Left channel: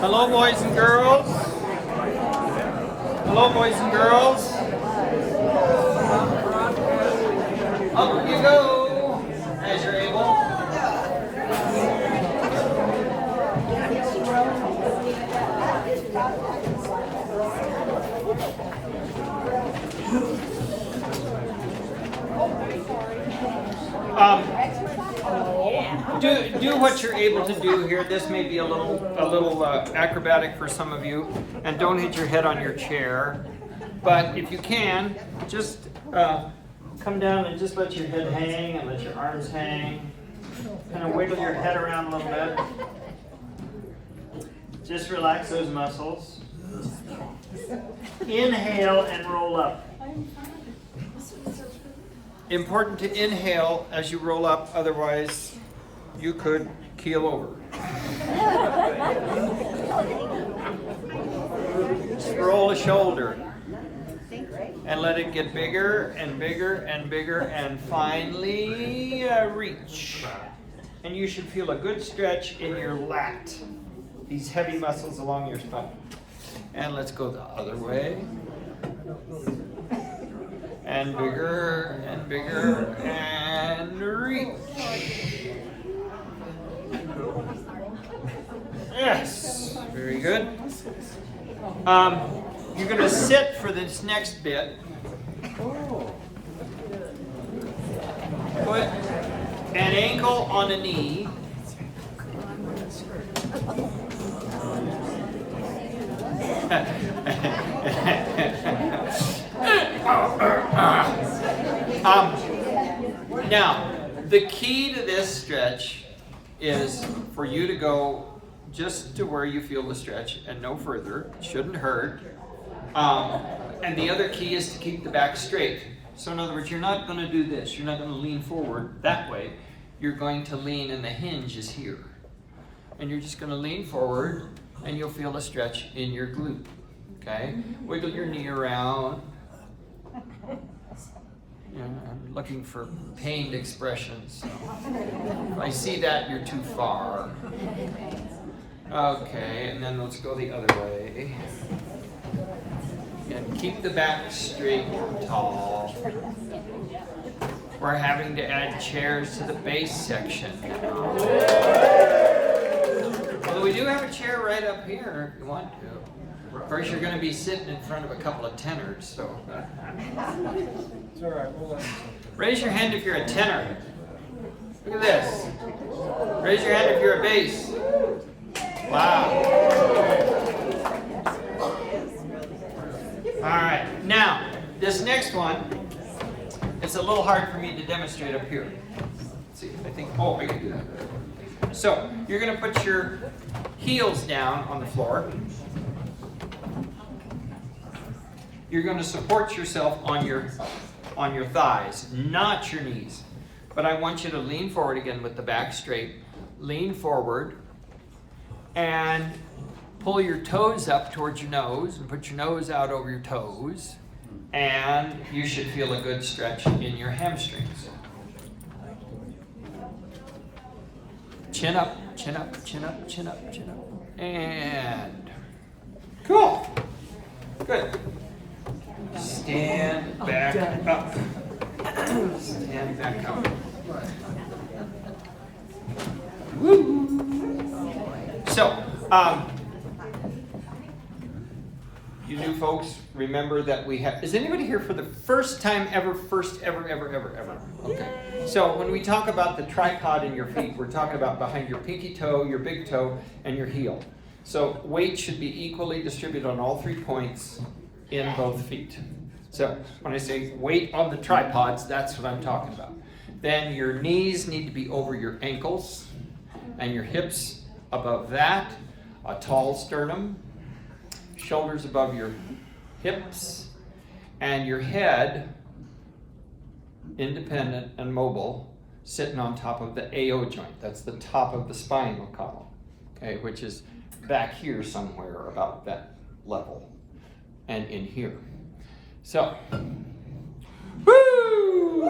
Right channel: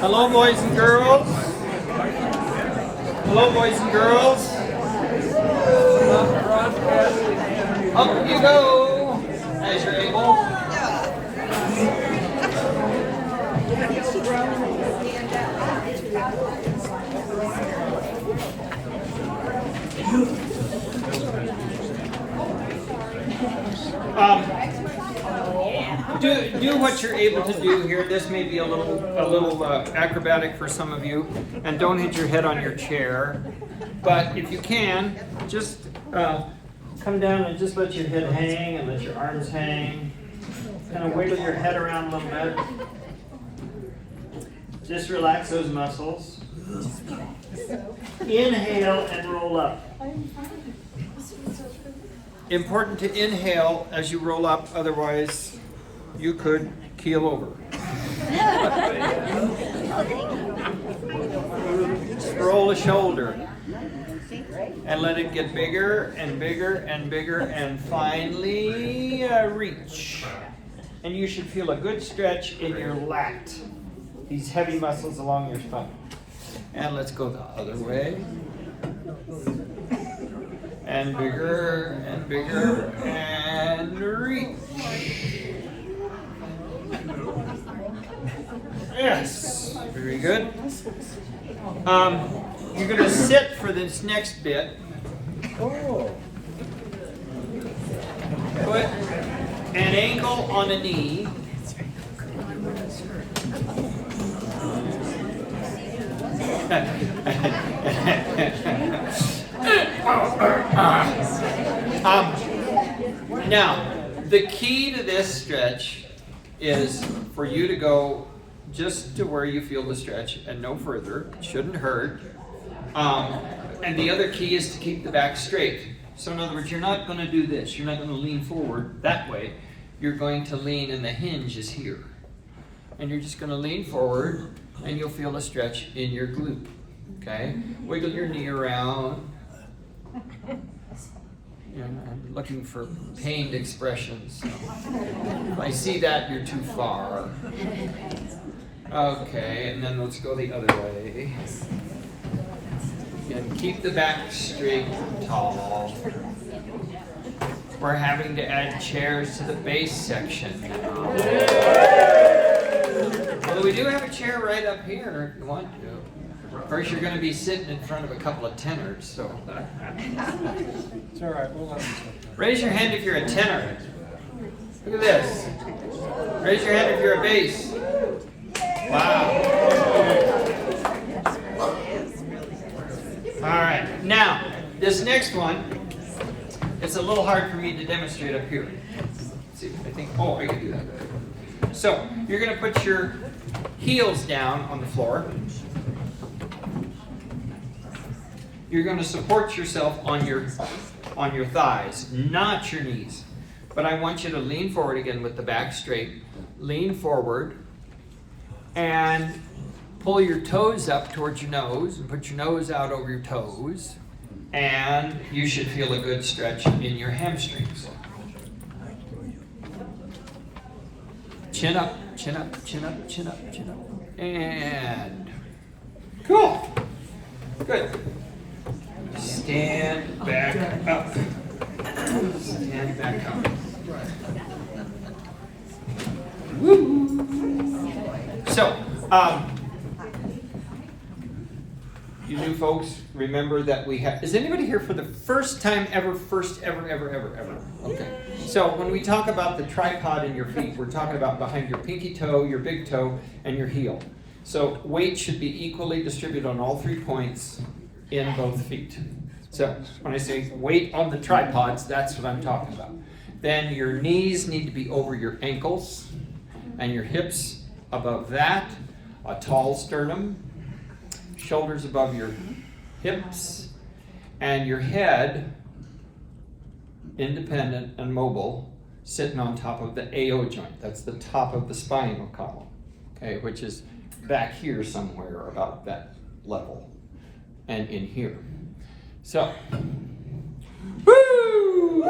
Hello, boys and girls. Hello, boys and girls. Up you go, as you're able. Do what you're able to do here. This may be a little acrobatic for some of you, and don't hit your head on your chair. But if you can, just come down and just let your head hang and let your arms hang. Kind of wiggle your head around a little bit. Just relax those muscles. Inhale and roll up. Important to inhale as you roll up, otherwise you could keel over. Just roll a shoulder and let it get bigger and bigger and bigger, and finally reach. And you should feel a good stretch in your lat, these heavy muscles along your spine. And let's go the other way. And bigger and bigger and reach. Yes, very good. You're going to sit for this next bit. Put an ankle on a knee. Now, the key to this stretch is for you to go just to where you feel the stretch and no further. It shouldn't hurt. And the other key is to keep the back straight. So in other words, you're not going to do this. You're not going to lean forward that way. You're going to lean, and the hinge is here. And you're just going to lean forward, and you'll feel a stretch in your glute. Okay? Wiggle your knee around. Yeah, I'm looking for pained expressions. So if I see that, you're too far. Okay, and then let's go the other way. And keep the back straight and tall. We're having to add chairs to the base section now. Although we do have a chair right up here if you want to. Of course, you're going to be sitting in front of a couple of tenors, so. It's all right. We'll let them sit. Raise your hand if you're a tenor. Look at this. Raise your hand if you're a bass. Wow. All right. Now, this next one, it's a little hard for me to demonstrate up here. Let's see, I think, I can do that. So, you're going to put your heels down on the floor. You're going to support yourself on your thighs, not your knees. But I want you to lean forward again with the back straight. Lean forward and pull your toes up towards your nose and put your nose out over your toes. And you should feel a good stretch in your hamstrings. Chin up, chin up, chin up, chin up, chin up. And cool. Good. Stand back up. Stand back up. Woo! So, you new folks, remember that we have. Is anybody here for the first time ever? First ever? Okay. So when we talk about the tripod in your feet, we're talking about behind your pinky toe, your big toe, and your heel. So weight should be equally distributed on all 3 points in both feet. So when I say weight on the tripods, that's what I'm talking about. Then your knees need to be over your ankles and your hips above that. A tall sternum, shoulders above your hips, and your head independent and mobile, sitting on top of the AO joint. That's the top of the spinal column, okay, which is back here somewhere about that level and in here. So, woo!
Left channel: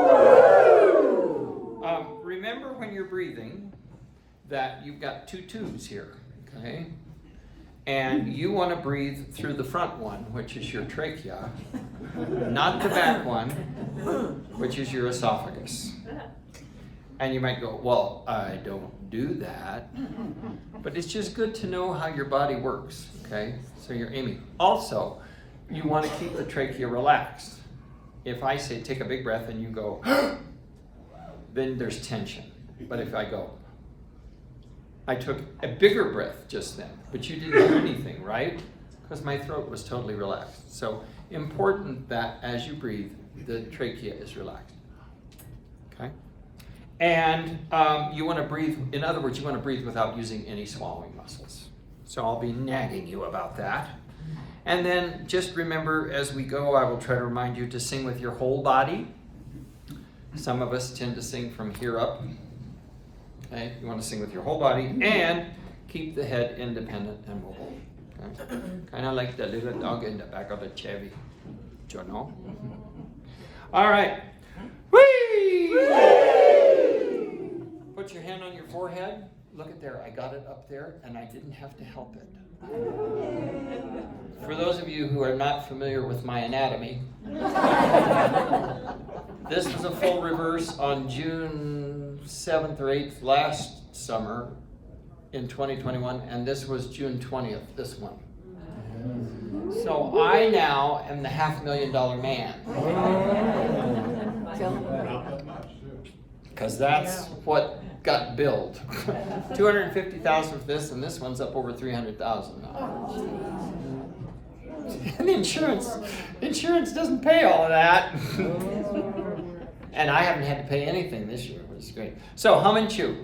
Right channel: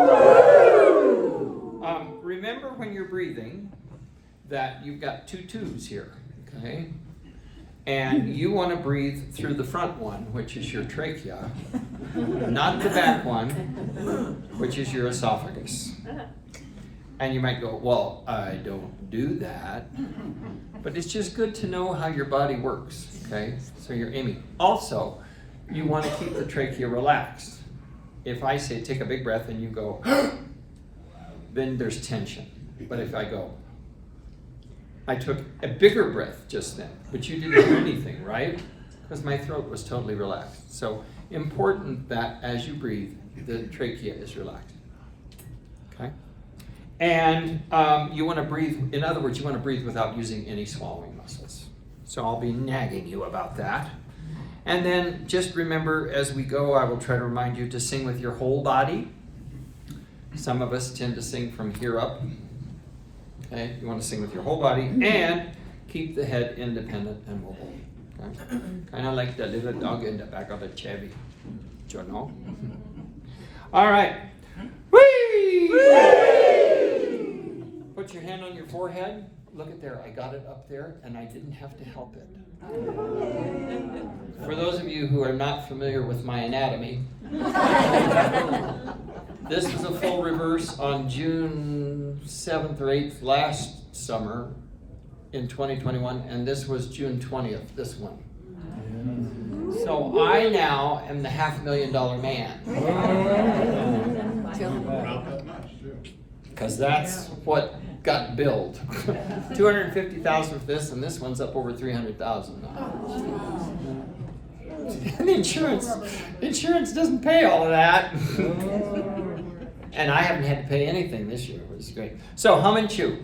Remember when you're breathing that you've got 2 tubes here, okay? And you want to breathe through the front one, which is your trachea, not the back one, which is your esophagus. And you might go, well, I don't do that. But it's just good to know how your body works, okay? So you're aiming. Also, you want to keep the trachea relaxed. If I say take a big breath and you go, then there's tension. But if I go, I took a bigger breath just then, but you didn't do anything, right? Because my throat was totally relaxed. So important that as you breathe, the trachea is relaxed, okay? And you want to breathe, in other words, you want to breathe without using any swallowing muscles. So I'll be nagging you about that. And then just remember, as we go, I will try to remind you to sing with your whole body. Some of us tend to sing from here up. Okay, you want to sing with your whole body and keep the head independent and mobile. Okay? Kind of like the little dog in the back of the Chevy. Do you know? All right. Whee! Put your hand on your forehead. Look at there. I got it up there and I didn't have to help it. For those of you who are not familiar with my anatomy, this was a full reverse on June 7th or 8th last summer in 2021, and this was June 20th, this one. So I now am the $500,000 man. Because that's what got billed. $250,000 for this, and this one's up over $300,000 now. And insurance doesn't pay all of that. And I haven't had to pay anything this year, which is great. So hum and chew.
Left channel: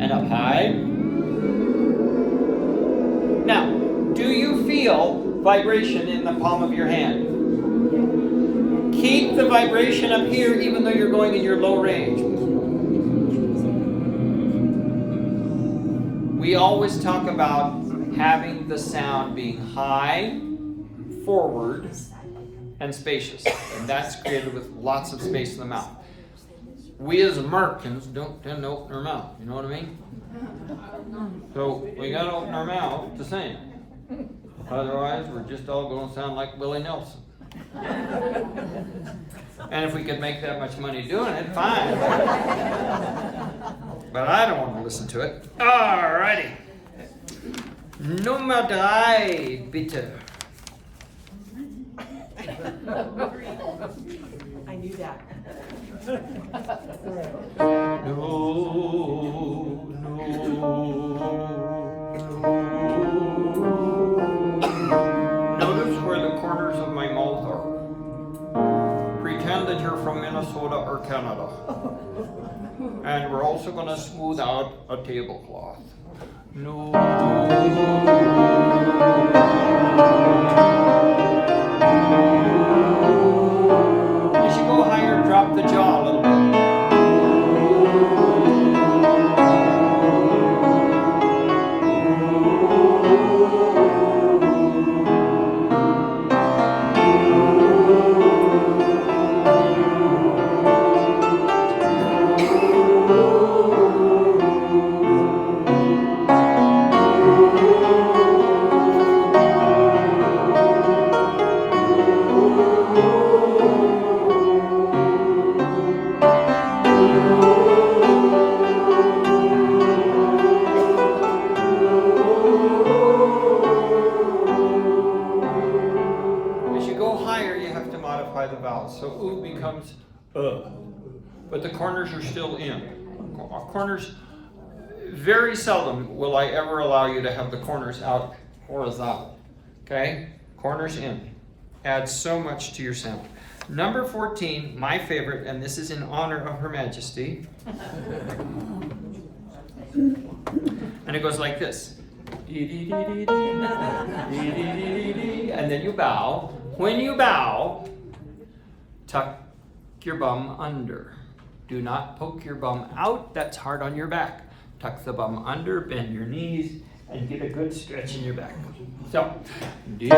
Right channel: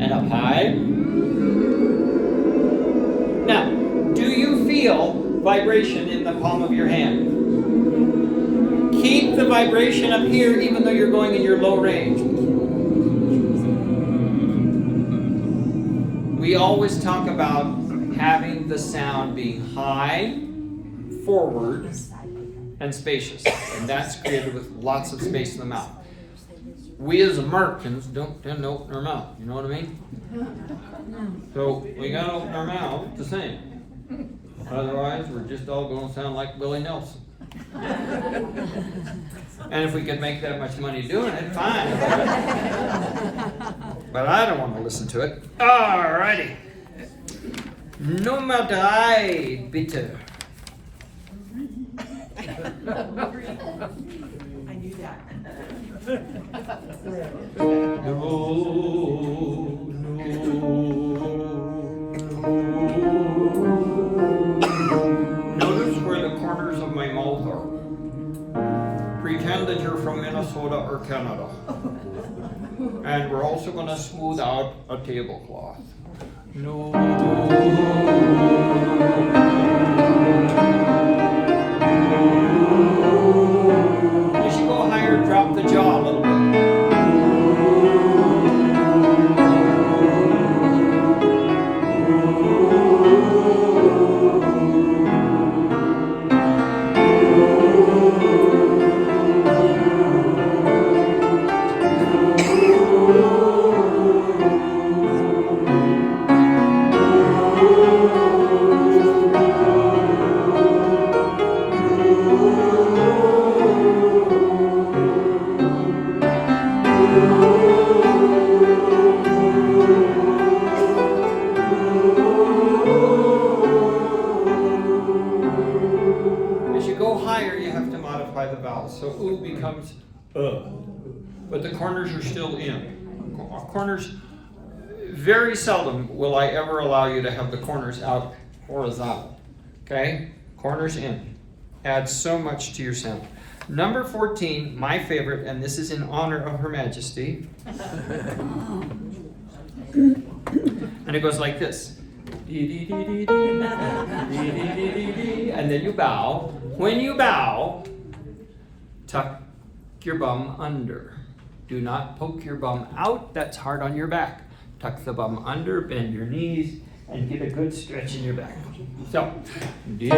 And up high. Now, do you feel vibration in the palm of your hand? Keep the vibration up here even though you're going in your low range. We always talk about having the sound being high, forward, and spacious. And that's created with lots of space in the mouth. We as Americans don't tend to open our mouth. You know what I mean? So we gotta open our mouth to sing. Otherwise, we're just all gonna sound like Willie Nelson. And if we could make that much money doing it, fine. But I don't want to listen to it. Alrighty. Nummer 3, bitte. I knew that. No. Notice where the corners of my mouth are. Pretend that you're from Minnesota or Canada. And we're also going to smooth out a tablecloth. No. As you go higher, drop the jaw a little bit. The vowels. So oo becomes but the corners are still in. Corners, very seldom will I ever allow you to have the corners out horizontal. Okay? Corners in. Adds so much to your sound. Number 14, my favorite, and this is in honor of Her Majesty. And it goes like this. And then you bow. When you bow, tuck your bum under. Do not poke your bum out. That's hard on your back. Tuck the bum under, bend your knees, and get a good stretch in your back. So. Do.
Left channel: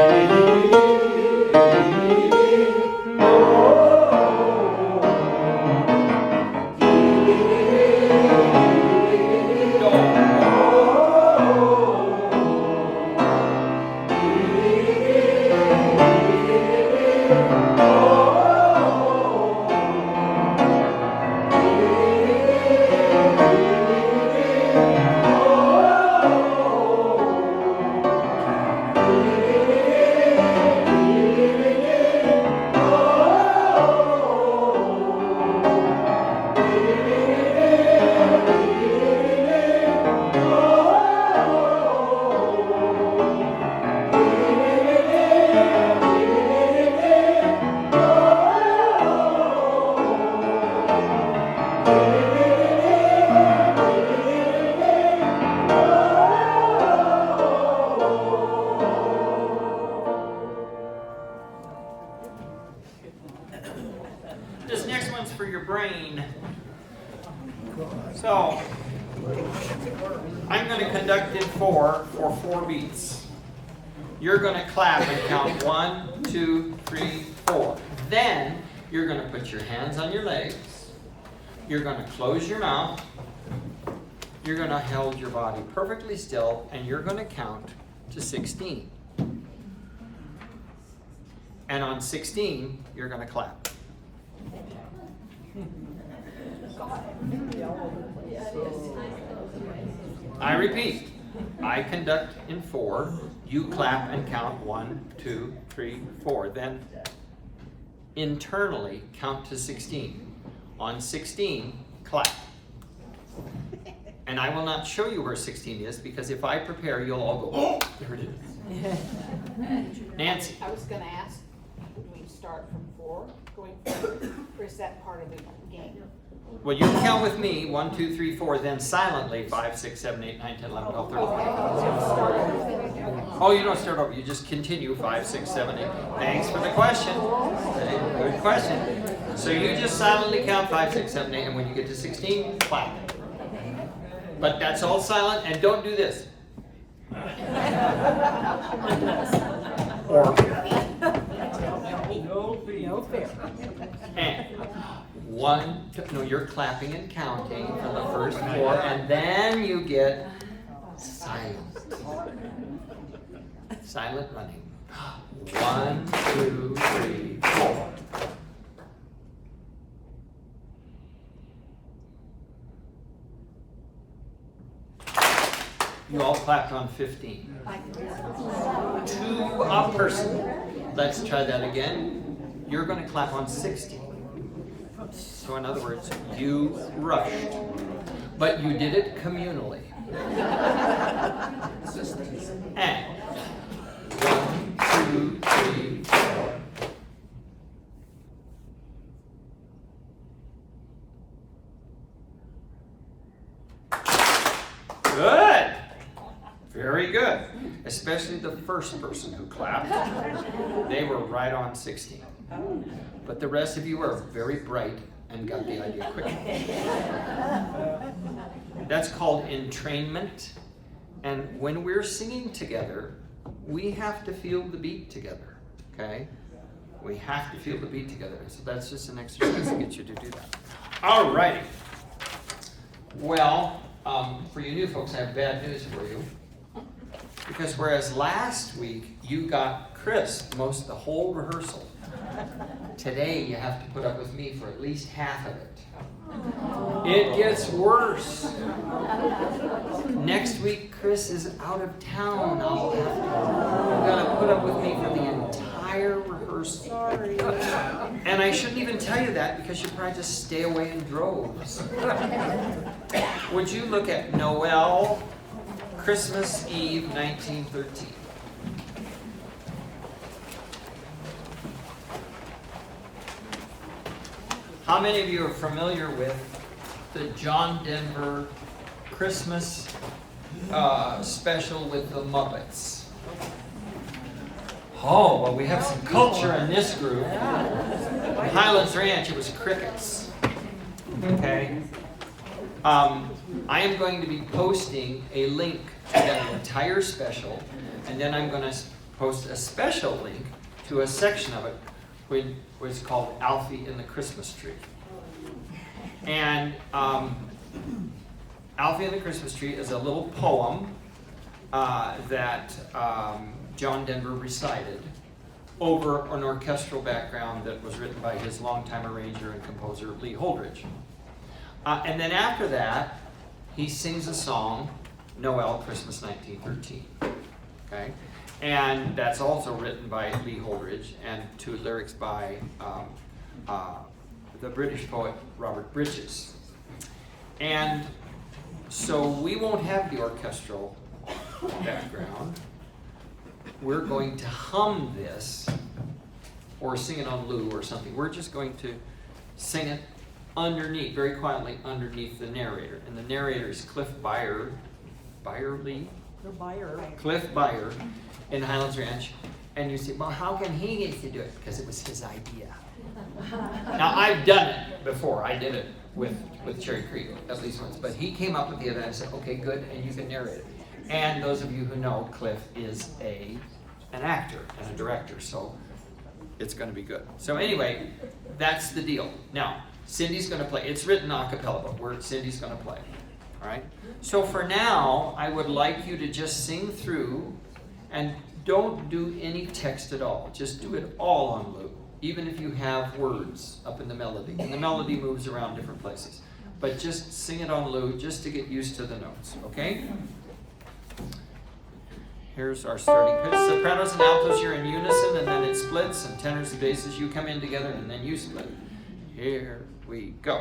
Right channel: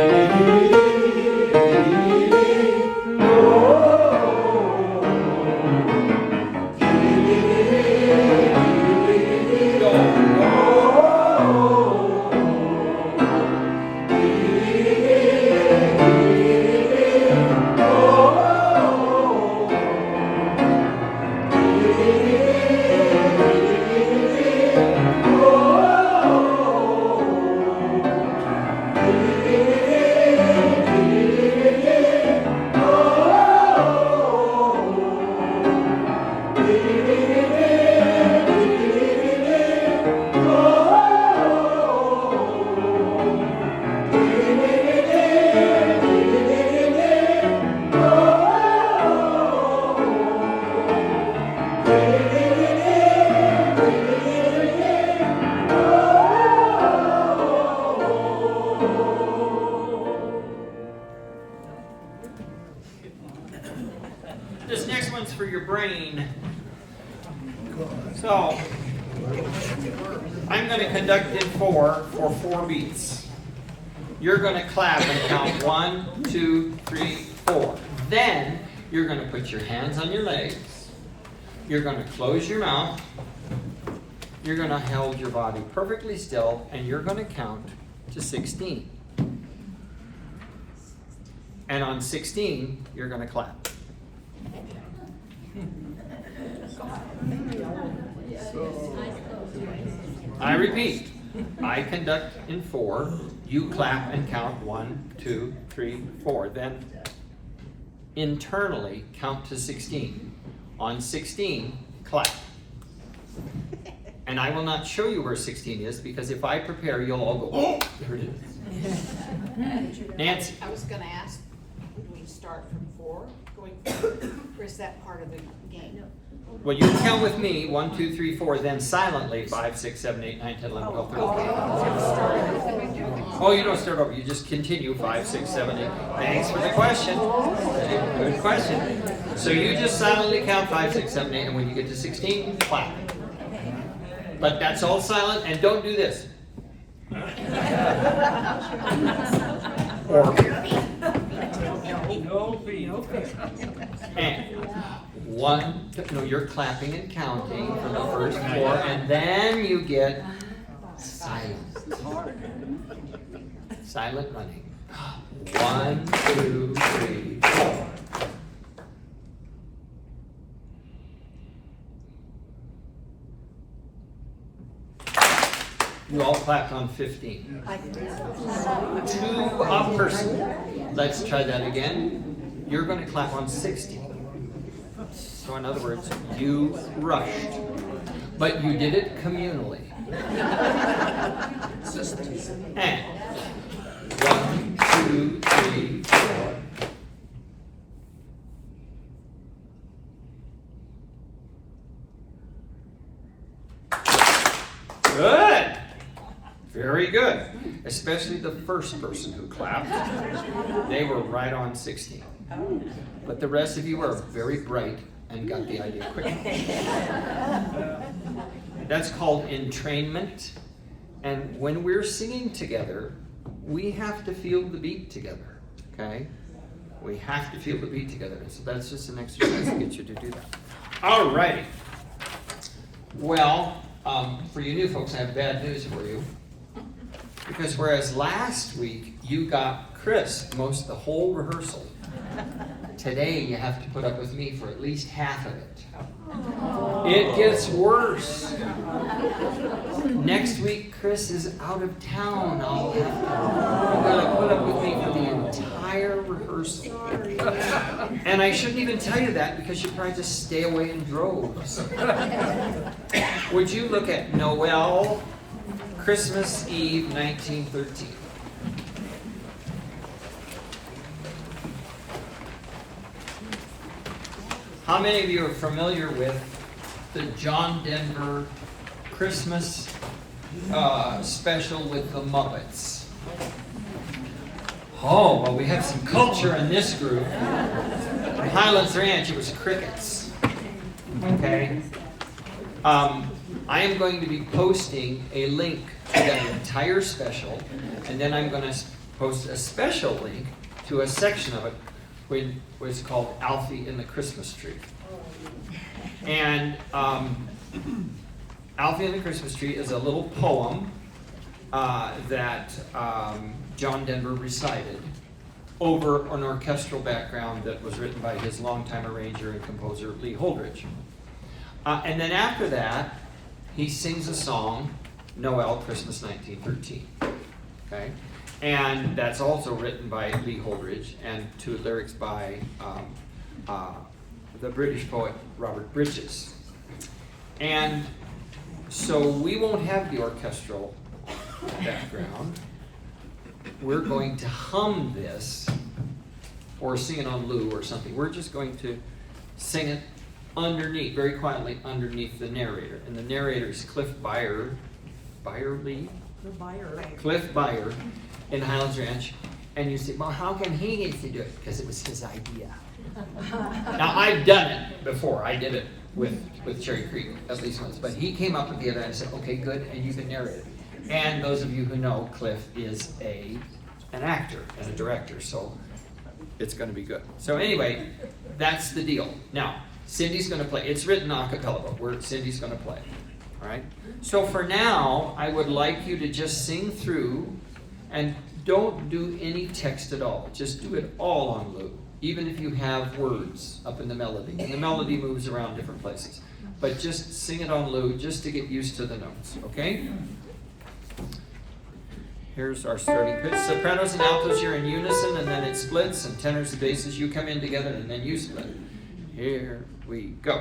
This next one's for your brain. So, I'm going to conduct in 4 for 4 beats. You're going to clap and count 1, 2, 3, 4. Then, you're going to put your hands on your legs. You're going to close your mouth. You're going to hold your body perfectly still, and you're going to count to 16. And on 16, you're going to clap. I repeat, I conduct in 4, you clap and count 1, 2, 3, 4. Then internally count to 16. On 16, clap. And I will not show you where 16 is, because if I prepare, you'll all go, oh, there it is. Nancy. I was gonna ask, do we start from 4 going forward, or is that part of the game? Well, you count with me, 1, 2, 3, 4, then silently, 5, 6, 7, 8, 9, 10, 11, 12, 13, 14. Oh, you don't start over, you just continue, 5, 6, 7, 8. Thanks for the question. Okay, good question. So you just silently count 5, 6, 7, 8, and when you get to 16, clap. But that's all silent, and don't do this. Or No feet. and 1, 2, no, you're clapping and counting for the first 4, and then you get silent. Silent running. 1, 2, 3, 4. You all clapped on 15. 2 a person. Let's try that again. You're going to clap on 16. So in other words, you rushed. But you did it communally. And 1, 2, 3, 4. Good. Very good. Especially the first person who clapped. They were right on 16. But the rest of you are very bright and got the idea quickly. That's called entrainment. And when we're singing together, we have to feel the beat together. Okay? We have to feel the beat together. So that's just an exercise to get you to do that. All righty. Well, for you new folks, I have bad news for you. Because whereas last week you got Chris the whole rehearsal, today you have to put up with me for at least half of it. It gets worse. Next week Chris is out of town. You've got to put up with me for the entire rehearsal. And I shouldn't even tell you that because you'd probably just stay away in droves. Would you look at Noel, Christmas Eve, 1913. How many of you are familiar with the John Denver Christmas special with the Muppets? Oh, well, we have some culture in this group. In Highlands Ranch, it was crickets. Okay? I am going to be posting a link to that entire special, and then I'm going to post a special link to a section of it where it's called Alfie and the Christmas Tree. And Alfie and the Christmas Tree is a little poem that John Denver recited over an orchestral background that was written by his longtime arranger and composer Lee Holdridge. And then after that, he sings a song, Noel, Christmas 1913. Okay? And that's also written by Lee Holdridge and to lyrics by the British poet Robert Bridges. And so we won't have the orchestral background. We're going to hum this or sing it on Lou or something. We're just going to sing it underneath, very quietly underneath the narrator. And the narrator is Cliff Byerly? Cliff Byer in Highlands Ranch. And you say, well, how come he gets to do it? Because it was his idea. Now, I've done it before. I did it with Cherry Creek at least once. But he came up with the idea and I said, okay, good, and you can narrate it. And those of you who know, Cliff is an actor and a director, so it's going to be good. So anyway, that's the deal. Now, Cindy's going to play. It's written a cappella, but Cindy's going to play. All right? So for now, I would like you to just sing through and don't do any text at all. Just do it all on loop, even if you have words up in the melody. And the melody moves around different places. But just sing it on loop just to get used to the notes, okay? Here's our starting pitch. Sopranos and altos, you're in unison, and then it splits, and tenors and basses, you come in together, and then you split. Here we go.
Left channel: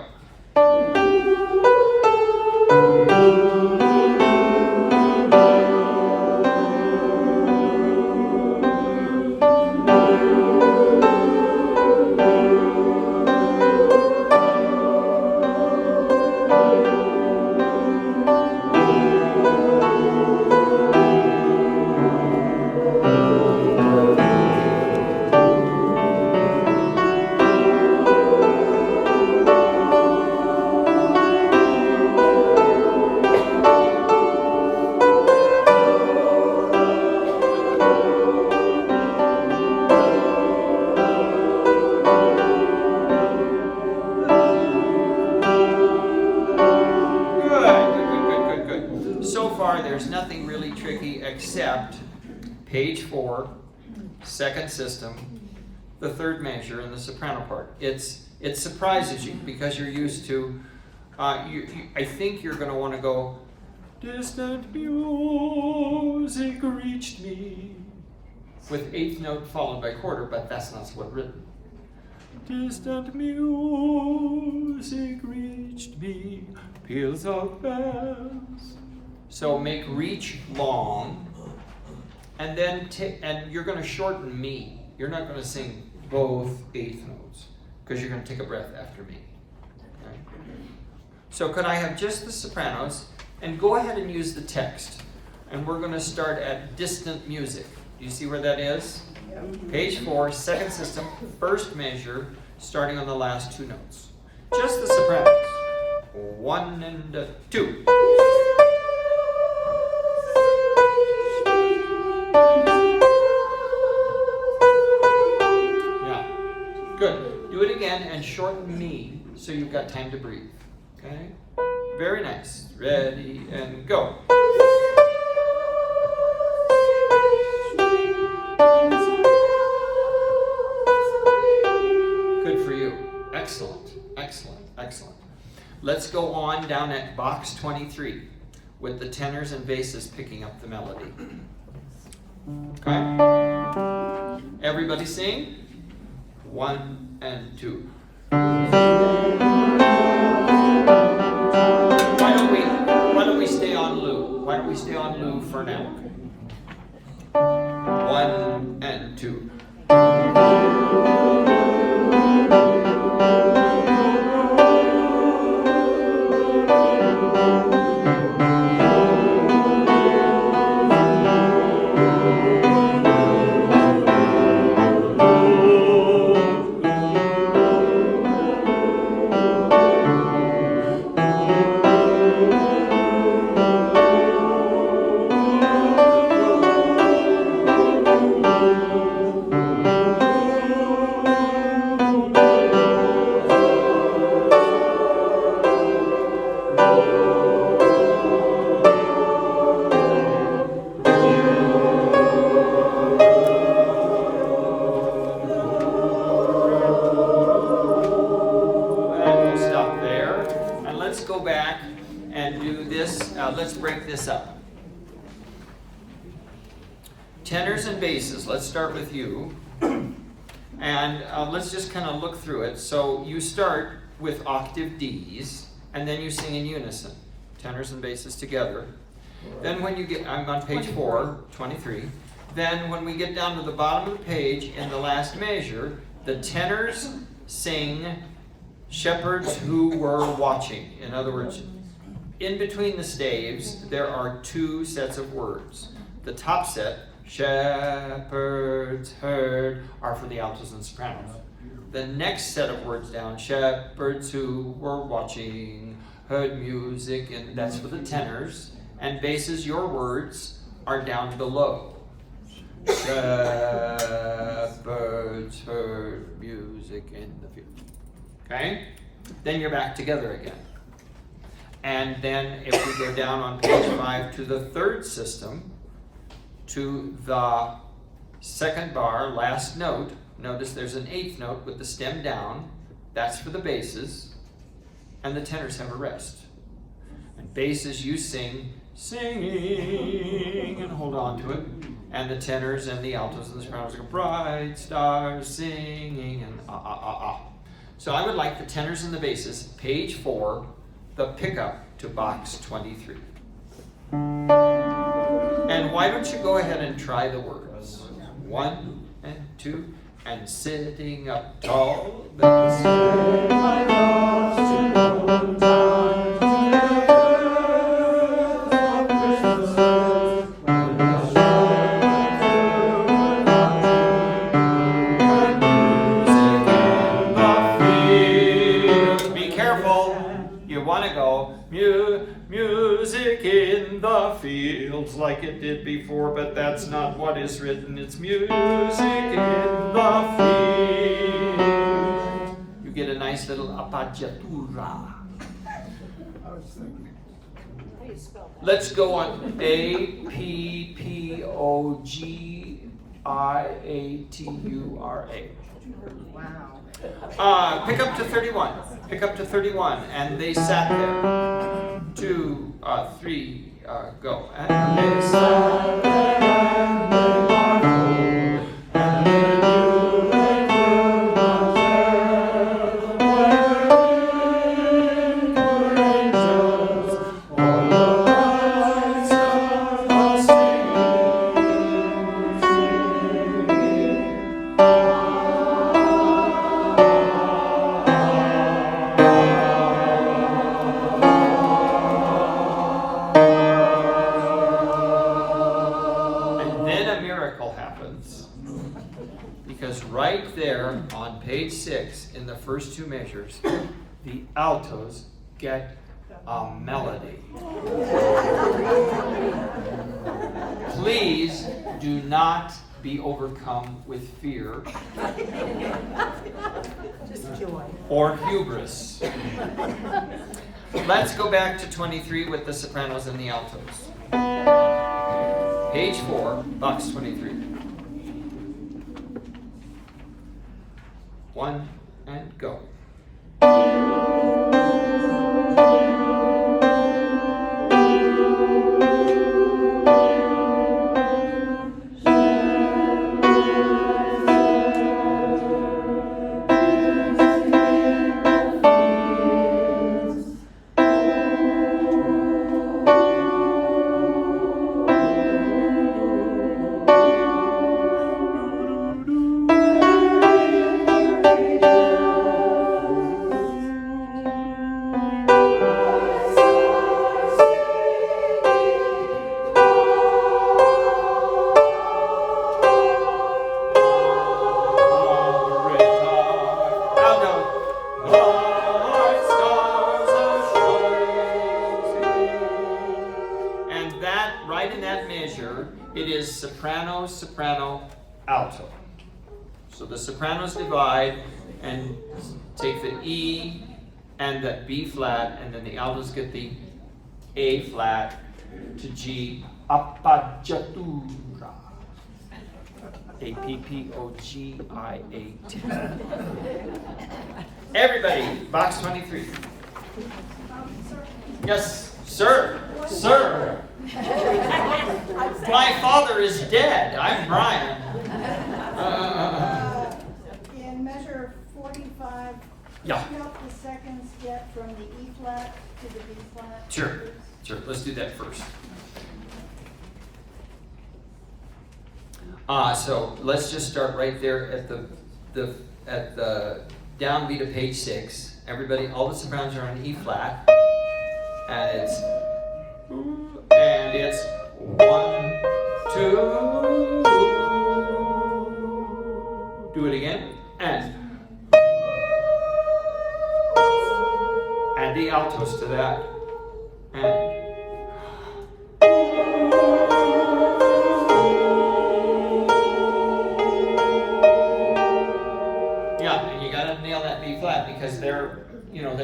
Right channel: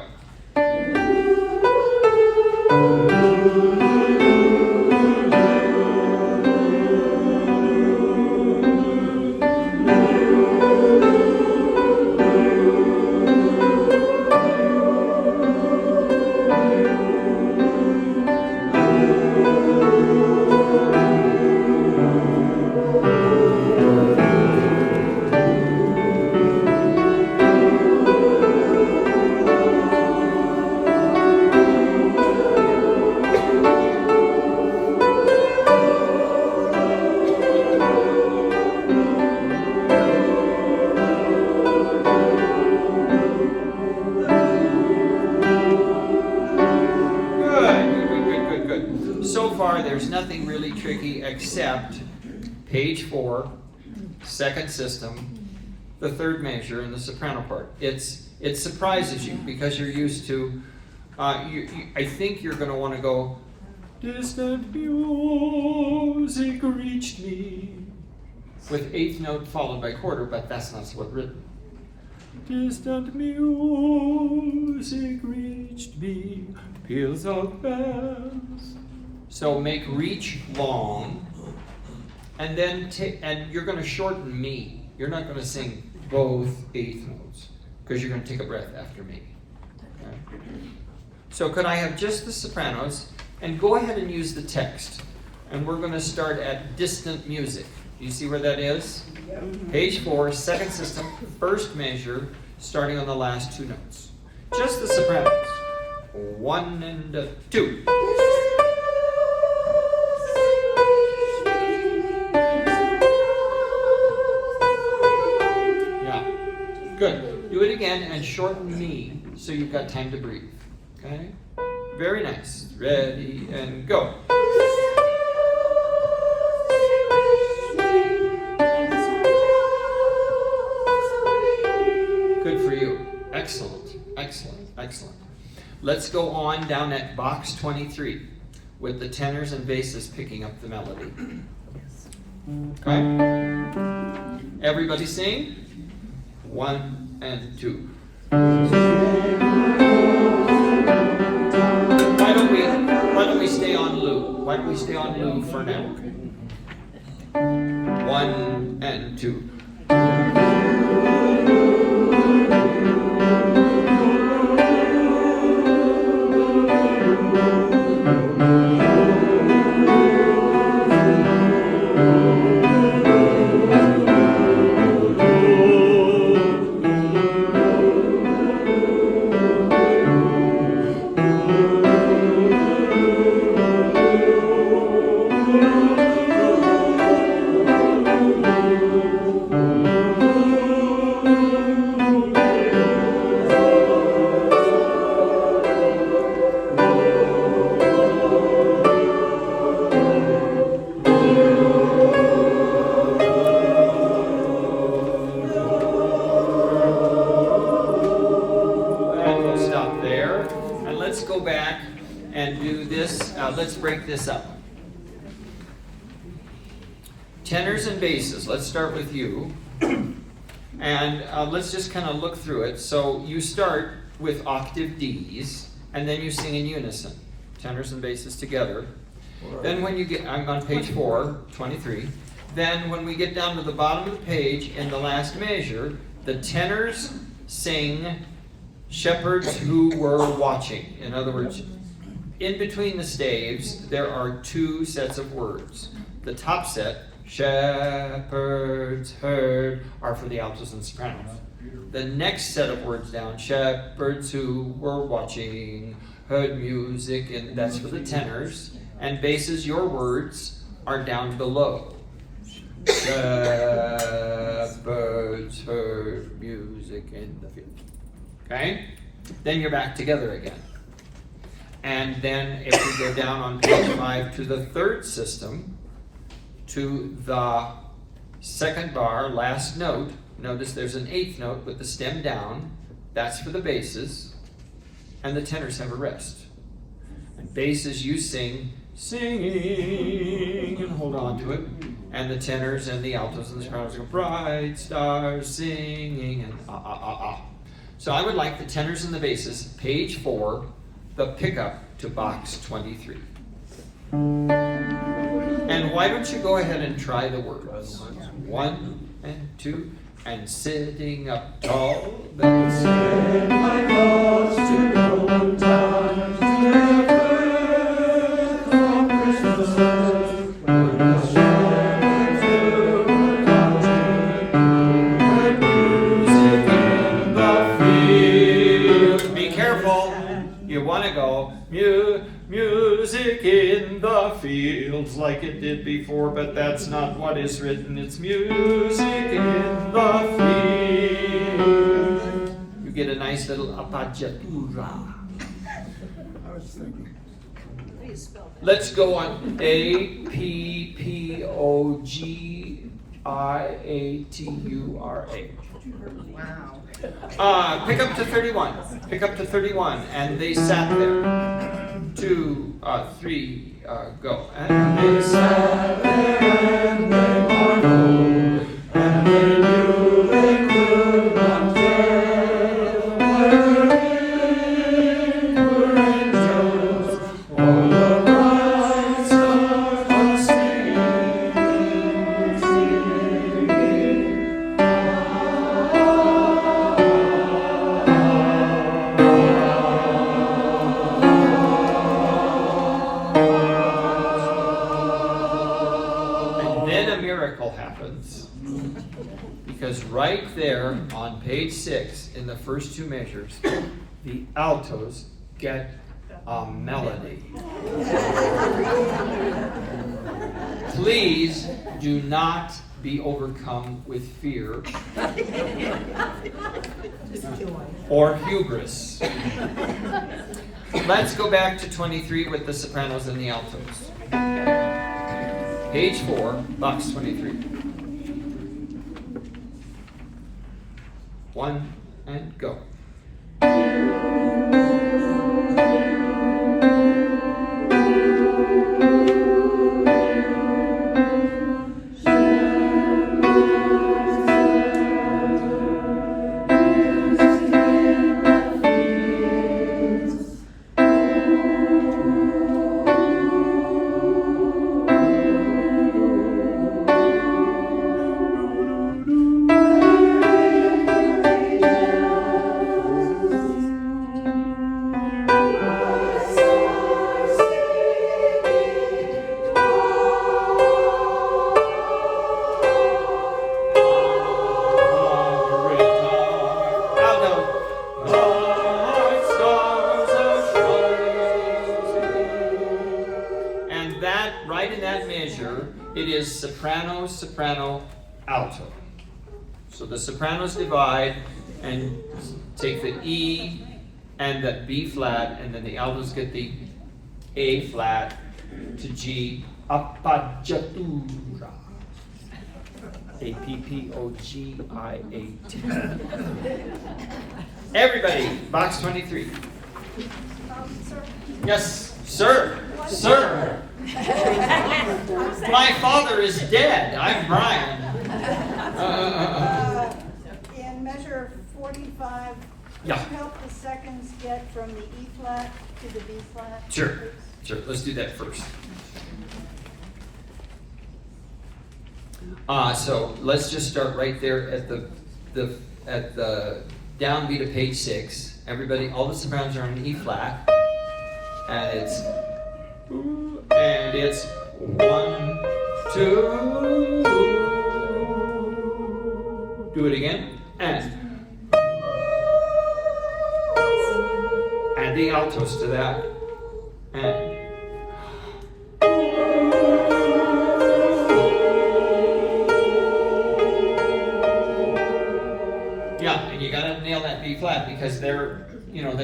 There's nothing really tricky except page 4, second system, the third measure, and the soprano part. It surprises you because you're used to, I think you're going to want to go, distant music reached me, with eighth note followed by quarter, but that's not what's written. Distant music reached me, peals of bells. So make reach long, and then and you're going to shorten me. You're not going to sing both eighth notes because you're going to take a breath after me. Okay? So could I have just the sopranos, and go ahead and use the text. And we're going to start at distant music. Do you see where that is? Page 4, second system, first measure, starting on the last two notes. Just the sopranos. 1 and 2. Good. Do it again and shorten me so you've got time to breathe. Okay? Very nice. Ready and go. Good for you. Excellent. Excellent. Excellent. Let's go on down at box 23 with the tenors and basses picking up the melody. Okay? Everybody sing. 1 and 2. Why don't we stay on loop? Why don't we stay on loop for now? 1 and 2. Let's break this up. Tenors and basses, let's start with you. And let's just kind of look through it. So you start with octave Ds, and then you sing in unison, tenors and basses together. Then when you get, I'm on page 4, 23. Then when we get down to the bottom of the page, in the last measure, the tenors sing shepherds who were watching. In other words, in between the staves, there are two sets of words. The top set Shepherds heard are for the altos and sopranos. The next set of words down, shepherds who were watching heard music, and that's for the tenors. And basses, your words are down below. Shepherds heard music in the field. Okay? Then you're back together again. And then if we go down on page 5 to the third system, to the second bar, last note, notice there's an eighth note with the stem down. That's for the basses. And the tenors have a rest. And basses, you sing, singing, and hold on to it. And the tenors and the altos and the sopranos go, bright stars singing, and ah, ah, ah, ah. So I would like the tenors and the basses, page 4, the pickup to box 23. And why don't you go ahead and try the words? 1 and 2, and sitting up tall, then set my thoughts to old times, to the birth of Christmas, when the shepherds were watching, heard music in the field. Be careful, you want to go music in the fields like it did before, but that's not what is written. It's music in the fields. You get a nice little appoggiatura. I was thinking. How do you spell that? Let's go on Appoggiatura. Wow. Pick up to 31. Pick up to 31. And they sat there. 2, 3, go. And they sat there and they marveled, and they knew they could not tell whether it were angels or the bright stars of singing, singing. Miracle happens, because right there on page 6 in the first 2 measures, the altos get a melody. Please do not be overcome with fear or hubris. Let's go back to 23 with the sopranos and the altos. Page 4, box 23. 1 and go. Right in that measure, it is soprano, soprano, alto. So the sopranos divide and take the E and the B flat, and then the altos get the A flat to G, appoggiatura. Appoggiat. Everybody, box 23. Yes, sir, sir. My father is dead. I'm Brian. In measure 45, Yeah. help the seconds get from the E flat to the B flat. Sure. Let's do that first. So let's just start right there at the downbeat of page 6. Everybody, all the sopranos are on E flat, and it's 1, 2. Do it again. And add the altos to that. And yeah, and you gotta nail that B flat because they're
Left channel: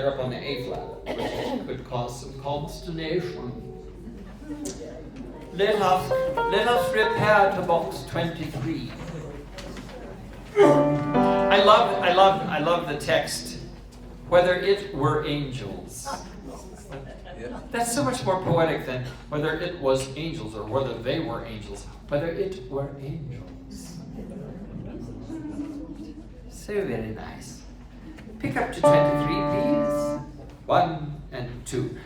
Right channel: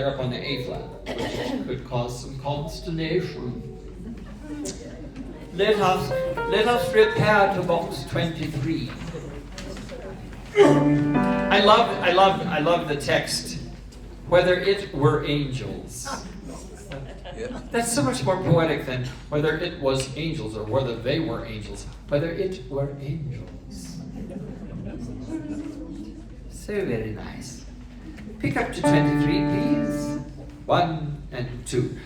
up on the A flat, which could cause some consternation. Let us repair to box 23. I love the text. Whether it were angels. That's so much more poetic than whether it was angels or whether they were angels. Whether it were angels. So very nice. Pick up to 23, please. 1 and 2.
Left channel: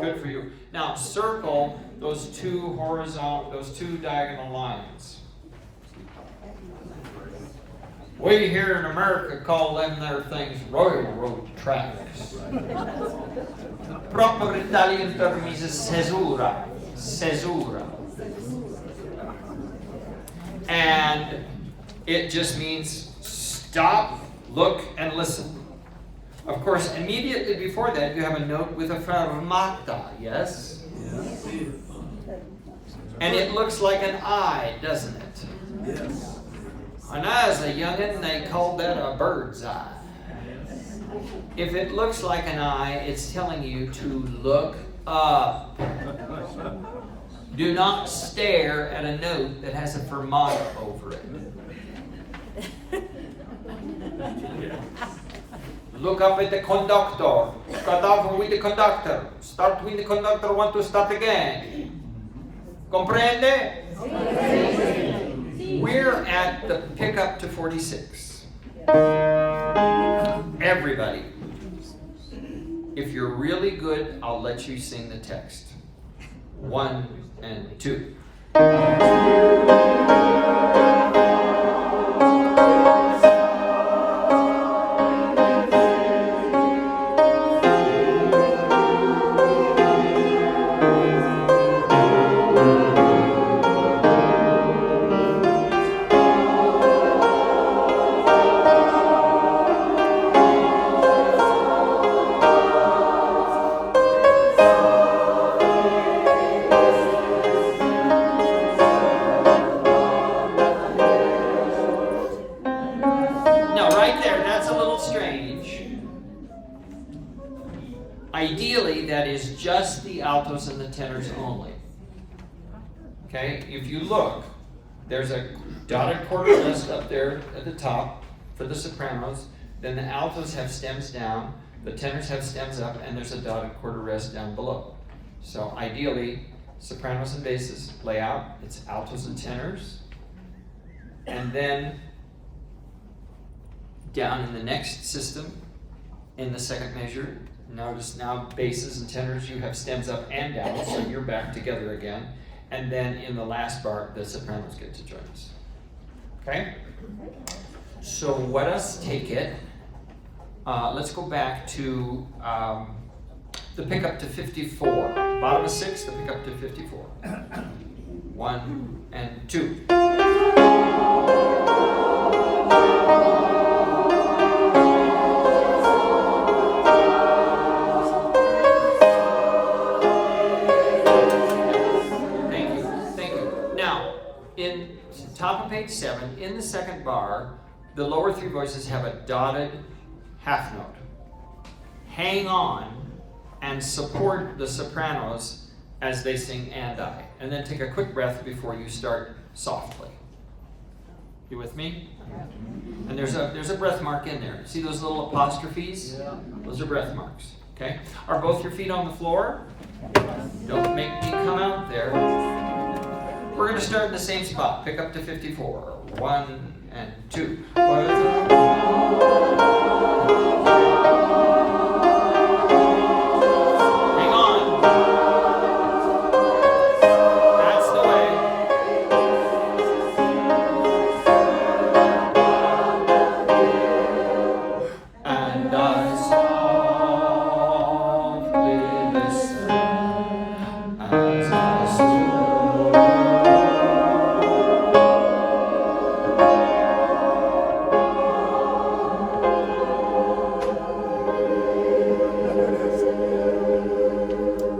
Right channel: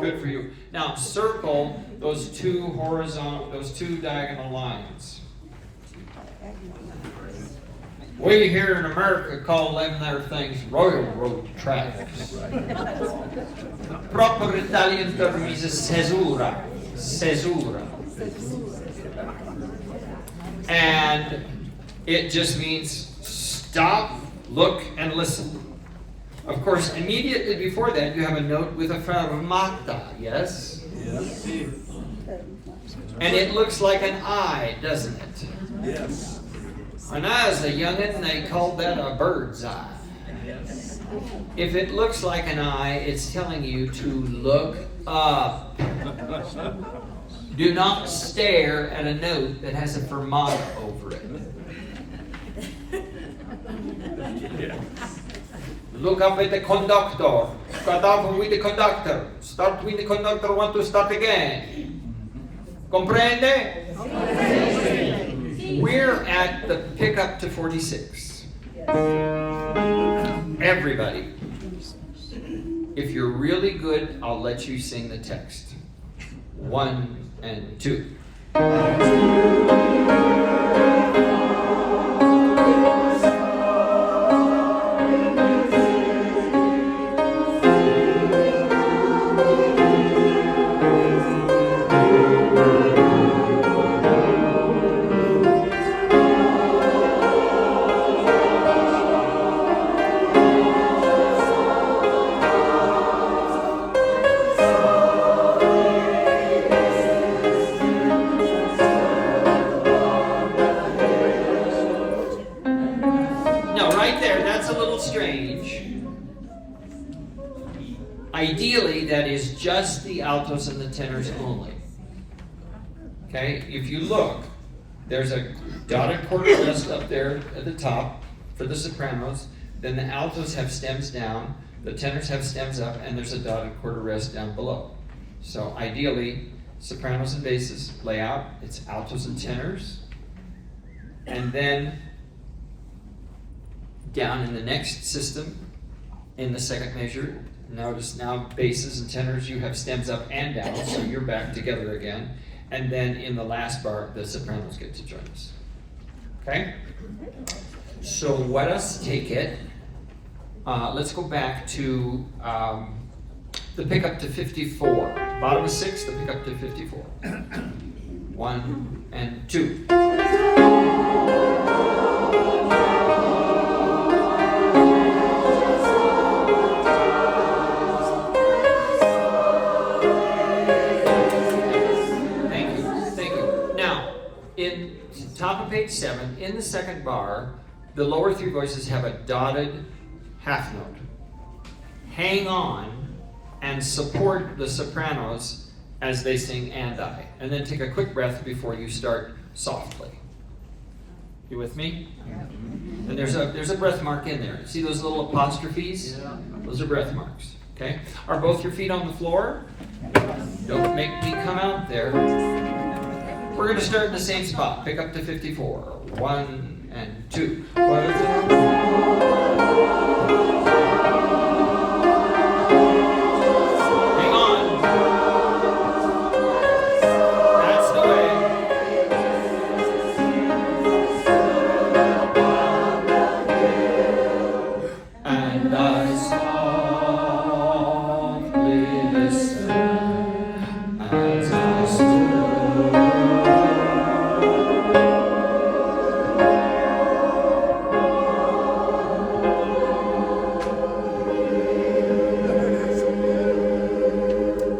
Good for you. Now circle those two diagonal lines. We here in America call them there things railroad tracks. The proper Italian term is caesura. Caesura. And it just means stop, look, and listen. Of course, immediately before that, you have a note with a fermata, yes? Yes. And it looks like an I, doesn't it? Yes. When I was a youngin', they called that a bird's eye. If it looks like an I, it's telling you to look up. Do not stare at a note that has a fermata over it. Look up at the conductor. Cut off with the conductor. Start with the conductor, want to start again. Comprende? We're at the pickup to 46. Everybody. If you're really good, I'll let you sing the text. 1 and 2. Ideally, that is just the altos and the tenors only. Okay, if you look, there's a dotted quarter rest up there at the top for the sopranos, then the altos have stems down, the tenors have stems up, and there's a dotted quarter rest down below. So ideally, sopranos and basses lay out, it's altos and tenors, and then down in the next system, in the second measure, notice now basses and tenors, you have stems up and down, so you're back together again. And then in the last bar, the sopranos get to join us. Okay? So let us take it. Let's go back to the pickup to 54. Bottom of 6, the pickup to 54. 1 and 2. In top of page 7, in the second bar, the lower 3 voices have a dotted half note. hang on and support the sopranos as they sing "And I." And then take a quick breath before you start softly. You with me? And there's a breath mark in there. See those little apostrophes? Yeah. Those are breath marks. Okay? Are both your feet on the floor? Don't make me come out there. We're going to start in the same spot. Pick up to 54. 1 and 2. Hang on. That's the way. And I softly listened as I stood.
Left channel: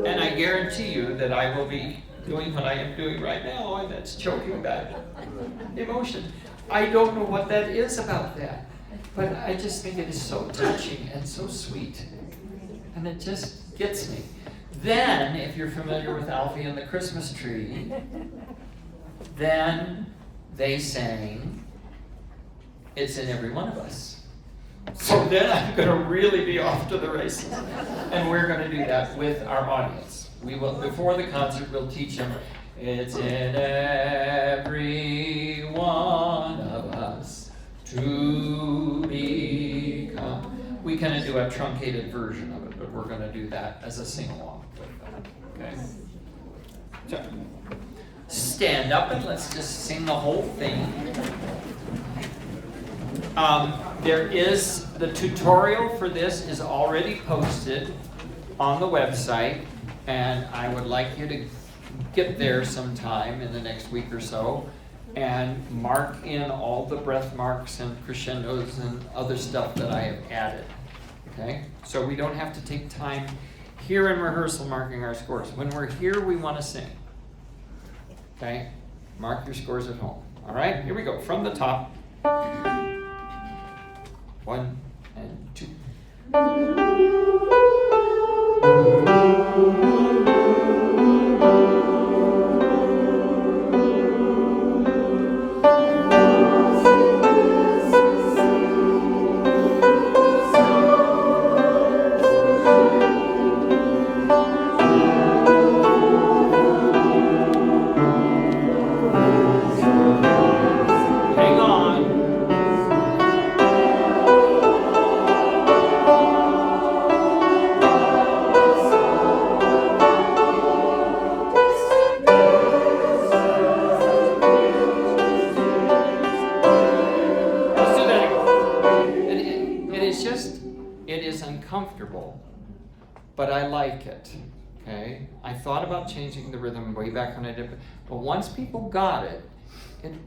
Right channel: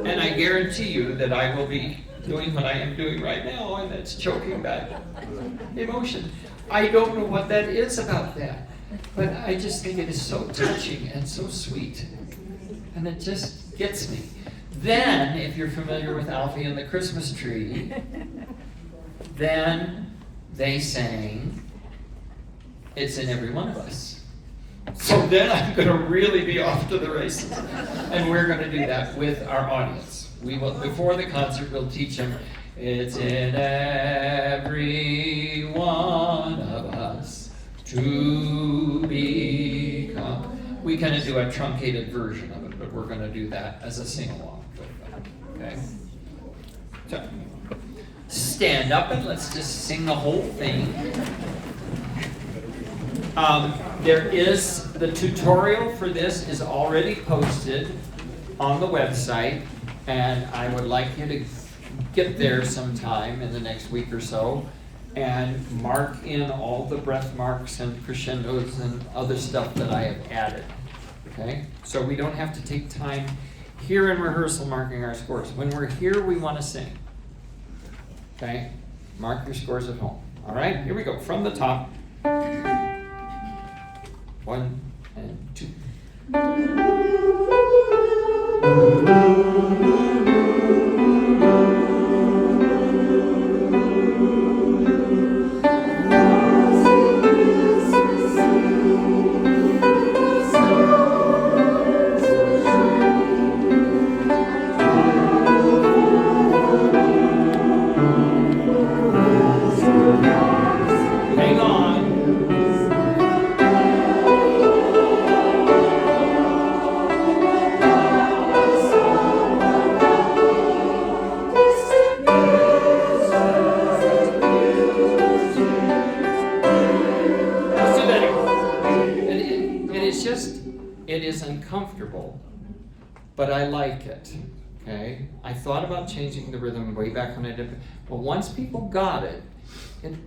And I guarantee you that I will be doing what I am doing right now, and that's choking back emotion. I don't know what that is about that, but I just think it is so touching and so sweet. And it just gets me. Then, if you're familiar with Alfie and the Christmas Tree, then they sang, "It's in Every One of Us." So then I'm going to really be off to the races. And we're going to do that with our audience. We will, before the concert, we'll teach them, "It's in every one of us to become." We kind of do a truncated version of it, but we're going to do that as a sing-along with them. Okay? So, stand up and let's just sing the whole thing. There is, the tutorial for this is already posted on the website, and I would like you to get there sometime in the next week or so and mark in all the breath marks and crescendos and other stuff that I have added. Okay? So we don't have to take time here in rehearsal marking our scores. When we're here, we want to sing. Okay? Mark your scores at home. All right? Here we go. From the top. 1 and 2. Hang on. It is uncomfortable, but I like it. Okay? I thought about changing the rhythm way back when I did, but once people got it,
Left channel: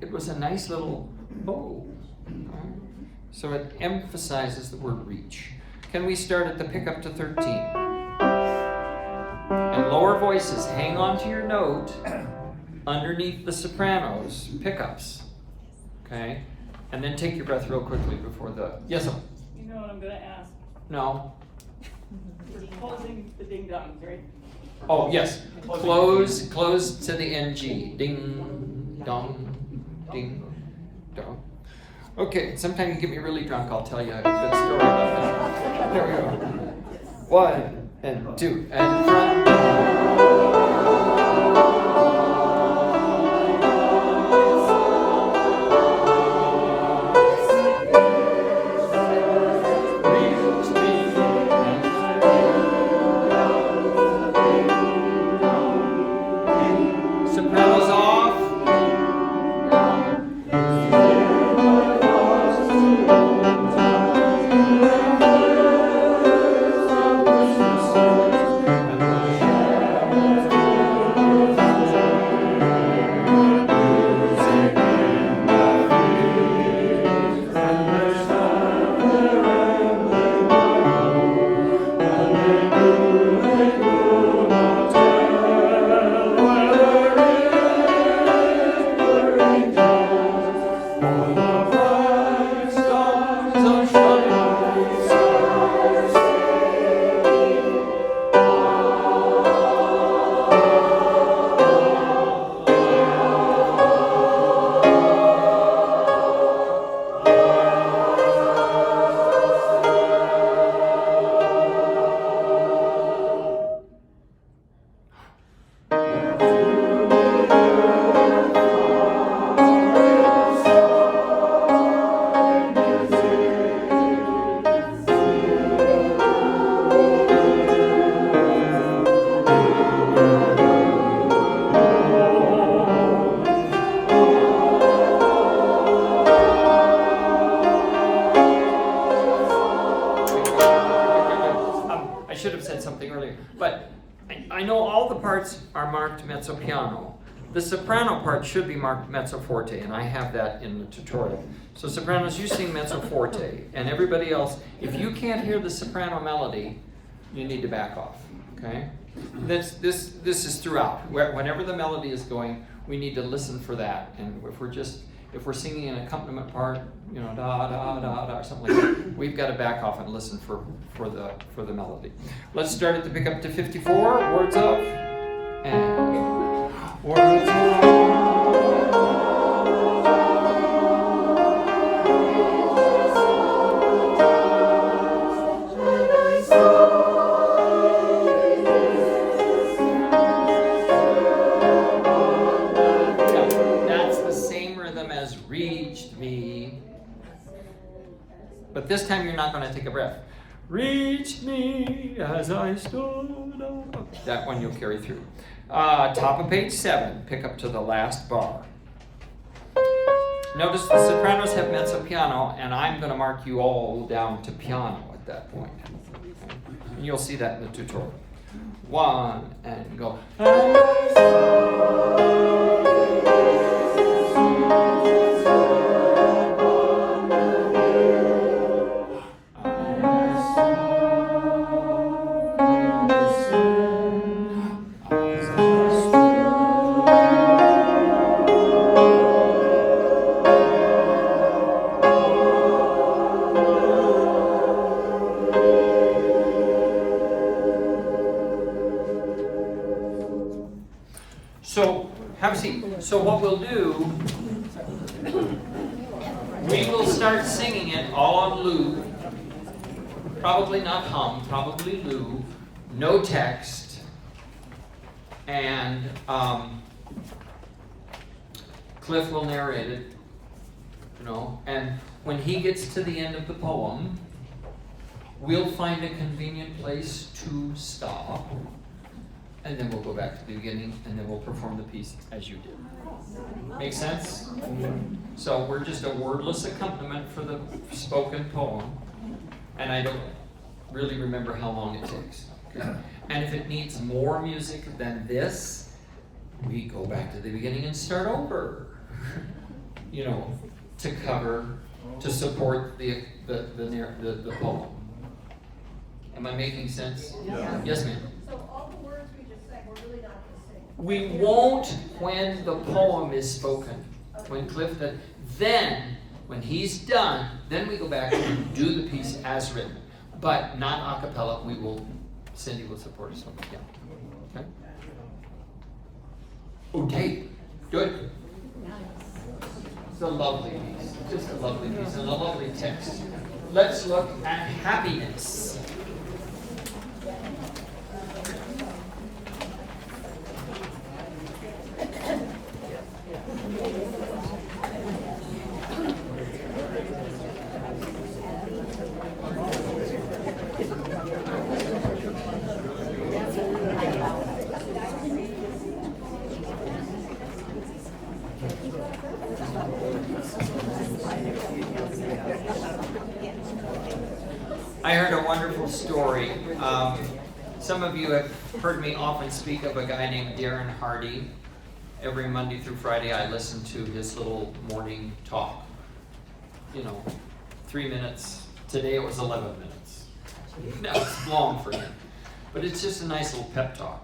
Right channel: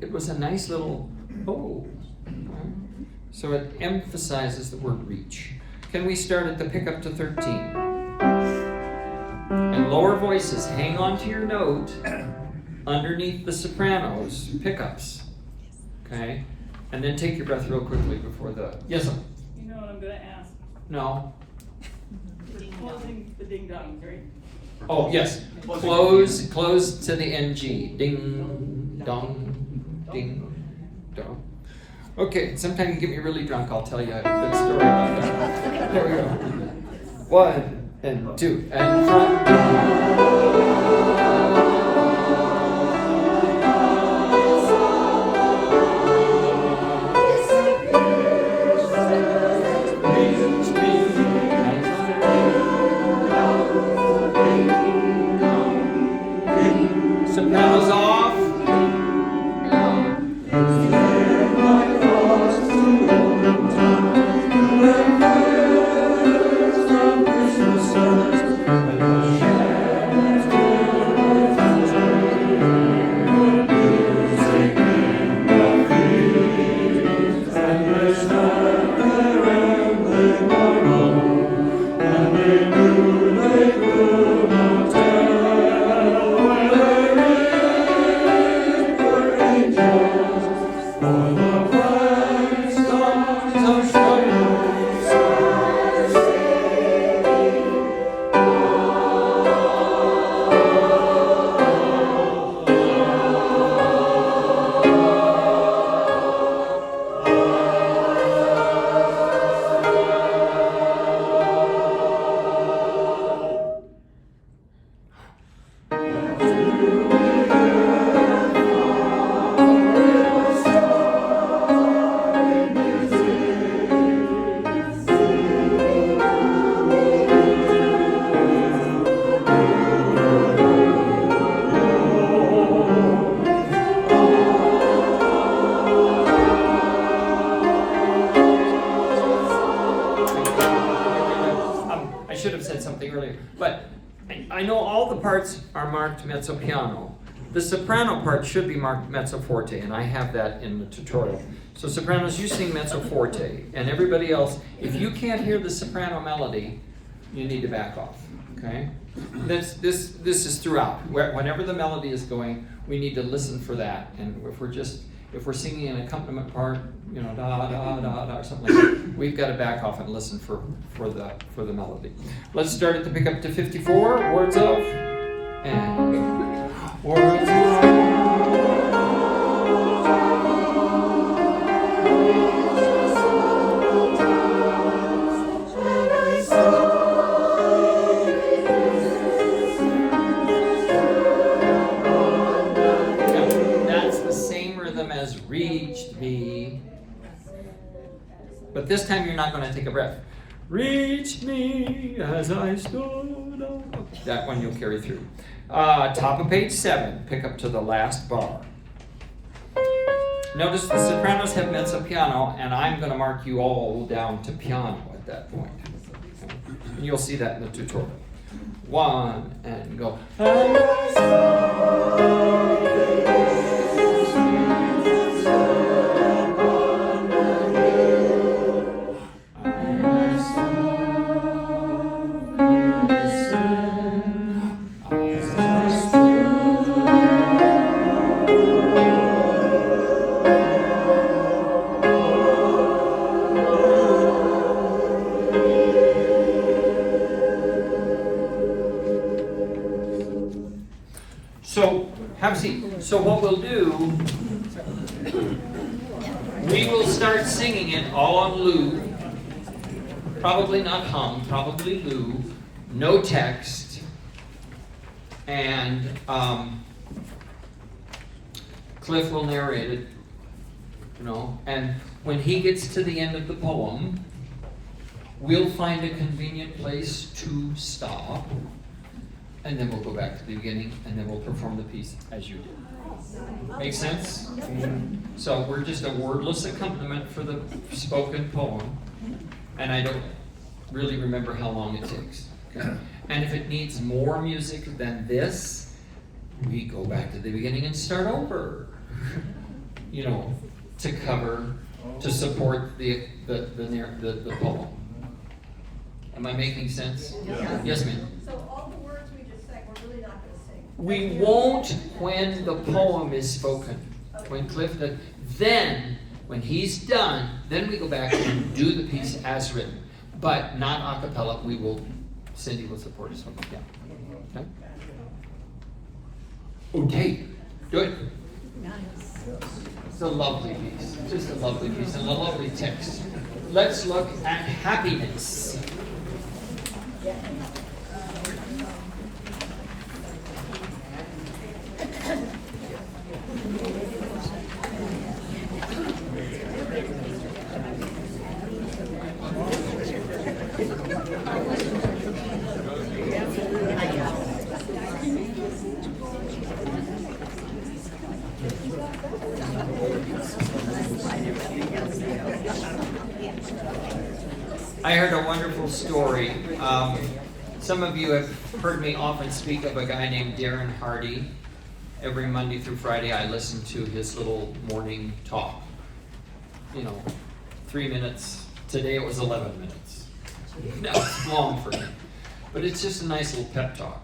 it was a nice little oh. Right? So it emphasizes the word reach. Can we start at the pickup to 13? And lower voices, hang on to your note underneath the sopranos pickups. Okay? And then take your breath real quickly before the yes. You know what I'm gonna ask? No. Closing the ding dong, right? Oh, yes. Close to the NG. Ding, dong, ding, dong. Okay, sometime you get me really drunk, I'll tell you a good story about that. There we go. 1 and 2 and front. Sopranos off. I know all the parts are marked mezzo piano. The soprano part should be marked mezzo forte, and I have that in the tutorial. So sopranos, you sing mezzo forte, and everybody else, if you can't hear the soprano melody, you need to back off, okay? This is throughout. Whenever the melody is going, we need to listen for that. And if we're singing an accompaniment part, you know, da da da da or something like that, we've got to back off and listen for the melody. Let's start at the pickup to 54. Words of and words of. Has reached me, but this time you're not going to take a breath. Reached me as I stood up. That one you'll carry through. Top of page 7, pick up to the last bar. Notice the sopranos have mezzo piano, and I'm going to mark you all down to piano at that point. Okay? And you'll see that in the tutorial. 1 and go. And I saw So, have a seat. So what we'll do, we will start singing it all on Lou. Probably not hum, probably Lou. No text. And Cliff will narrate it, you know. And when he gets to the end of the poem, we'll find a convenient place to stop. And then we'll go back to the beginning, and then we'll perform the piece as you did. Make sense? So we're just a wordless accompaniment for the spoken poem, and I don't really remember how long it takes. Okay? And if it needs more music than this, we go back to the beginning and start over. You know, to cover, to support the poem. Am I making sense? Yeah. Yes, ma'am. We We won't when the poem is spoken. When Cliff does, then when he's done, then we go back and do the piece as written. But not a cappella. Cindy will support us on the piano. Okay? Okay. Good. It's a lovely piece. Just a lovely piece and a lovely text. Let's look at happiness. I heard a wonderful story. Some of you have heard me often speak of a guy named Darren Hardy. Every Monday through Friday I listen to his little morning talk. You know, 3 minutes. Today it was 11 minutes. That was long for him. But it's just a nice little pep talk.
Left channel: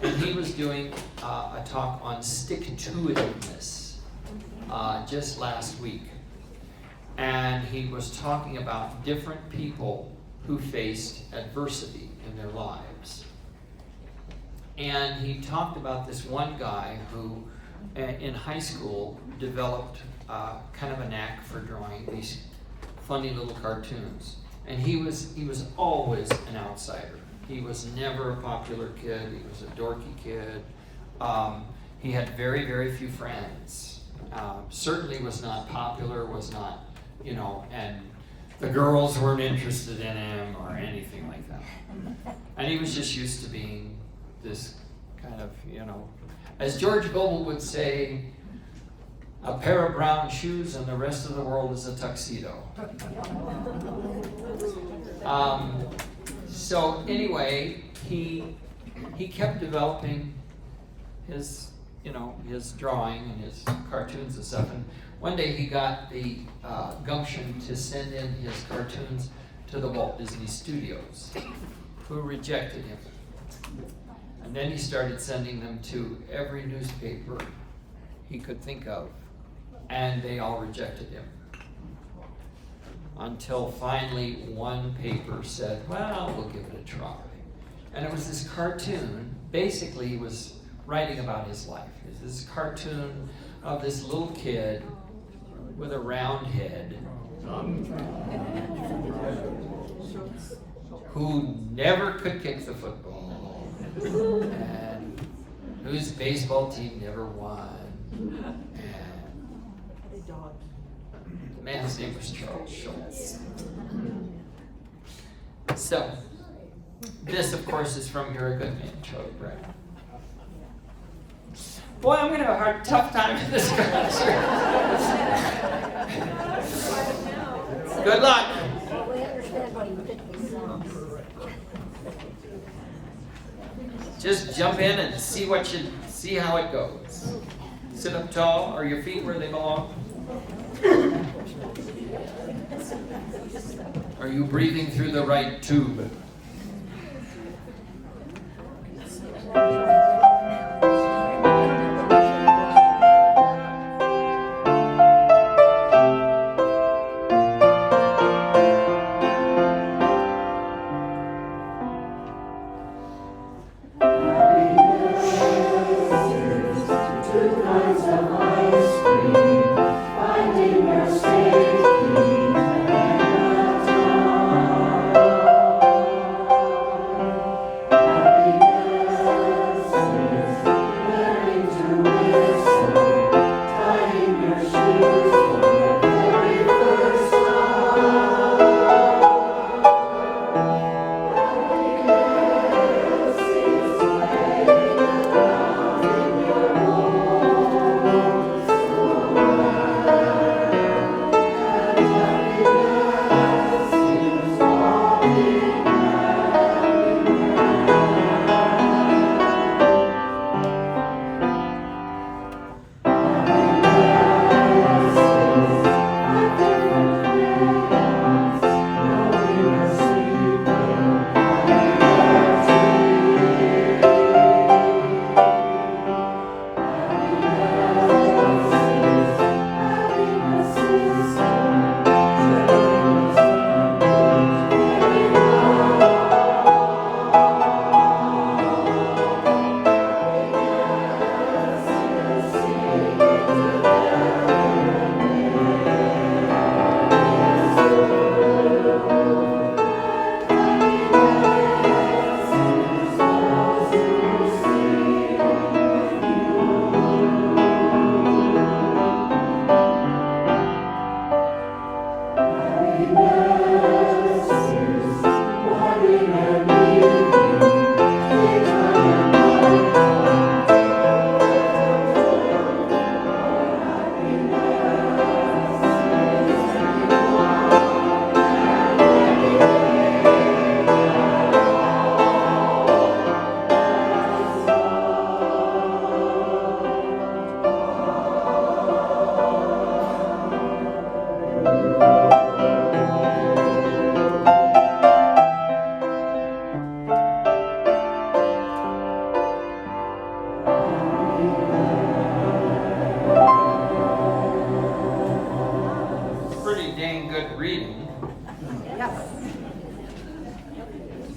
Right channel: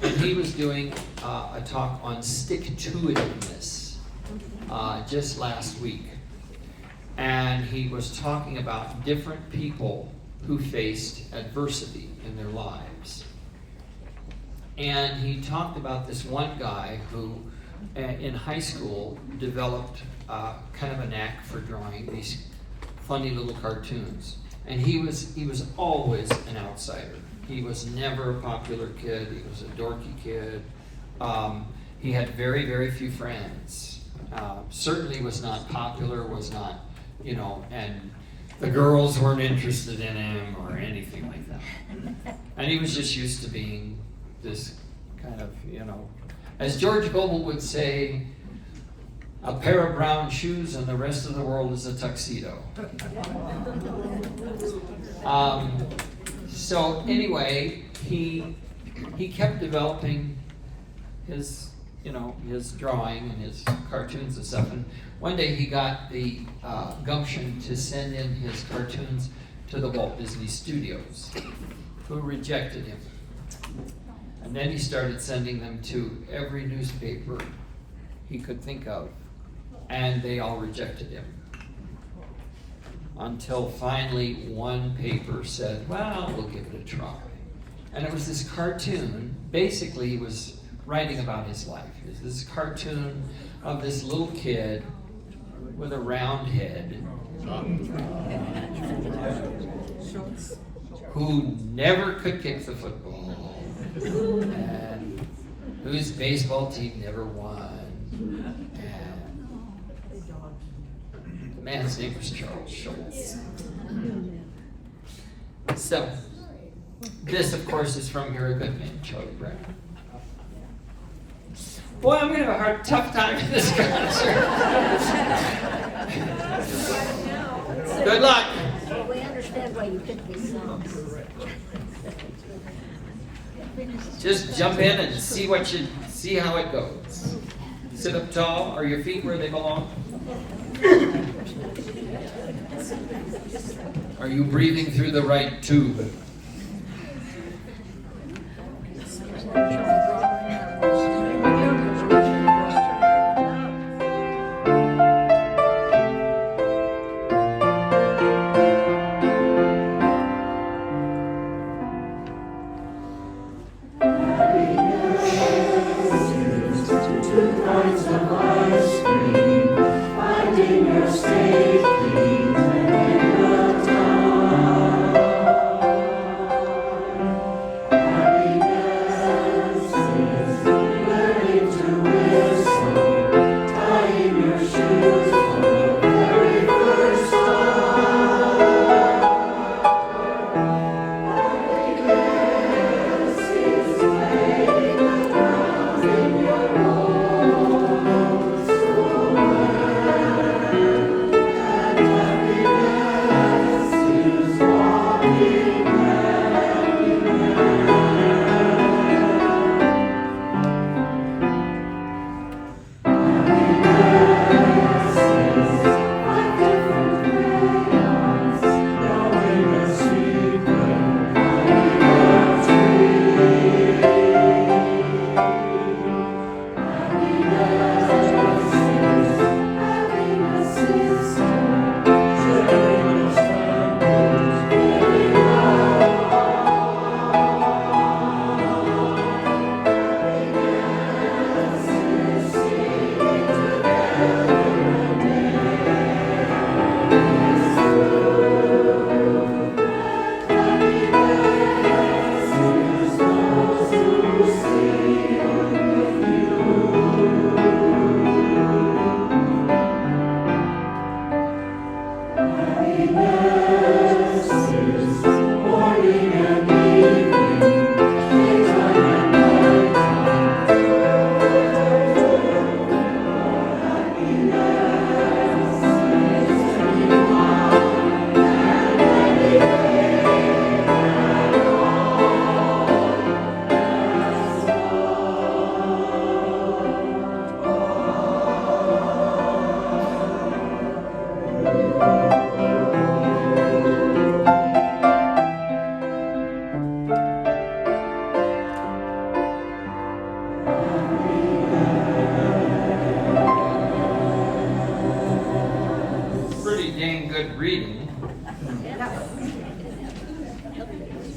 And he was doing a talk on stick-to-itiveness just last week. And he was talking about different people who faced adversity in their lives. And he talked about this one guy who, in high school, developed kind of a knack for drawing these funny little cartoons. And he was always an outsider. He was never a popular kid. He was a dorky kid. He had very, very few friends. Certainly was not popular, was not, you know, and the girls weren't interested in him or anything like that. And he was just used to being this kind of, you know, as George Goebel would say, a pair of brown shoes and the rest of the world is a tuxedo. So anyway, he he kept developing his, his drawing and his cartoons and stuff. And one day he got the gumption to send in his cartoons to the Walt Disney Studios, who rejected him. And then he started sending them to every newspaper he could think of, and they all rejected him. Until finally one paper said, well, we'll give it a try. And it was this cartoon. Basically, he was writing about his life. It was this cartoon of this little kid with a round head who never could kick the football and whose baseball team never won. And the man's name was Charles Schultz. So, this, of course, is from You're a Good Man, Charlie Brown. Boy, I'm going to have a tough time in this concert. Good luck. Well, we understand why you picked this song. Just jump in and see how it goes. Sit up tall. Are your feet where they belong? Are you breathing through the right tube?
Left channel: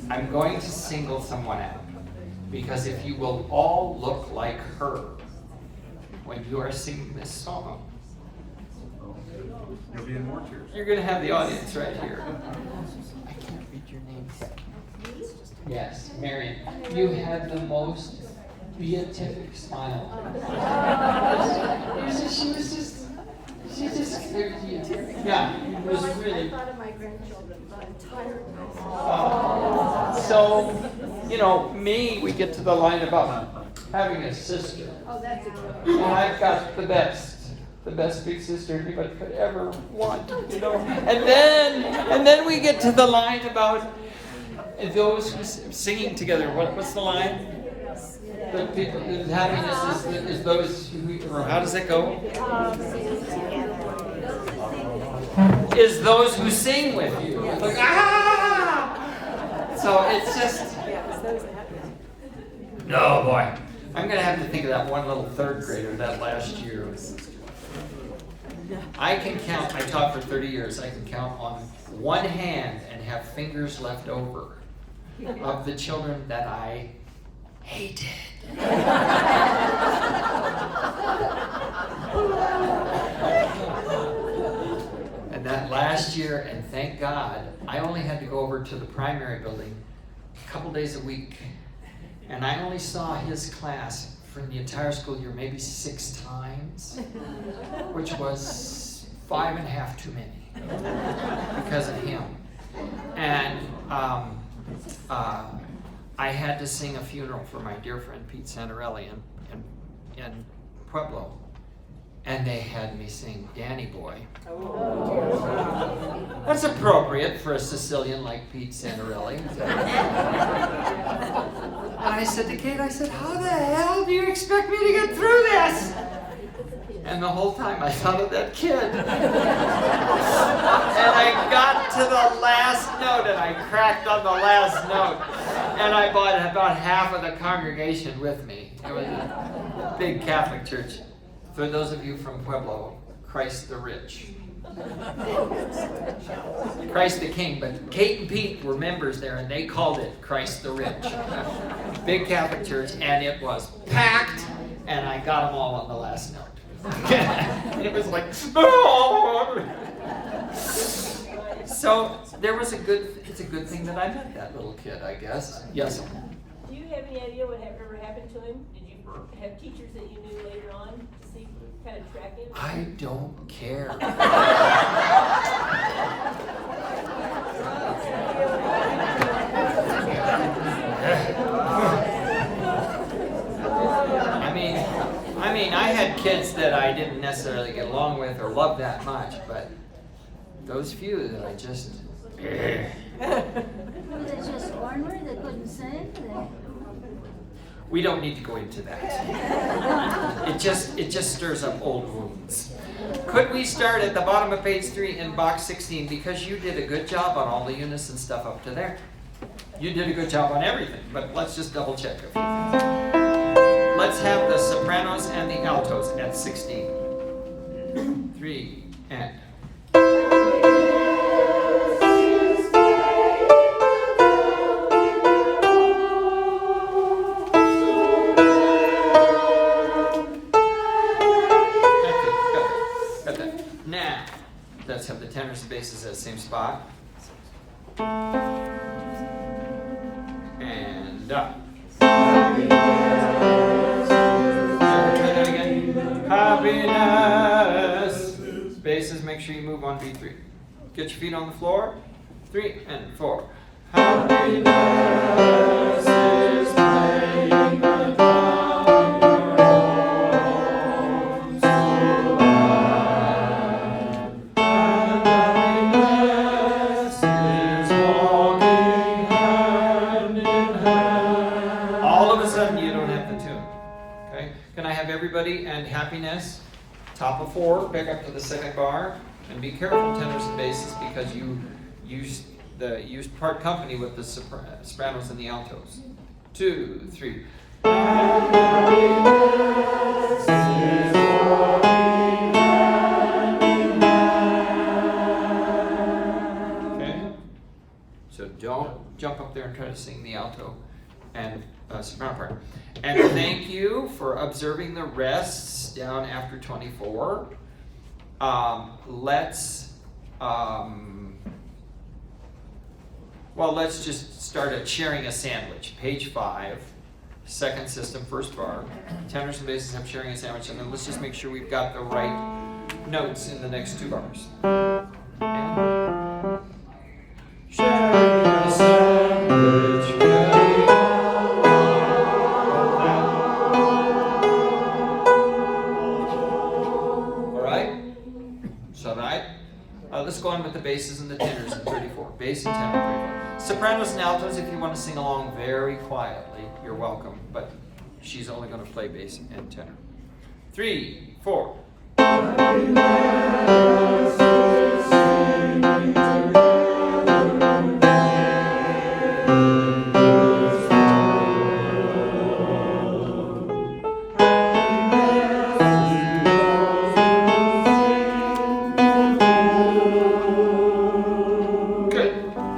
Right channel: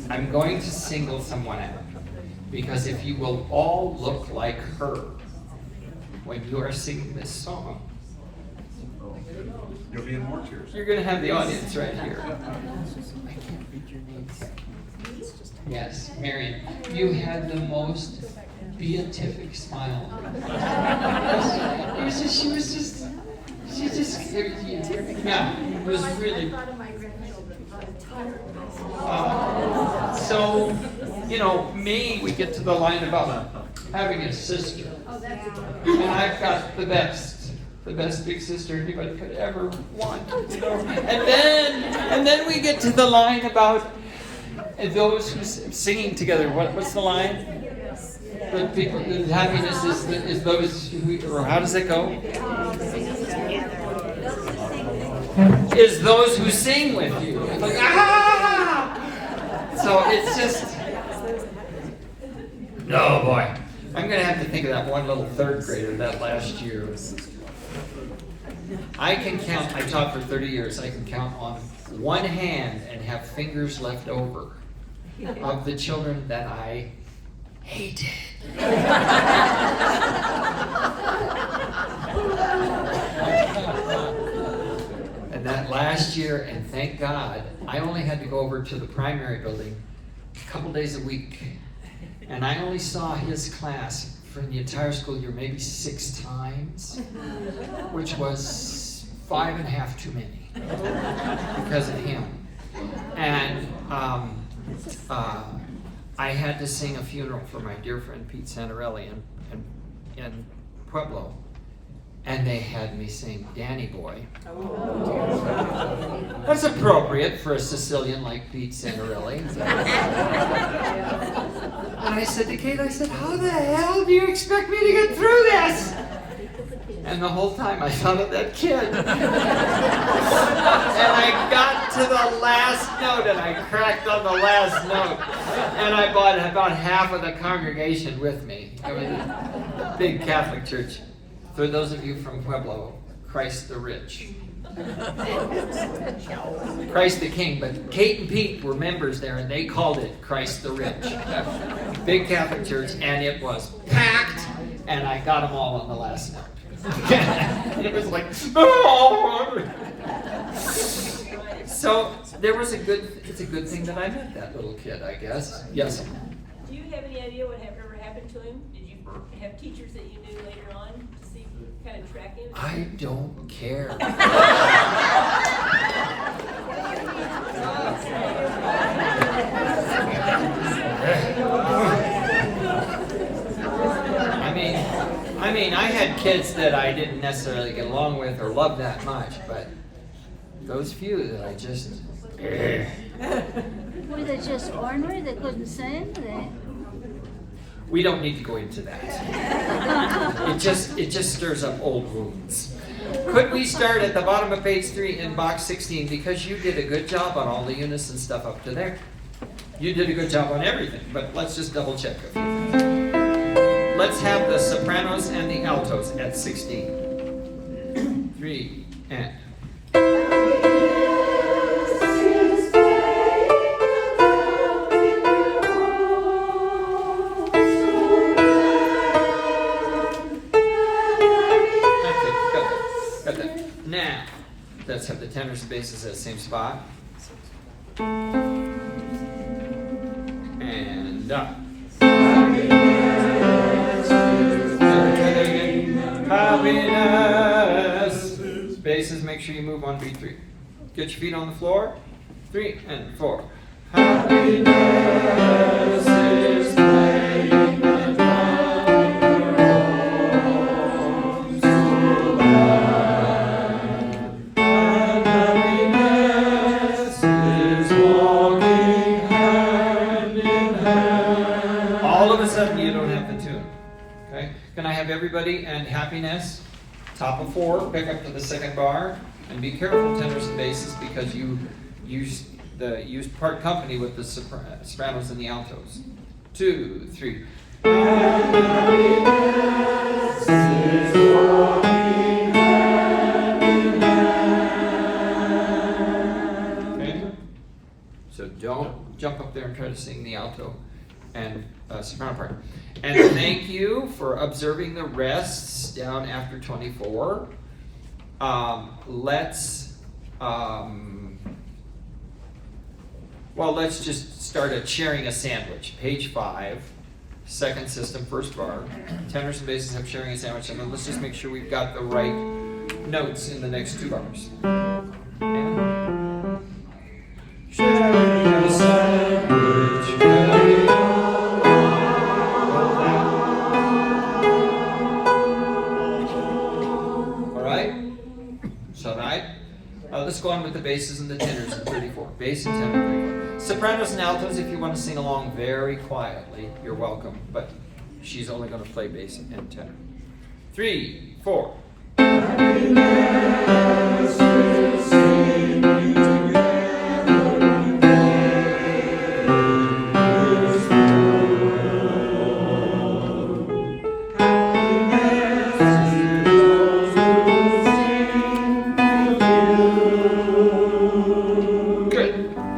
I'm going to single someone out, because if you will all look like her when you are singing this song, You'll be in more tears. you're going to have the audience right here. I can't read your name. Yes, Marion. You had the most beatific smile. She just, yeah, it was really. So, me, we get to the line about having a sister. And I've got the best big sister anybody could ever want, And then we get to the line about And those who singing together, what's the line? The people, the happiness is those who, or how does it go? Is those who sing with you. It's like, ah! So it's just, no boy. I'm going to have to think of that one little third grader that last year. I can count, I taught for 30 years, I can count on one hand and have fingers left over of the children that I hated. And that last year, and thank God, I only had to go over to the primary building a couple days a week. And I only saw his class for the entire school year maybe 6 times, which was 5.5 too many because of him. And I had to sing a funeral for my dear friend Pete Santarelli in Pueblo. And they had me sing Danny Boy. That's appropriate for a Sicilian like Pete Santarelli. And I said to Kate, I said, how the hell do you expect me to get through this? And the whole time I thought of that kid. And I got to the last note and I cracked on the last note. And I brought about half of the congregation with me. It was a big Catholic church. For those of you from Pueblo, Christ the Rich. Christ the King, but Kate and Pete were members there and they called it Christ the Rich. Big Catholic church, and it was packed, and I got them all on the last note. It was like, oh! So there was it's a good thing that I met that little kid, I guess. Yes. Do you have any idea what ever happened to him? Did you have teachers that you knew later on to see, kind of track him? I don't care. I mean, I had kids that I didn't necessarily get along with or love that much, but those few that I just. Were they just ornery? They couldn't sing? We don't need to go into that. It just stirs up old wounds. Could we start at the bottom of page 3 in box 16, because you did a good job on all the unison stuff up to there. You did a good job on everything, but let's just double check a few things. Let's have the sopranos and the altos at 16. 3 and. Now, let's have the tenors and basses at the same spot. And up. Happiness. Basses, make sure you move on beat 3. Get your feet on the floor. 3 and 4. Happiness is playing the drum your homes to life. And happiness is walking hand in hand. All of a sudden you don't have the tune. Okay? Can I have everybody and happiness? Top of 4, pick up to the second bar, and be careful, tenors and basses, because you part company with the sopranos and the altos. 2, 3. Happiness is walking hand in hand. Okay? So don't jump up there and try to sing the alto and soprano part. And thank you for observing the rests down after 24. Let's just start at sharing a sandwich. Page 5, second system, first bar. Tenors and basses have sharing a sandwich, and then let's just make sure we've got the right notes in the next 2 bars. And sharing a sandwich. let's go on with the basses and the tenors in 34. Bass and tenor in 34. Sopranos and altos, if you want to sing along very quietly, you're welcome. But she's only going to play bass and tenor. 3, 4.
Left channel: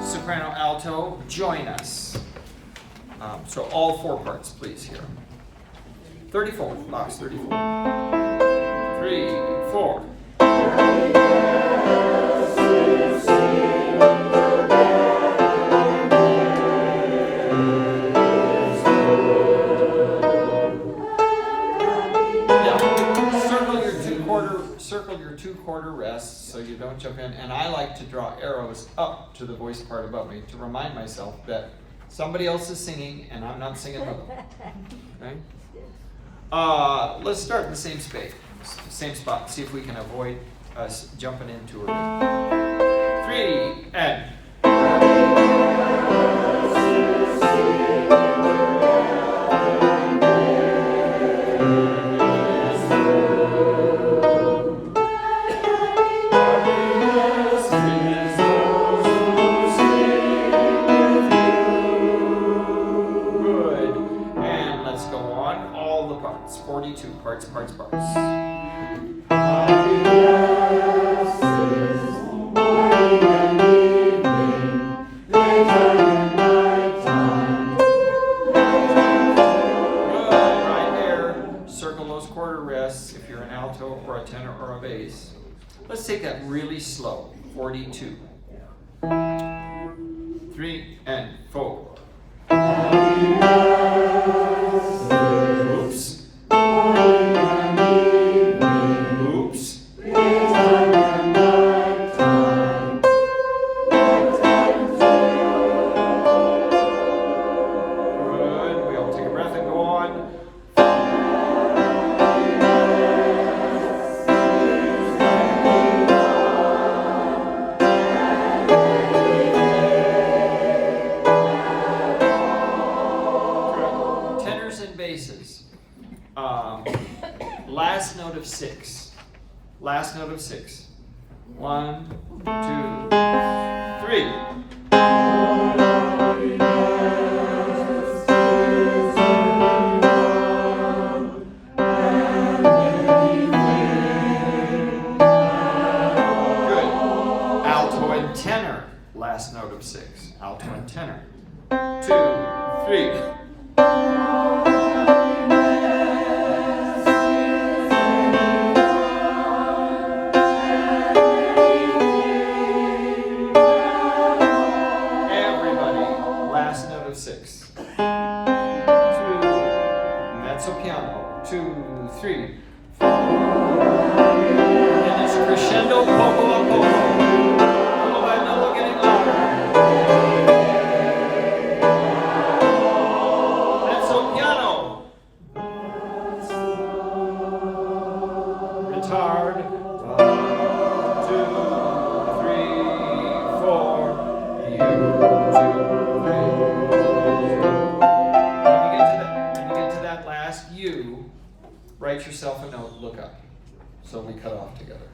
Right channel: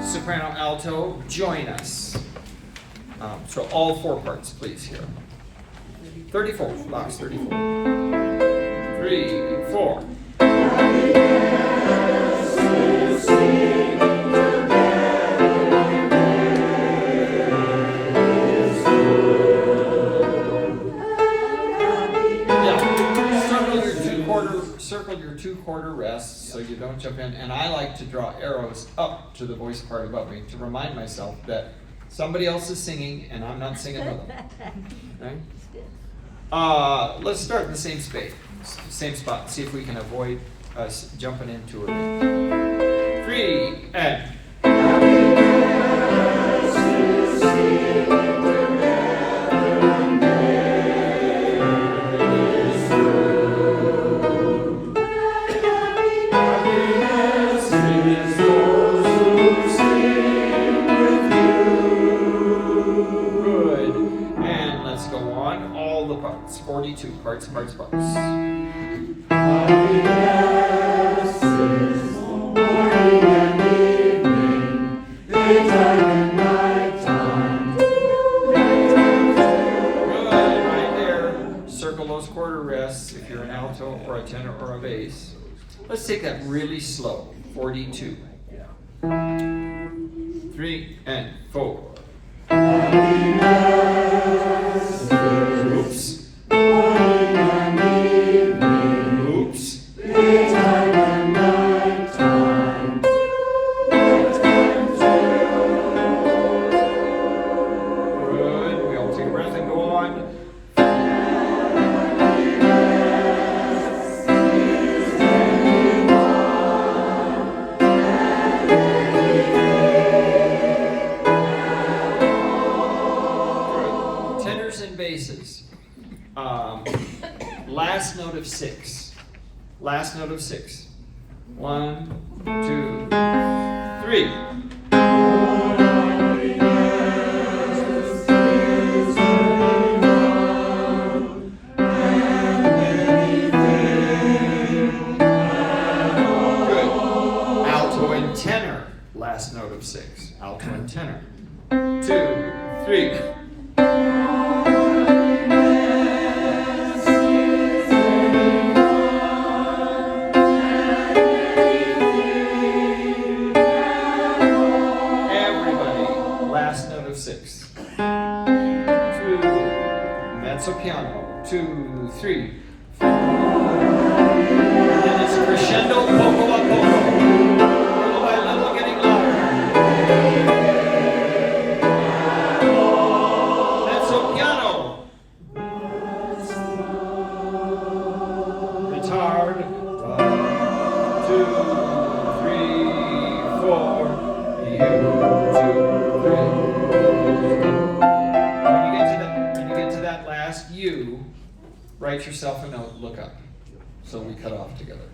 Soprano, alto, join us. So all 4 parts, please, here. 34, box 34. 3, 4. Circle your 2/4 rests so you don't jump in. And I like to draw arrows up to the voice part above me to remind myself that somebody else is singing and I'm not singing with them. Okay? Let's start in the same spot and see if we can avoid us jumping in too early. 3 and. Good. And let's go on. All the parts. 42 parts. Circle those quarter rests if you're an alto or a tenor or a bass. Let's take that really slow. 42. 3 and 4. Oops. Oops. Good. We all take a breath and go on. Basses. Last note of 6. Last note of 6. 1, 2, 3. Good. Alto and tenor. Last note of 6. Alto and tenor. 2, 3. Last note of 6. 2. Mezzo piano. 2, 3, 4. And it's crescendo poco a poco. Little by little getting louder. Mezzo piano. Retard. 1, 2, 3, 4. When you get to that last U, write yourself a note, look up. So we cut off together.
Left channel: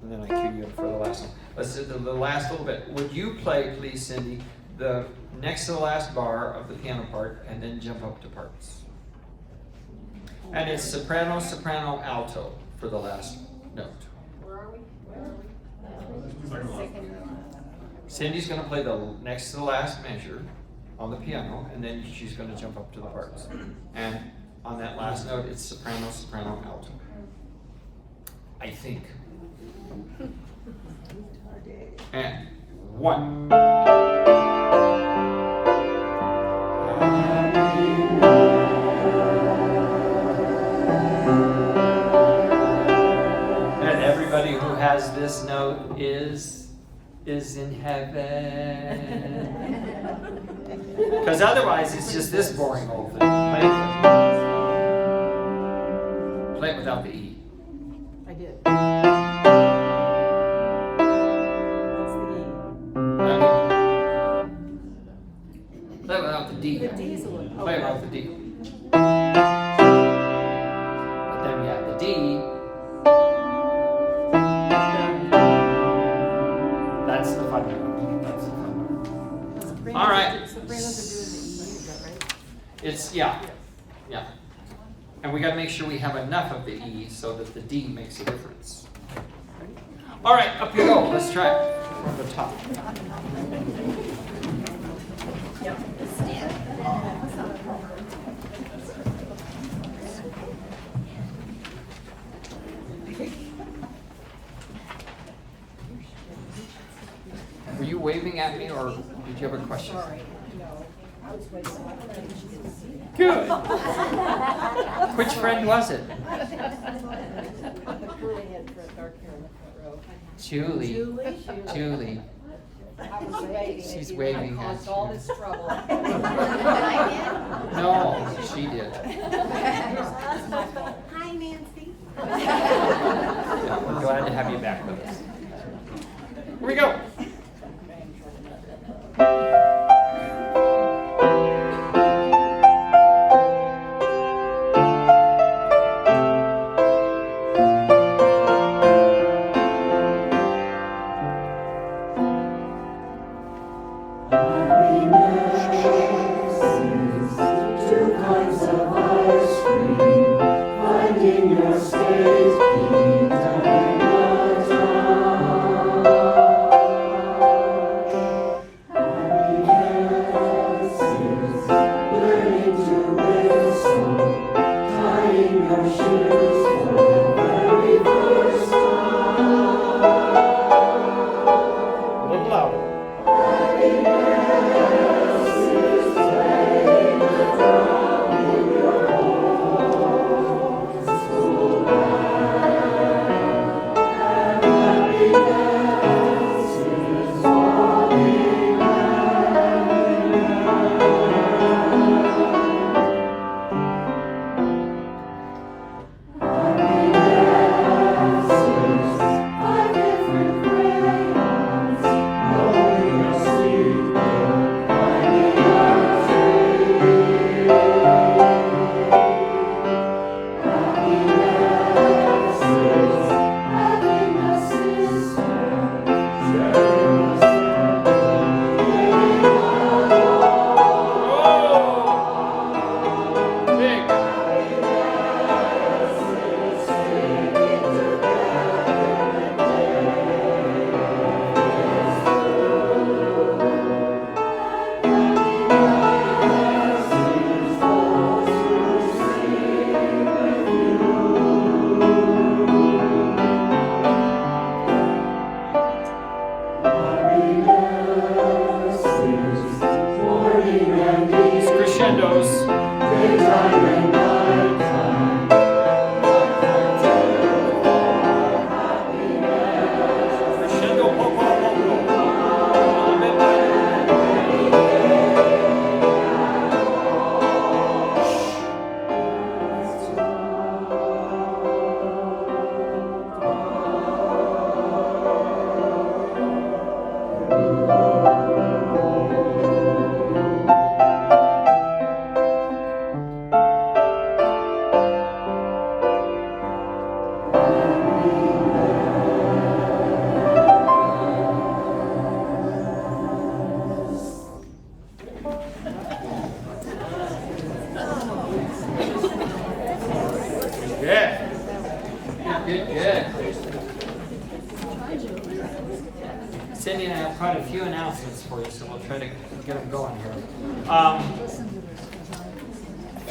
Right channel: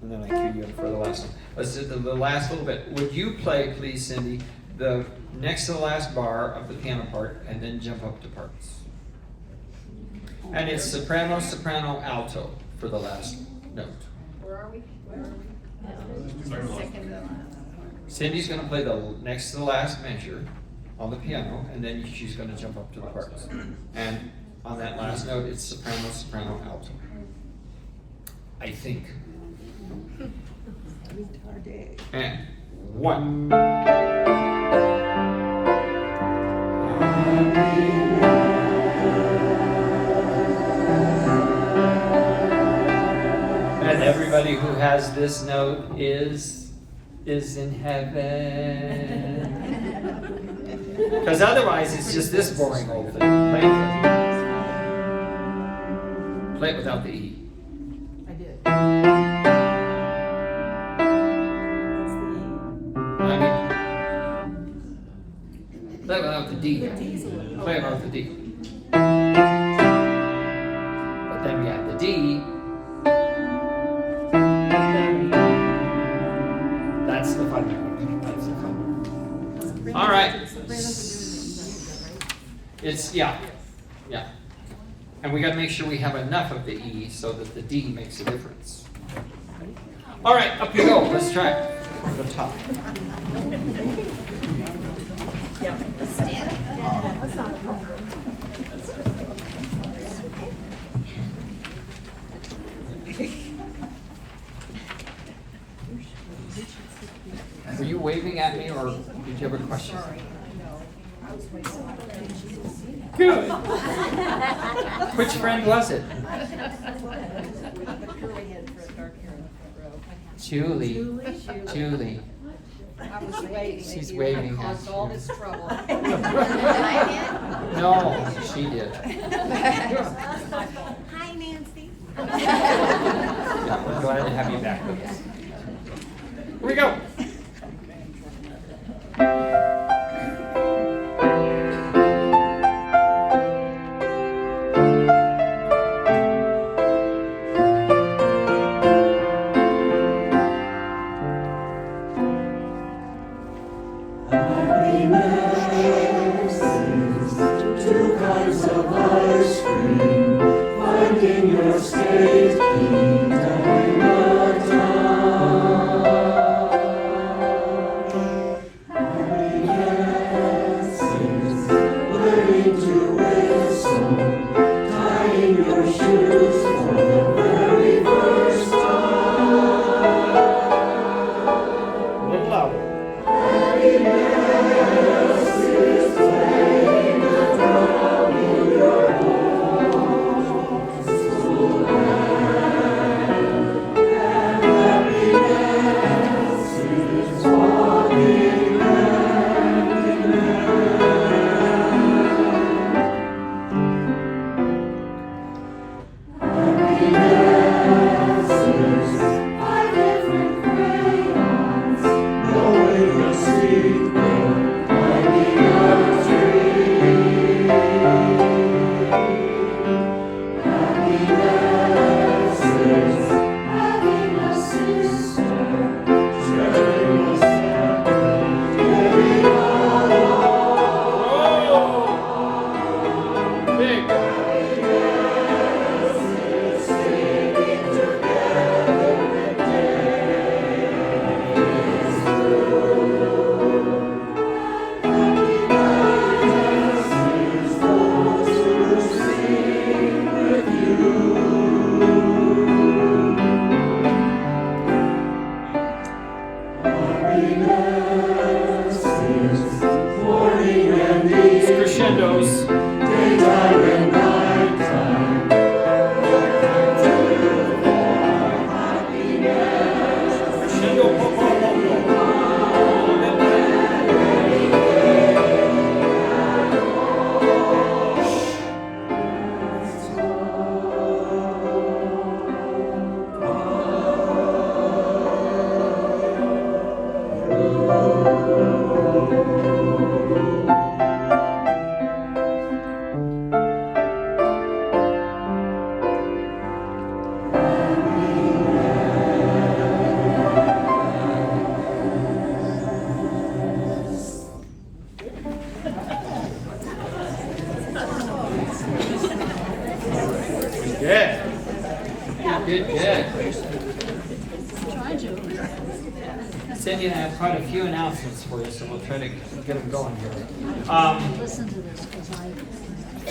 And then I cue you in for the last one. Let's do the last little bit. Would you play, please, Cindy, the next to the last bar of the piano part, and then jump up to parts. And it's soprano, soprano, alto for the last note. Where are we? Cindy's going to play the next to the last measure on the piano, and then she's going to jump up to the parts. And on that last note, it's soprano, soprano, alto. I think. And 1. And everybody who has this note is in heaven. Because otherwise it's just this boring old thing. Play it without the E. I did. D. The D's a little- Play it okay. with the D. But then we got the D. That's the fun note. That's the fun note. All right. It's, yeah. And we got to make sure we have enough of the E so that the D makes a difference. Okay. All right, up you go. Let's try it from the top. Were you waving at me or did you have a question? Good. Which friend was it? Julie. Julie. I was waving. She's at you. waving I at caused all you. this trouble. No, she did. Hi, Nancy. Yeah, we're glad to have you back with us. Here we go. Two kinds of ice cream, finding your state key during the time. Happy dances, learning to whistle, tying your shoes for the very first time. A little louder. Happy dances, playing the drum in your old school band. And happy dances, walking hand in hand. Happy dances, 5 different crayons, knowing a sweet bird climbing a tree. Happy dances, having a sister, sharing a second, getting along. Whoa! Big. Happy dances, singing together when day is through. Happy dances, all to sing with you. Happy dances, morning and It's evening, crescendos. daytime and nighttime. Happy dances. Crescendo. Po, po, po, po. Good. Good. Cindy and I have quite a few announcements for you, so we'll try to get them going here. Listen to this, because I.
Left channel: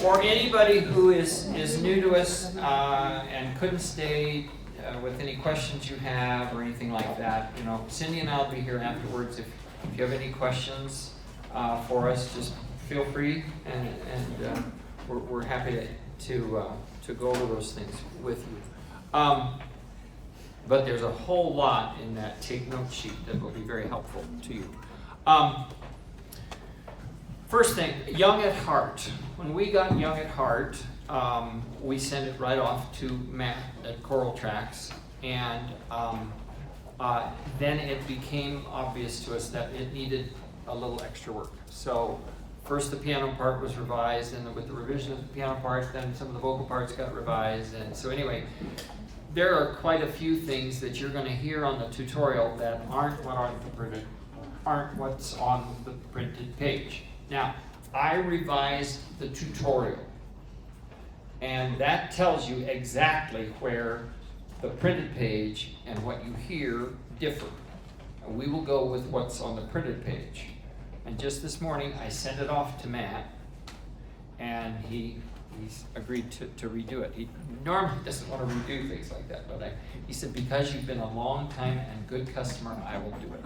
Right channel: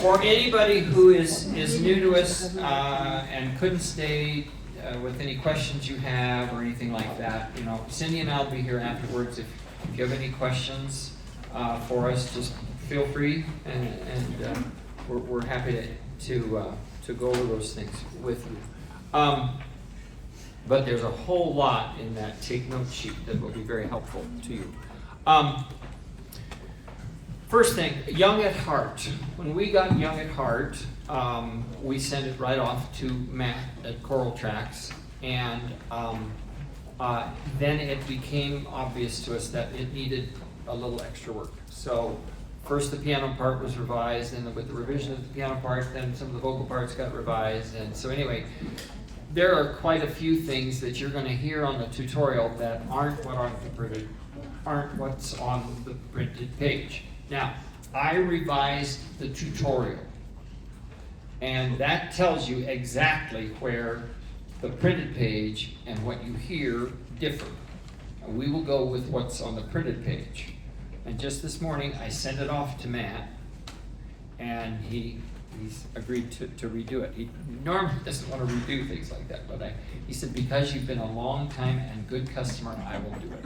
For anybody who is new to us and couldn't stay with any questions you have or anything like that, you know, Cindy and I will be here afterwards. If you have any questions for us, just feel free, and we're happy to go over those things with you. But there's a whole lot in that take note sheet that will be very helpful to you. First thing, Young at Heart. When we got Young at Heart, we sent it right off to Matt at Choral Tracks, and then it became obvious to us that it needed a little extra work. So first the piano part was revised, and then with the revision of the piano part, then some of the vocal parts got revised, and so anyway, there are quite a few things that you're gonna hear on the tutorial that aren't what's on the printed page. Now, I revised the tutorial, and that tells you exactly where the printed page and what you hear differ. And we will go with what's on the printed page. And just this morning, I sent it off to Matt, and he's agreed to redo it. He normally doesn't want to redo things like that, but he said, because you've been a long time and good customer, I will do it.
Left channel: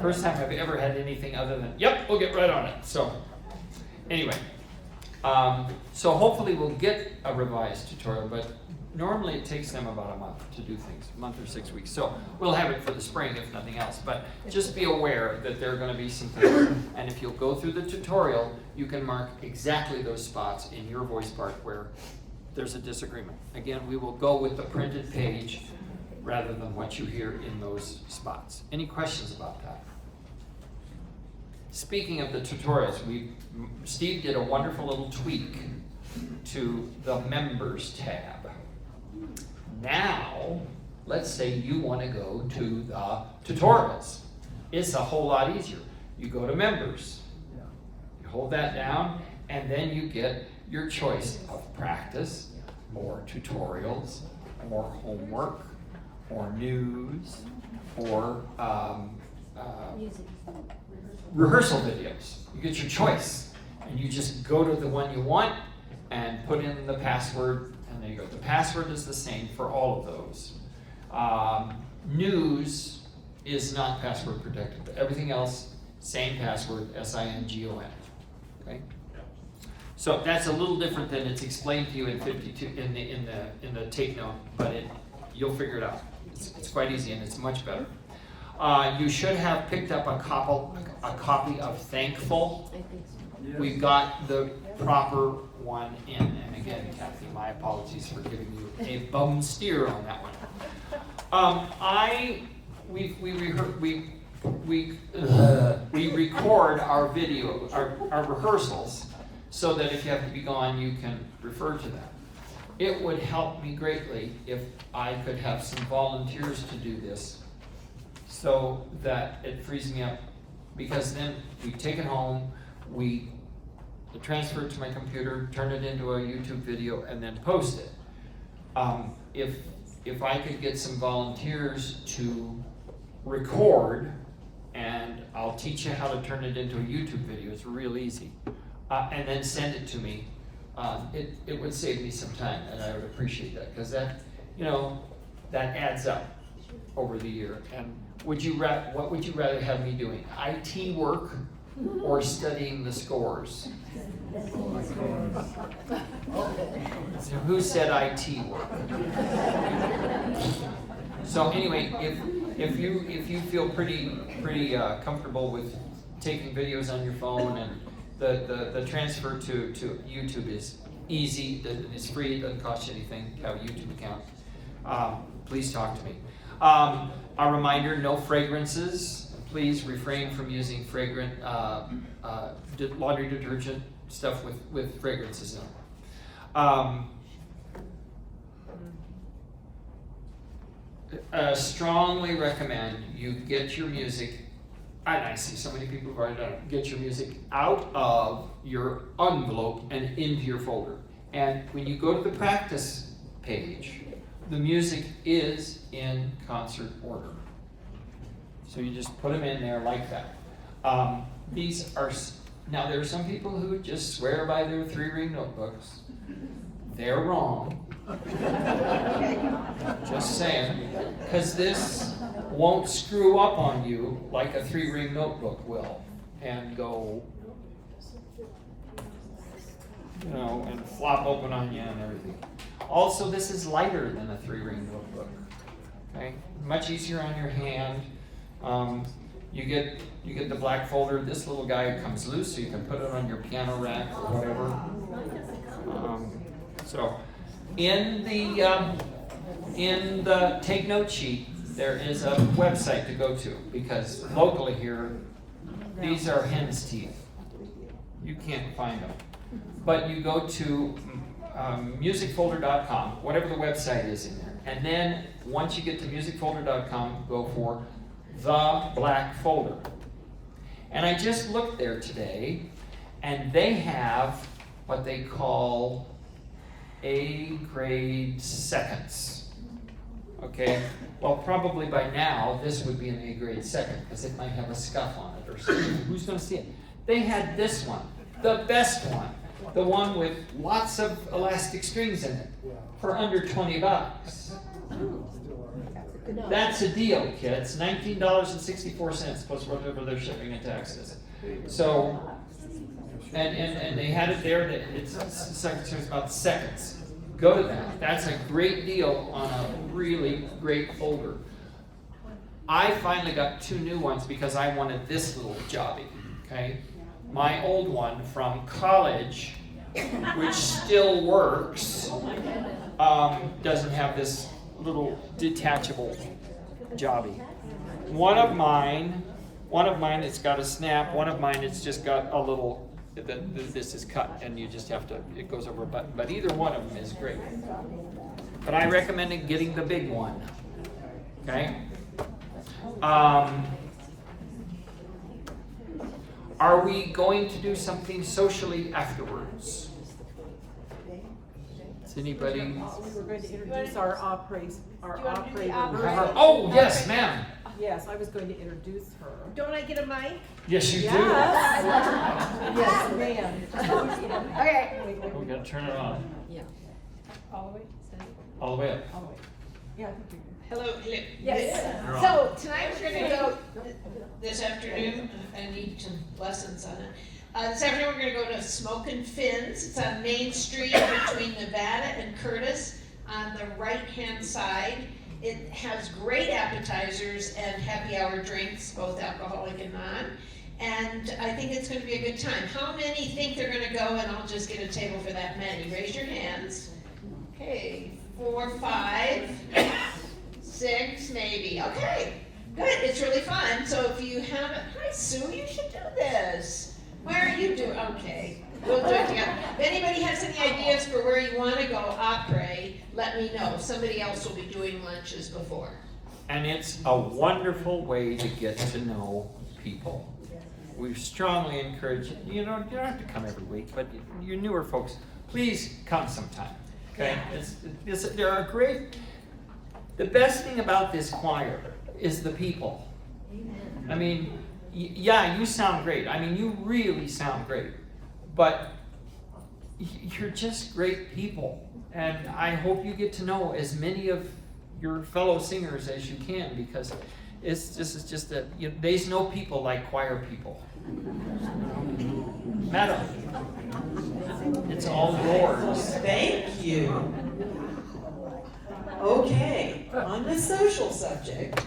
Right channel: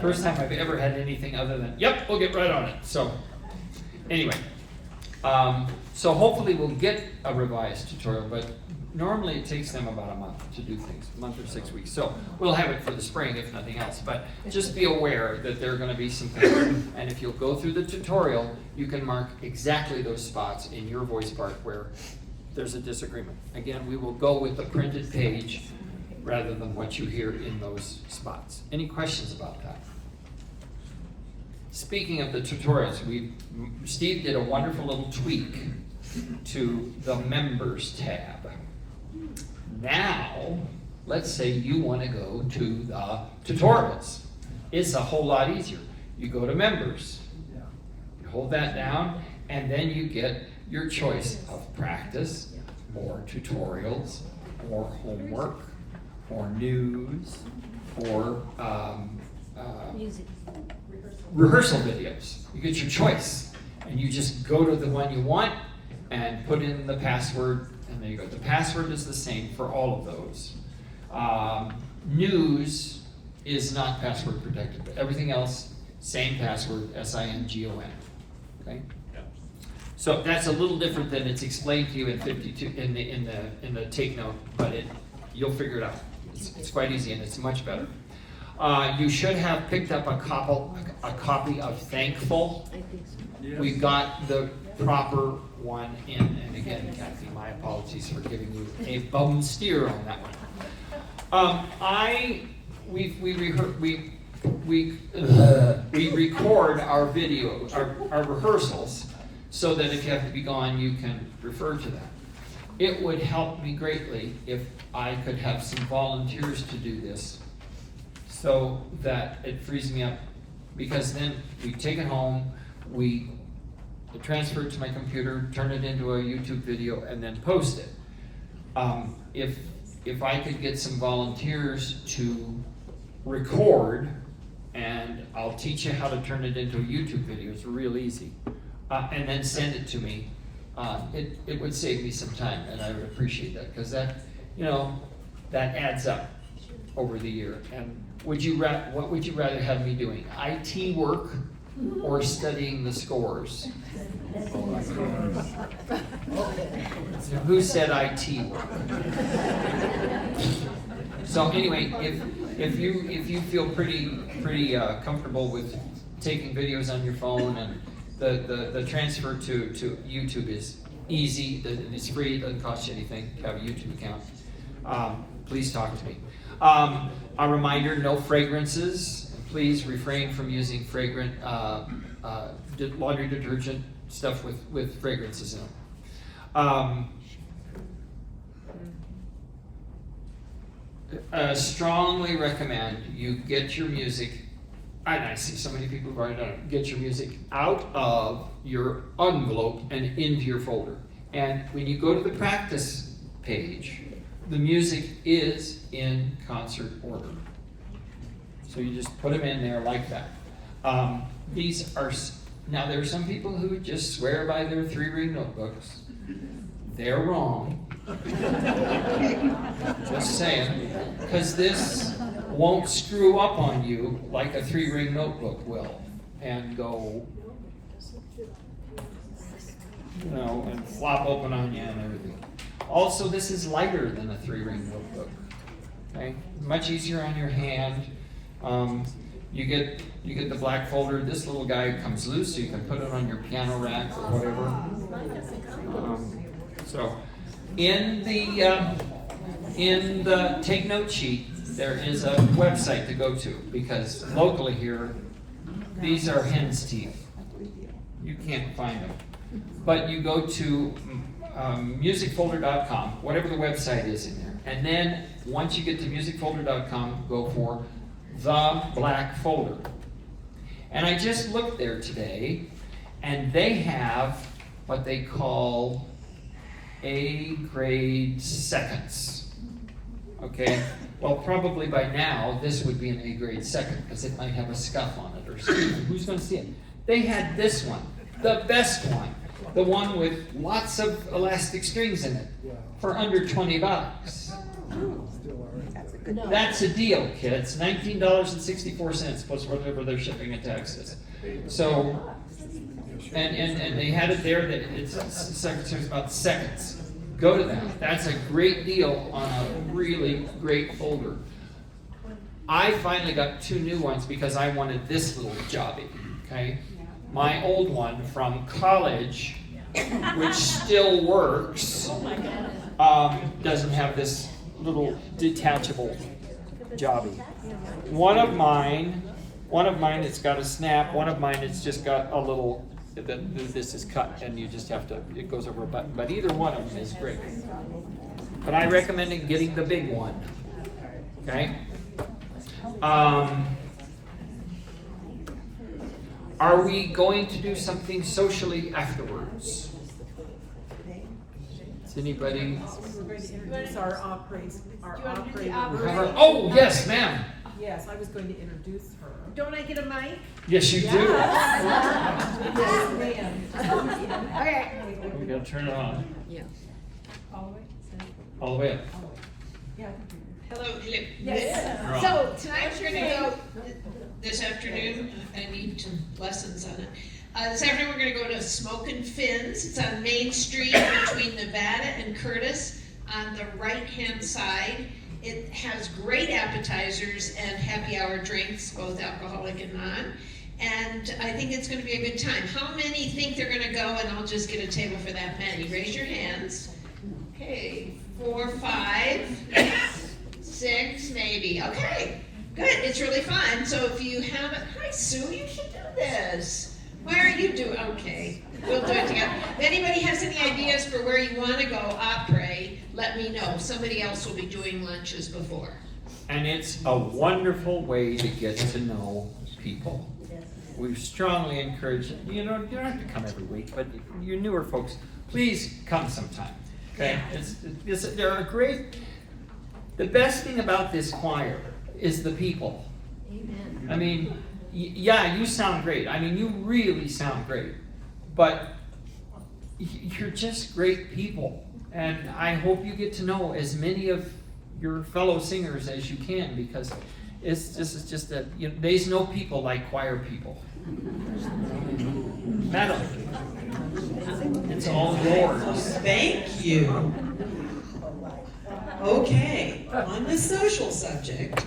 First time I've ever had anything other than, yep, we'll get right on it. So anyway, so hopefully we'll get a revised tutorial, but normally it takes them about a month to do things, a month or 6 weeks. So we'll have it for the spring if nothing else, but just be aware that there are gonna be some things. And if you'll go through the tutorial, you can mark exactly those spots in your voice part where there's a disagreement. Again, we will go with the printed page rather than what you hear in those spots. Any questions about that? Speaking of the tutorials, Steve did a wonderful little tweak to the Members tab. Now, let's say you want to go to the tutorials. It's a whole lot easier. You go to Members, you hold that down, and then you get your choice of practice, or tutorials, or homework, or news, or Music. rehearsal videos. You get your choice, and you just go to the one you want and put in the password, and there you go. The password is the same for all of those. News is not password protected, but everything else, same password, SINGON. Okay. So that's a little different than it's explained to you in 52 in the take note, but you'll figure it out. It's quite easy and it's much better. You should have picked up a copy of Thankful. We got the proper one in, and again, Kathy, my apologies for giving you a bum steer on that one. We record our video, our rehearsals, so that if you have to be gone, you can refer to that. It would help me greatly if I could have some volunteers to do this, so that it frees me up, because then we take it home, we transfer it to my computer, turn it into a YouTube video, and then post it. If I could get some volunteers to record, and I'll teach you how to turn it into a YouTube video, it's real easy, and then send it to me, it would save me some time, and I would appreciate that, because that adds up over the year. And what would you rather have me doing? IT work or studying the scores? Who said IT work? So anyway, if you feel pretty comfortable with taking videos on your phone, and the transfer to YouTube is easy, it's free, it doesn't cost you anything to have a YouTube account, please talk to me. A reminder, no fragrances. Please refrain from using fragrant laundry detergent stuff with fragrances in them. Strongly recommend you get your music, and I see so many people who've already done it, get your music out of your envelope and into your folder. And when you go to the practice page, the music is in concert order. So you just put them in there like that. Now there are some people who just swear by their 3-ring notebooks. They're wrong. Just saying. Because this won't screw up on you like a 3-ring notebook will, and go, and flop open on you and everything. Also, this is lighter than a 3-ring notebook. Okay, much easier on your hand. You get the black folder. This little guy comes loose, so you can put it on your piano rack or whatever. So, in the take note sheet, there is a website to go to, because locally here, these are hen's teeth. You can't find them. But you go to musicfolder.com, whatever the website is in there. And then once you get to musicfolder.com, go for the black folder. And I just looked there today, and they have what they call A grade seconds. Okay? Well, probably by now, this would be an A grade second, because it might have a scuff on it or something. Who's going to see it? They had this one, the best one, the one with lots of elastic strings in it, for under $20. That's a deal, kids. $19.64 plus whatever their shipping and taxes. So, and they had it there that it's about seconds. Go to that. That's a great deal on a really great folder. I finally got 2 new ones because I wanted this little jobby. Okay, my old one from college, which still works, doesn't have this little detachable jobby. One of mine, it's got a snap. One of mine, it's just got a little. This is cut, and you just have to. It goes over a button. But either one of them is great. But I recommend getting the big one. Okay. Are we going to do something socially afterwards? Is anybody? We're going to introduce our operator. Oh, yes, ma'am. Yes, I was going to introduce her. Don't I get a mic? Yes, you do. Yes, ma'am. Okay. We gotta turn it on. Yeah. All the way up. Hello. Yes. You're on. So tonight we're gonna go, this afternoon, I need some lessons on it. This afternoon we're gonna go to Smokin' Finn's. It's on Main Street between Nevada and Curtis on the right-hand side. It has great appetizers and happy hour drinks, both alcoholic and non. And I think it's gonna be a good time. How many think they're gonna go, and I'll just get a table for that many? Raise your hands. Okay, 4, 5, 6, maybe. Okay, good. It's really fun. So if you haven't, hi Sue, you should do this. Where are you doing? Okay, we'll do it together. If anybody has any ideas for where you want to go après, let me know. Somebody else will be doing lunches before. And it's a wonderful way to get to know people. We strongly encourage, you don't have to come every week, but you newer folks, please come sometime. Okay? There are great, the best thing about this choir is the people. I mean, yeah, you sound great. I mean, you really sound great. But you're just great people. And I hope you get to know as many of your fellow singers as you can, because it's just that there's no people like choir people. Madam, it's all yours. Thank you. Okay, on the social subject,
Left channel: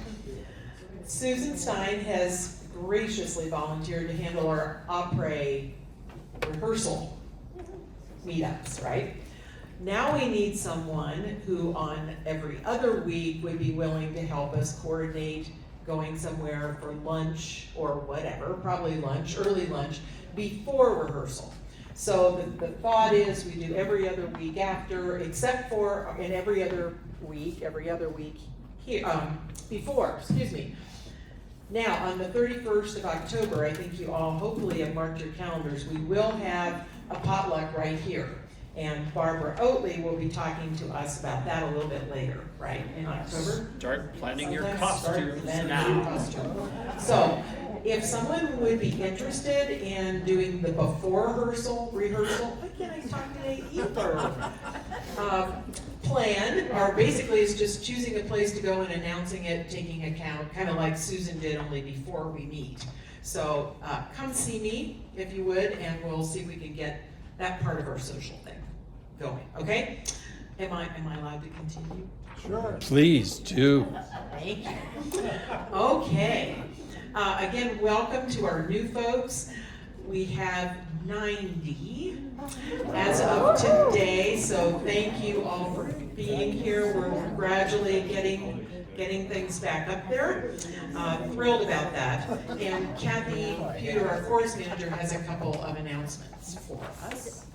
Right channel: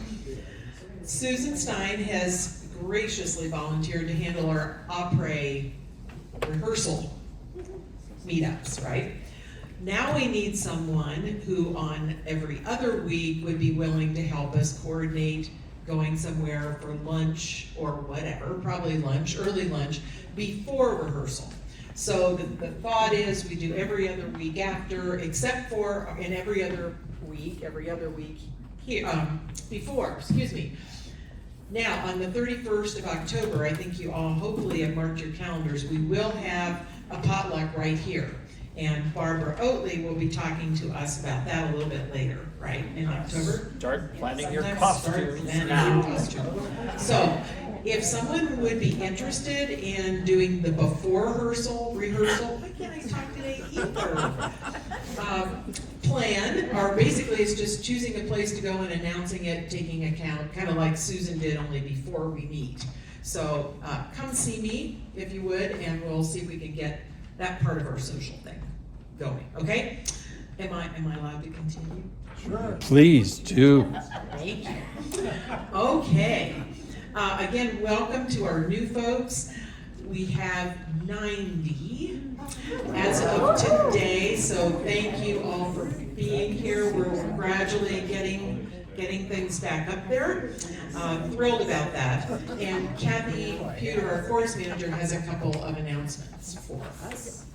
Susan Stein has graciously volunteered to handle our après rehearsal meetups, right? Now we need someone who on every other week would be willing to help us coordinate going somewhere for lunch or whatever, probably lunch, early lunch, before rehearsal. So the thought is we do every other week after, except for in every other week here, before, excuse me. Now, on the 31st of October, I think you all hopefully have marked your calendars, we will have a potluck right here. And Barbara Oatley will be talking to us about that a little bit later, right, in October? Start planning your Sometime costumes start planning now. your costume. So, if someone would be interested in doing the before rehearsal, why can't I talk today either? Plan, or basically it's just choosing a place to go and announcing it, taking account, kind of like Susan did, only before we meet. So, come see me if you would, and we'll see if we can get that part of our social thing going, okay? Am I allowed to continue? Sure. Please do. Thank you. Okay. Again, welcome to our new folks. We have 90 as of today, so thank you all for being here. We're gradually getting getting things back up there. Thrilled about that. And Kathy Pewter, our chorus manager, has a couple of announcements for us.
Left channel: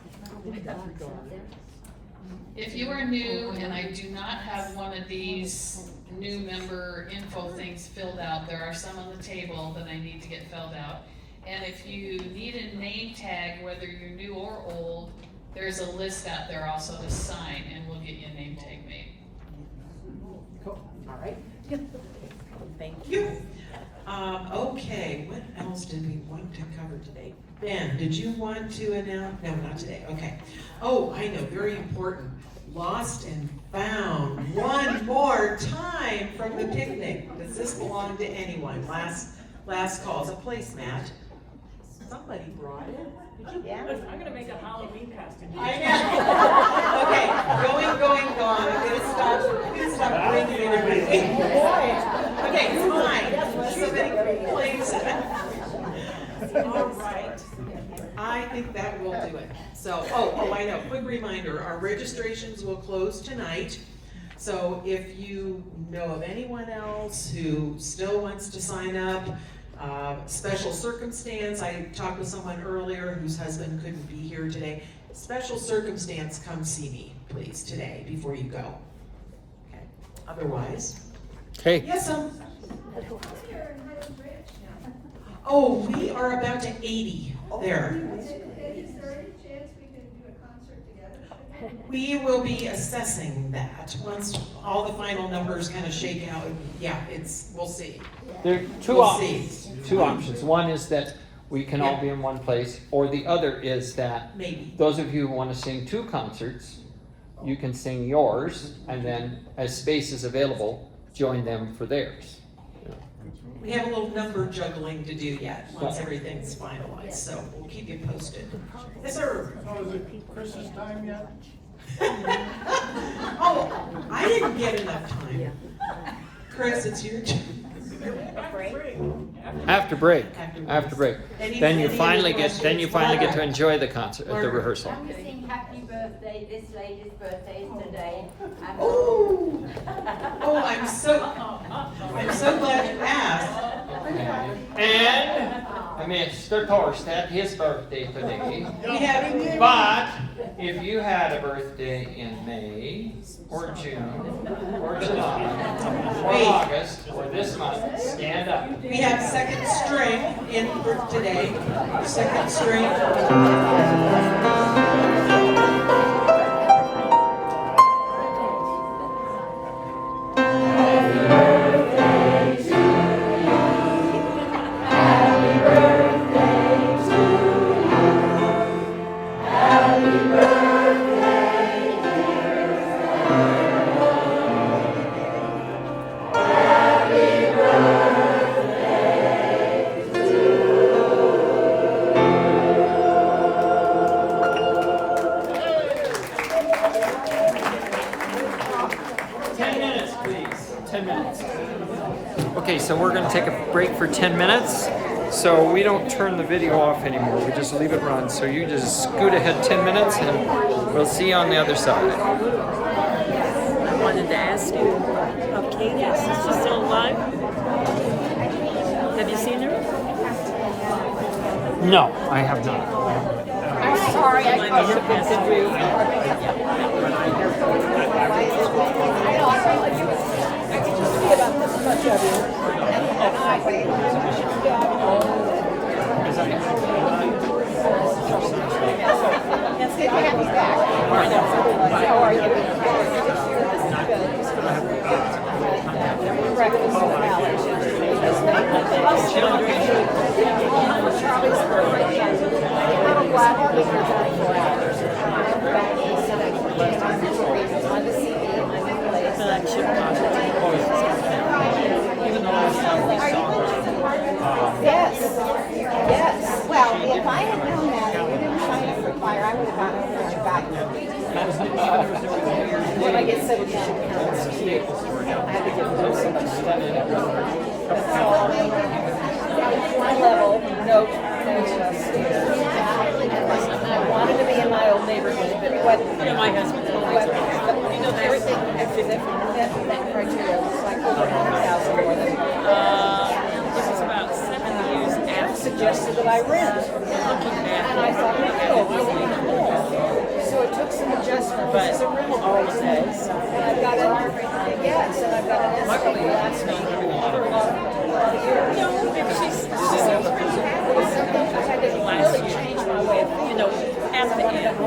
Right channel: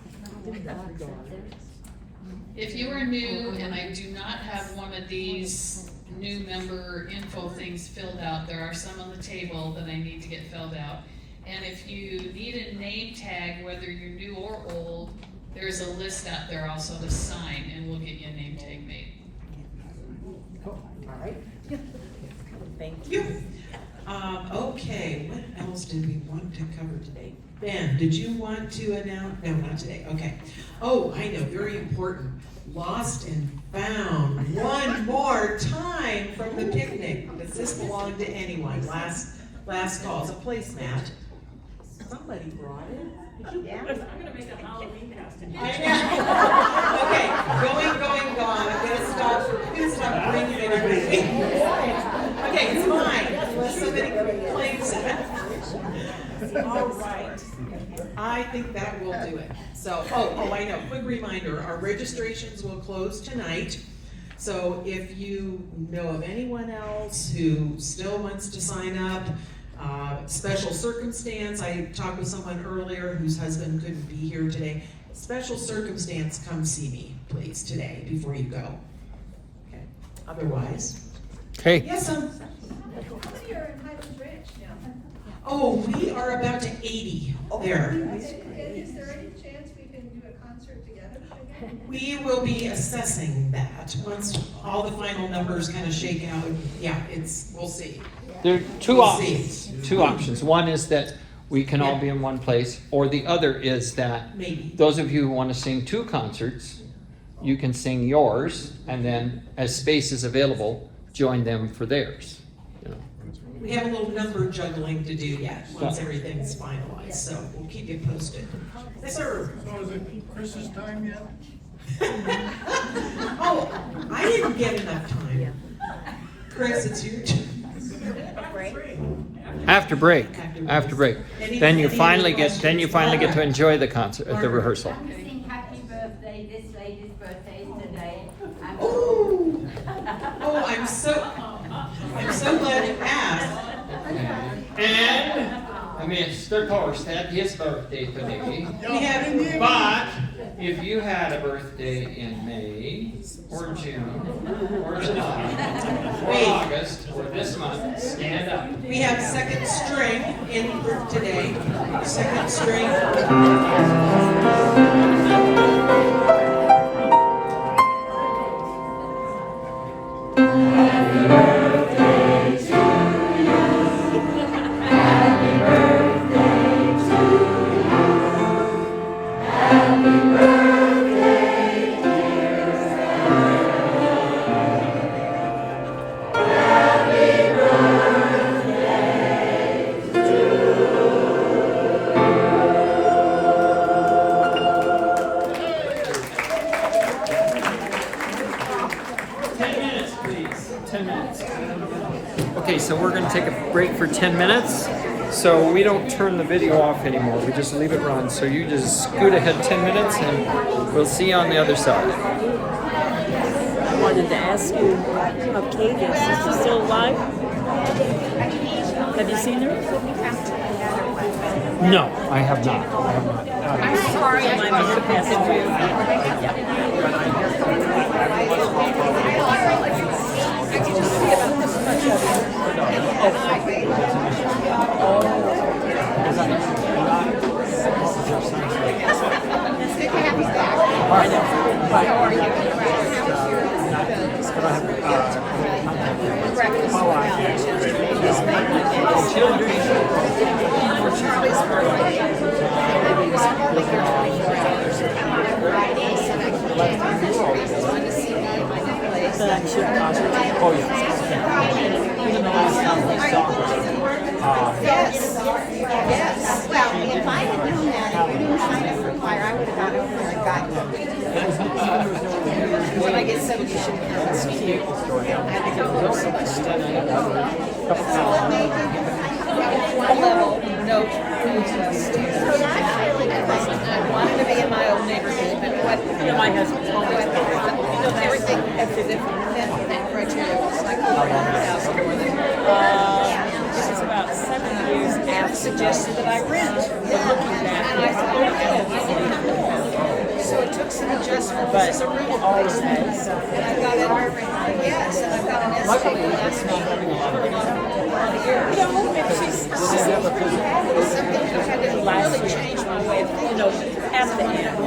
If you are new and I do not have one of these new member info things filled out, there are some on the table that I need to get filled out. And if you need a name tag, whether you're new or old, there's a list out there also to sign, and we'll get you a name tag made. Cool, all right. Thank you. Okay, what else did we want to cover today? Ben, did you want to announce? No, not today, okay. Oh, I know, very important. Lost and found one more time from the picnic. Does this belong to anyone? Last call, it's a placemat. Somebody brought it. Did you? Yeah. I'm gonna make a Halloween costume. I know. Okay, going, gone. I'm gonna stop bringing everything. Okay, it's mine. Somebody claims it. All right. I think that will do it. So, oh, I know. Quick reminder, our registrations will close tonight. So if you know of anyone else who still wants to sign up, special circumstance, I talked with someone earlier whose husband couldn't be here today. Special circumstance, come see me, please, today before you go. Okay. Otherwise, Okay. yes, sir. You're in Highland Ranch now. Oh, we are about to 80 there. Is there any chance we can do a concert together again? We will be assessing that once all the final numbers kind of shake out. Yeah, we'll see. There are two We'll options. Two options. One is that we can all be in one place, or the other is that Maybe. those of you who want to sing two concerts, you can sing yours, and then as space is available, join them for theirs. You know. We have a little number juggling to do yet, once everything's finalized, so we'll keep you posted. Yes, sir. So is it Christmas time yet? Oh, I didn't get enough time. Chris, it's your turn. After break. After break. Then you finally get to enjoy the concert, the rehearsal. I'm sing happy birthday, this lady's birthday is today. Oh, I'm so glad you asked. And Mr. Torstad, his birthday today. We have, But if you had a birthday in May, or June, or July, or August, or this month, stand up. we have second string in for today. Second string. Okay, so we're going to take a break for 10 minutes. So we don't turn the video off anymore. We just leave it run. So you just scoot ahead 10 minutes and we'll see you on the other side. I wanted to ask you, Octavius, is he still alive? Have you seen him? No, I have not. I'm sorry, I Even the last time we saw her. Yes. Well, if I had known that, if we didn't sign up for choir, I would have gone over there and gotten you. When I get 70, A little note, I wanted to be in my old neighborhood, but my husband's home, everything, everything, that criteria was like, This is about 7 years after suggested that I rent. And looking back, and I thought, So it took some adjustment. but This is a rental all place. of those. And I've got it, yes, and I've got an Luckily, escape. it's not having a lot of No, she's really changed my way of thinking. at the end.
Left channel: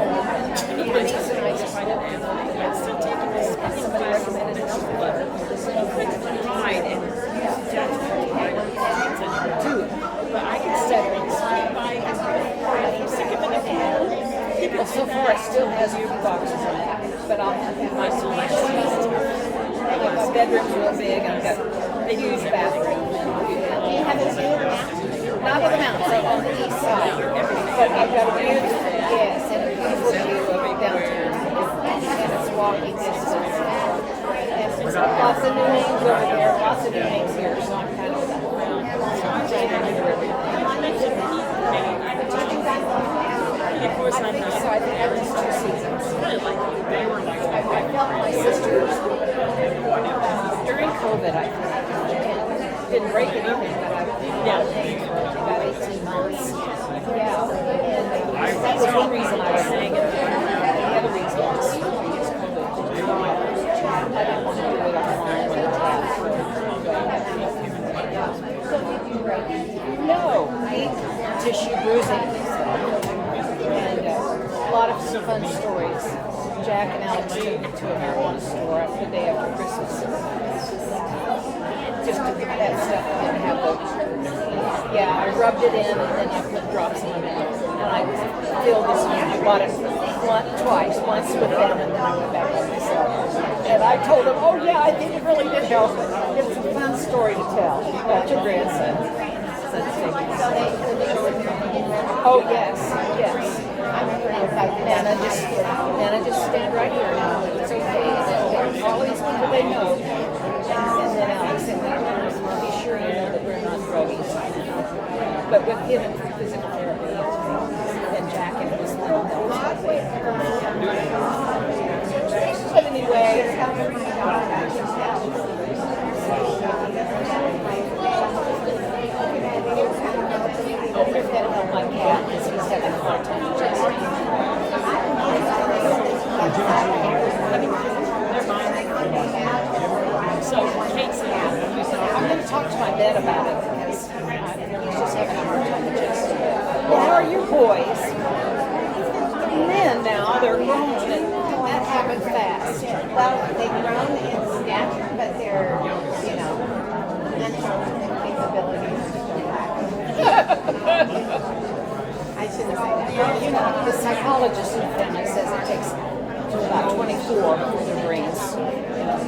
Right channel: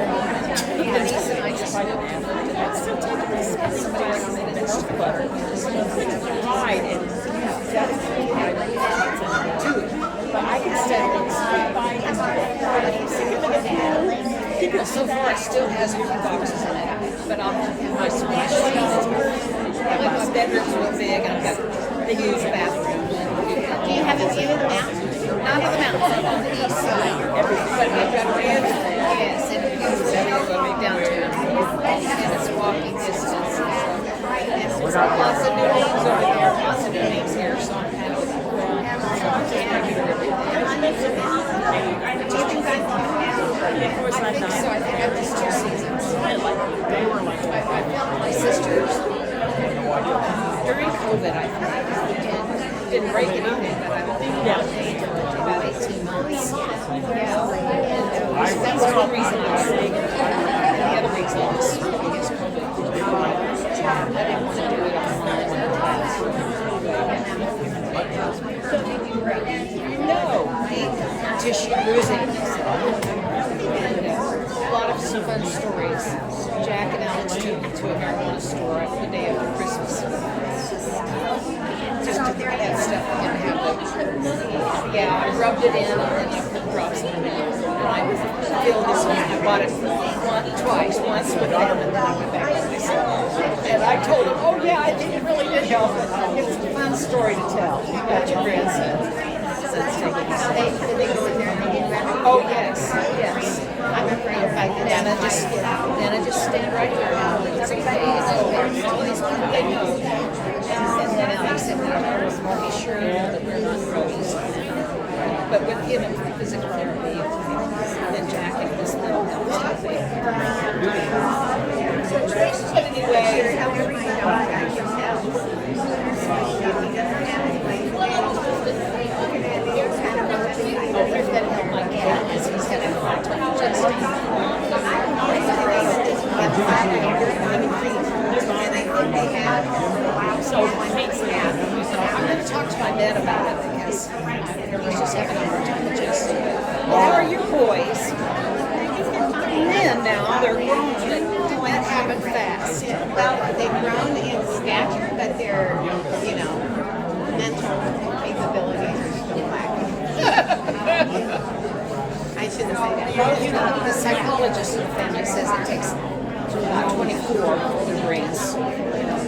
My niece and I just tried it. Somebody else made it just clever. Hide and do it. But I can settle it. So far, it still has a few boxes in it, but I'll have my splash sheet. Like my bedroom's real big, and I've got a huge bathroom. Do you have a view of the mountains? Not the mountains, I'm on the east side, but I've got a view, yes, and beautiful view of downtown. And it's walking distance. And lots of new names over there, lots of new names here, so I'm happy. So I think I just 2 seasons. I felt my sisters during COVID, I think, and didn't break anything, but I think about 18 months. Yeah. And that's one reason I was saying it. And the other reason I was saying it is COVID. I didn't want to do it online when the class. No, tissue bruising. And a lot of fun stories. Jack and Alex took me to a marijuana store the day after Christmas. Just to get that stuff. I didn't have yeah, I rubbed it in and then I put drops in it. And I filled this one. I bought it twice. Once with them and then I went back to myself. And I told him, oh yeah, I think it really did help. It's a fun story to tell about your grandson. So they go in there and get ready? Oh, yes, yes. I'm afraid if I do that, I might get out. Then I just stand right here. It's okay. All these people they know. And then Alex said, well, be sure you know that we're not druggies. But with him and physical therapy, then Jack and his little stuff there. But anyway, You're helping my dog, I can tell. If he doesn't have it, looking at it, it's kind of I've got to help my cat because he's having a hard time adjusting. I don't know if they have this website, I ordered online, and I think they have for a while, so one app. I'm going to talk to my vet about it because he's just having a hard time adjusting. How are your boys? They're men now, they're grown. Did that happen fast? Well, they've grown in stature, but their, mental capabilities are still lacking. I shouldn't say that. The psychologist in the family says it takes about 24 degrees to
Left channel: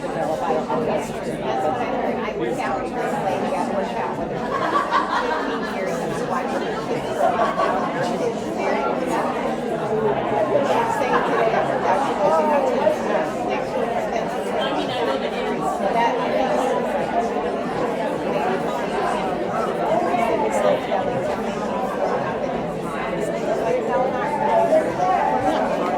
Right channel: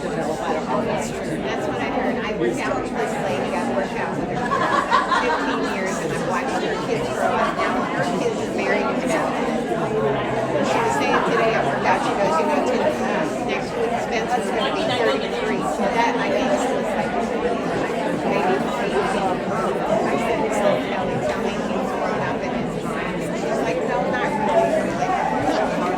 develop. I don't know if that's true. That's what I heard. I worked out with this lady. I've worked out with her for 15 years, and I've watched her kids grow up. Now her kids are married and adopted. She was saying today at workout, she goes, next week Spencer's going to be 30 degrees. So that, I think, this looks like maybe. I said, Kelly, tell me he's grown up and it's fine. And she's like, no, not really. I'm like,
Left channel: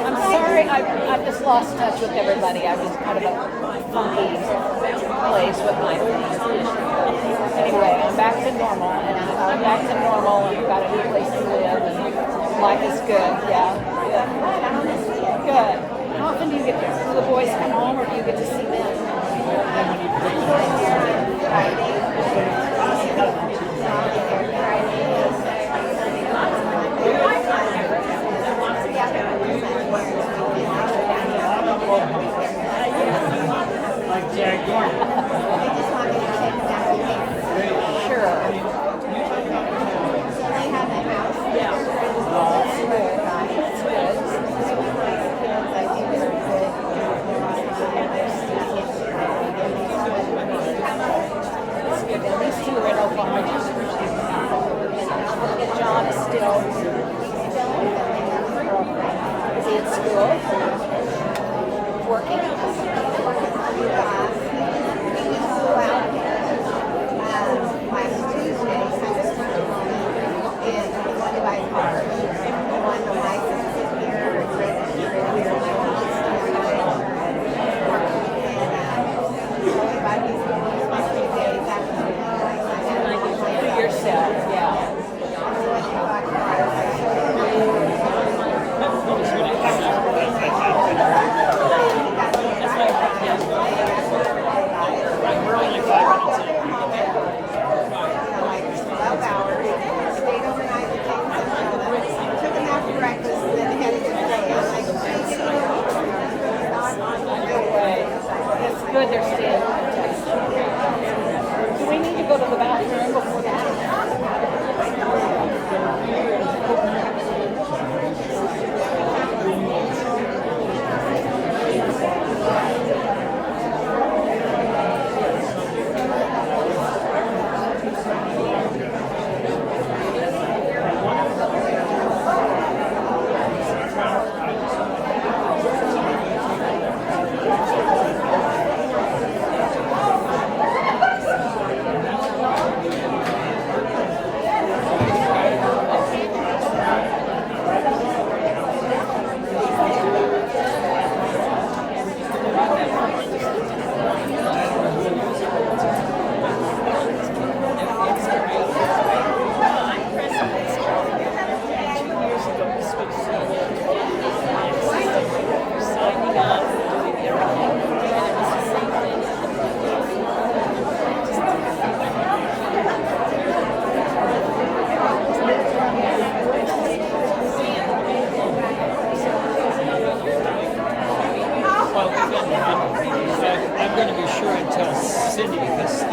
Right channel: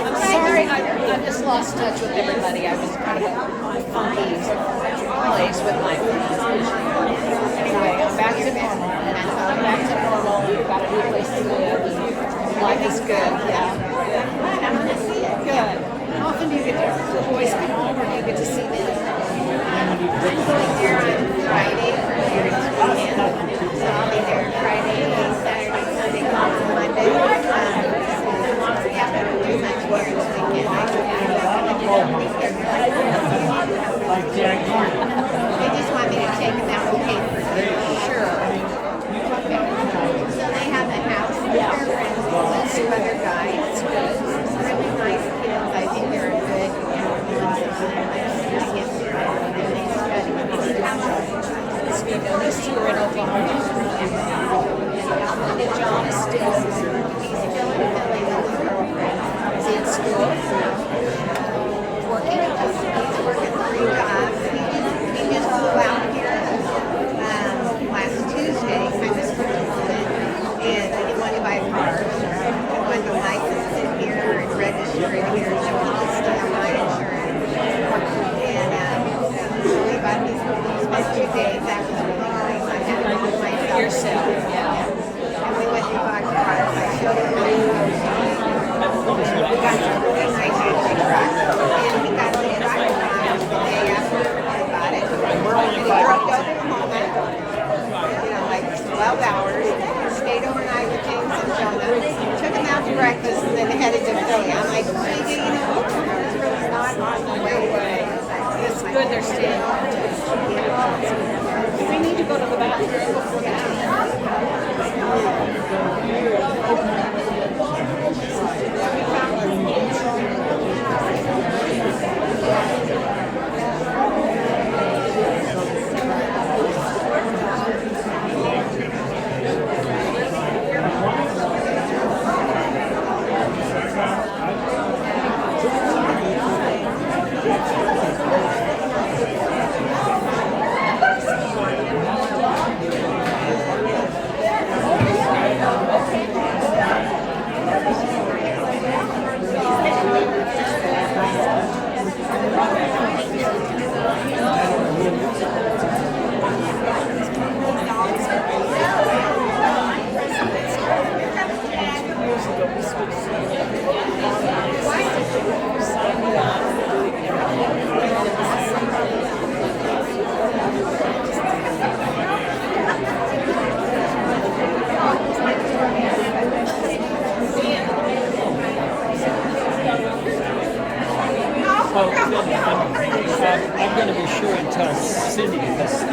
I'm sorry, I just lost touch with everybody. I was kind of place with my anyway, I'm back to normal. I'm back to normal. I've got a new place to live. Life is good. Yeah. I'm glad. I'm going to see it. Good. How often do you get there? The boys come home or do you get to see them? I'm going there on Friday for parents' weekend. So I'll be there Friday, Saturday, Sunday, on Monday. Yeah, I don't do much parents' weekend. I go down and they just want me to take them out and pay for dinner. Sure. So they have a house with their friends, 2 other guys. Really nice kids. I think they're a good influence on them. I see kids and they study hard. And these two right up on and John is still He's still in Philly with his girlfriend. is he in school. He's working 3 jobs. He just flew out here last Tuesday, kind of spur of the moment, and he wanted to buy a car. He wanted to license it breakfast and then headed to Philly. I'm like, you know, Oklahoma is really not on the way to things. It's good they're staying. We need to go to the bathroom. I'm going to be sure and tell Cindy because Steve.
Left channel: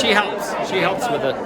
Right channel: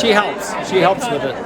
She helps. She helps with it.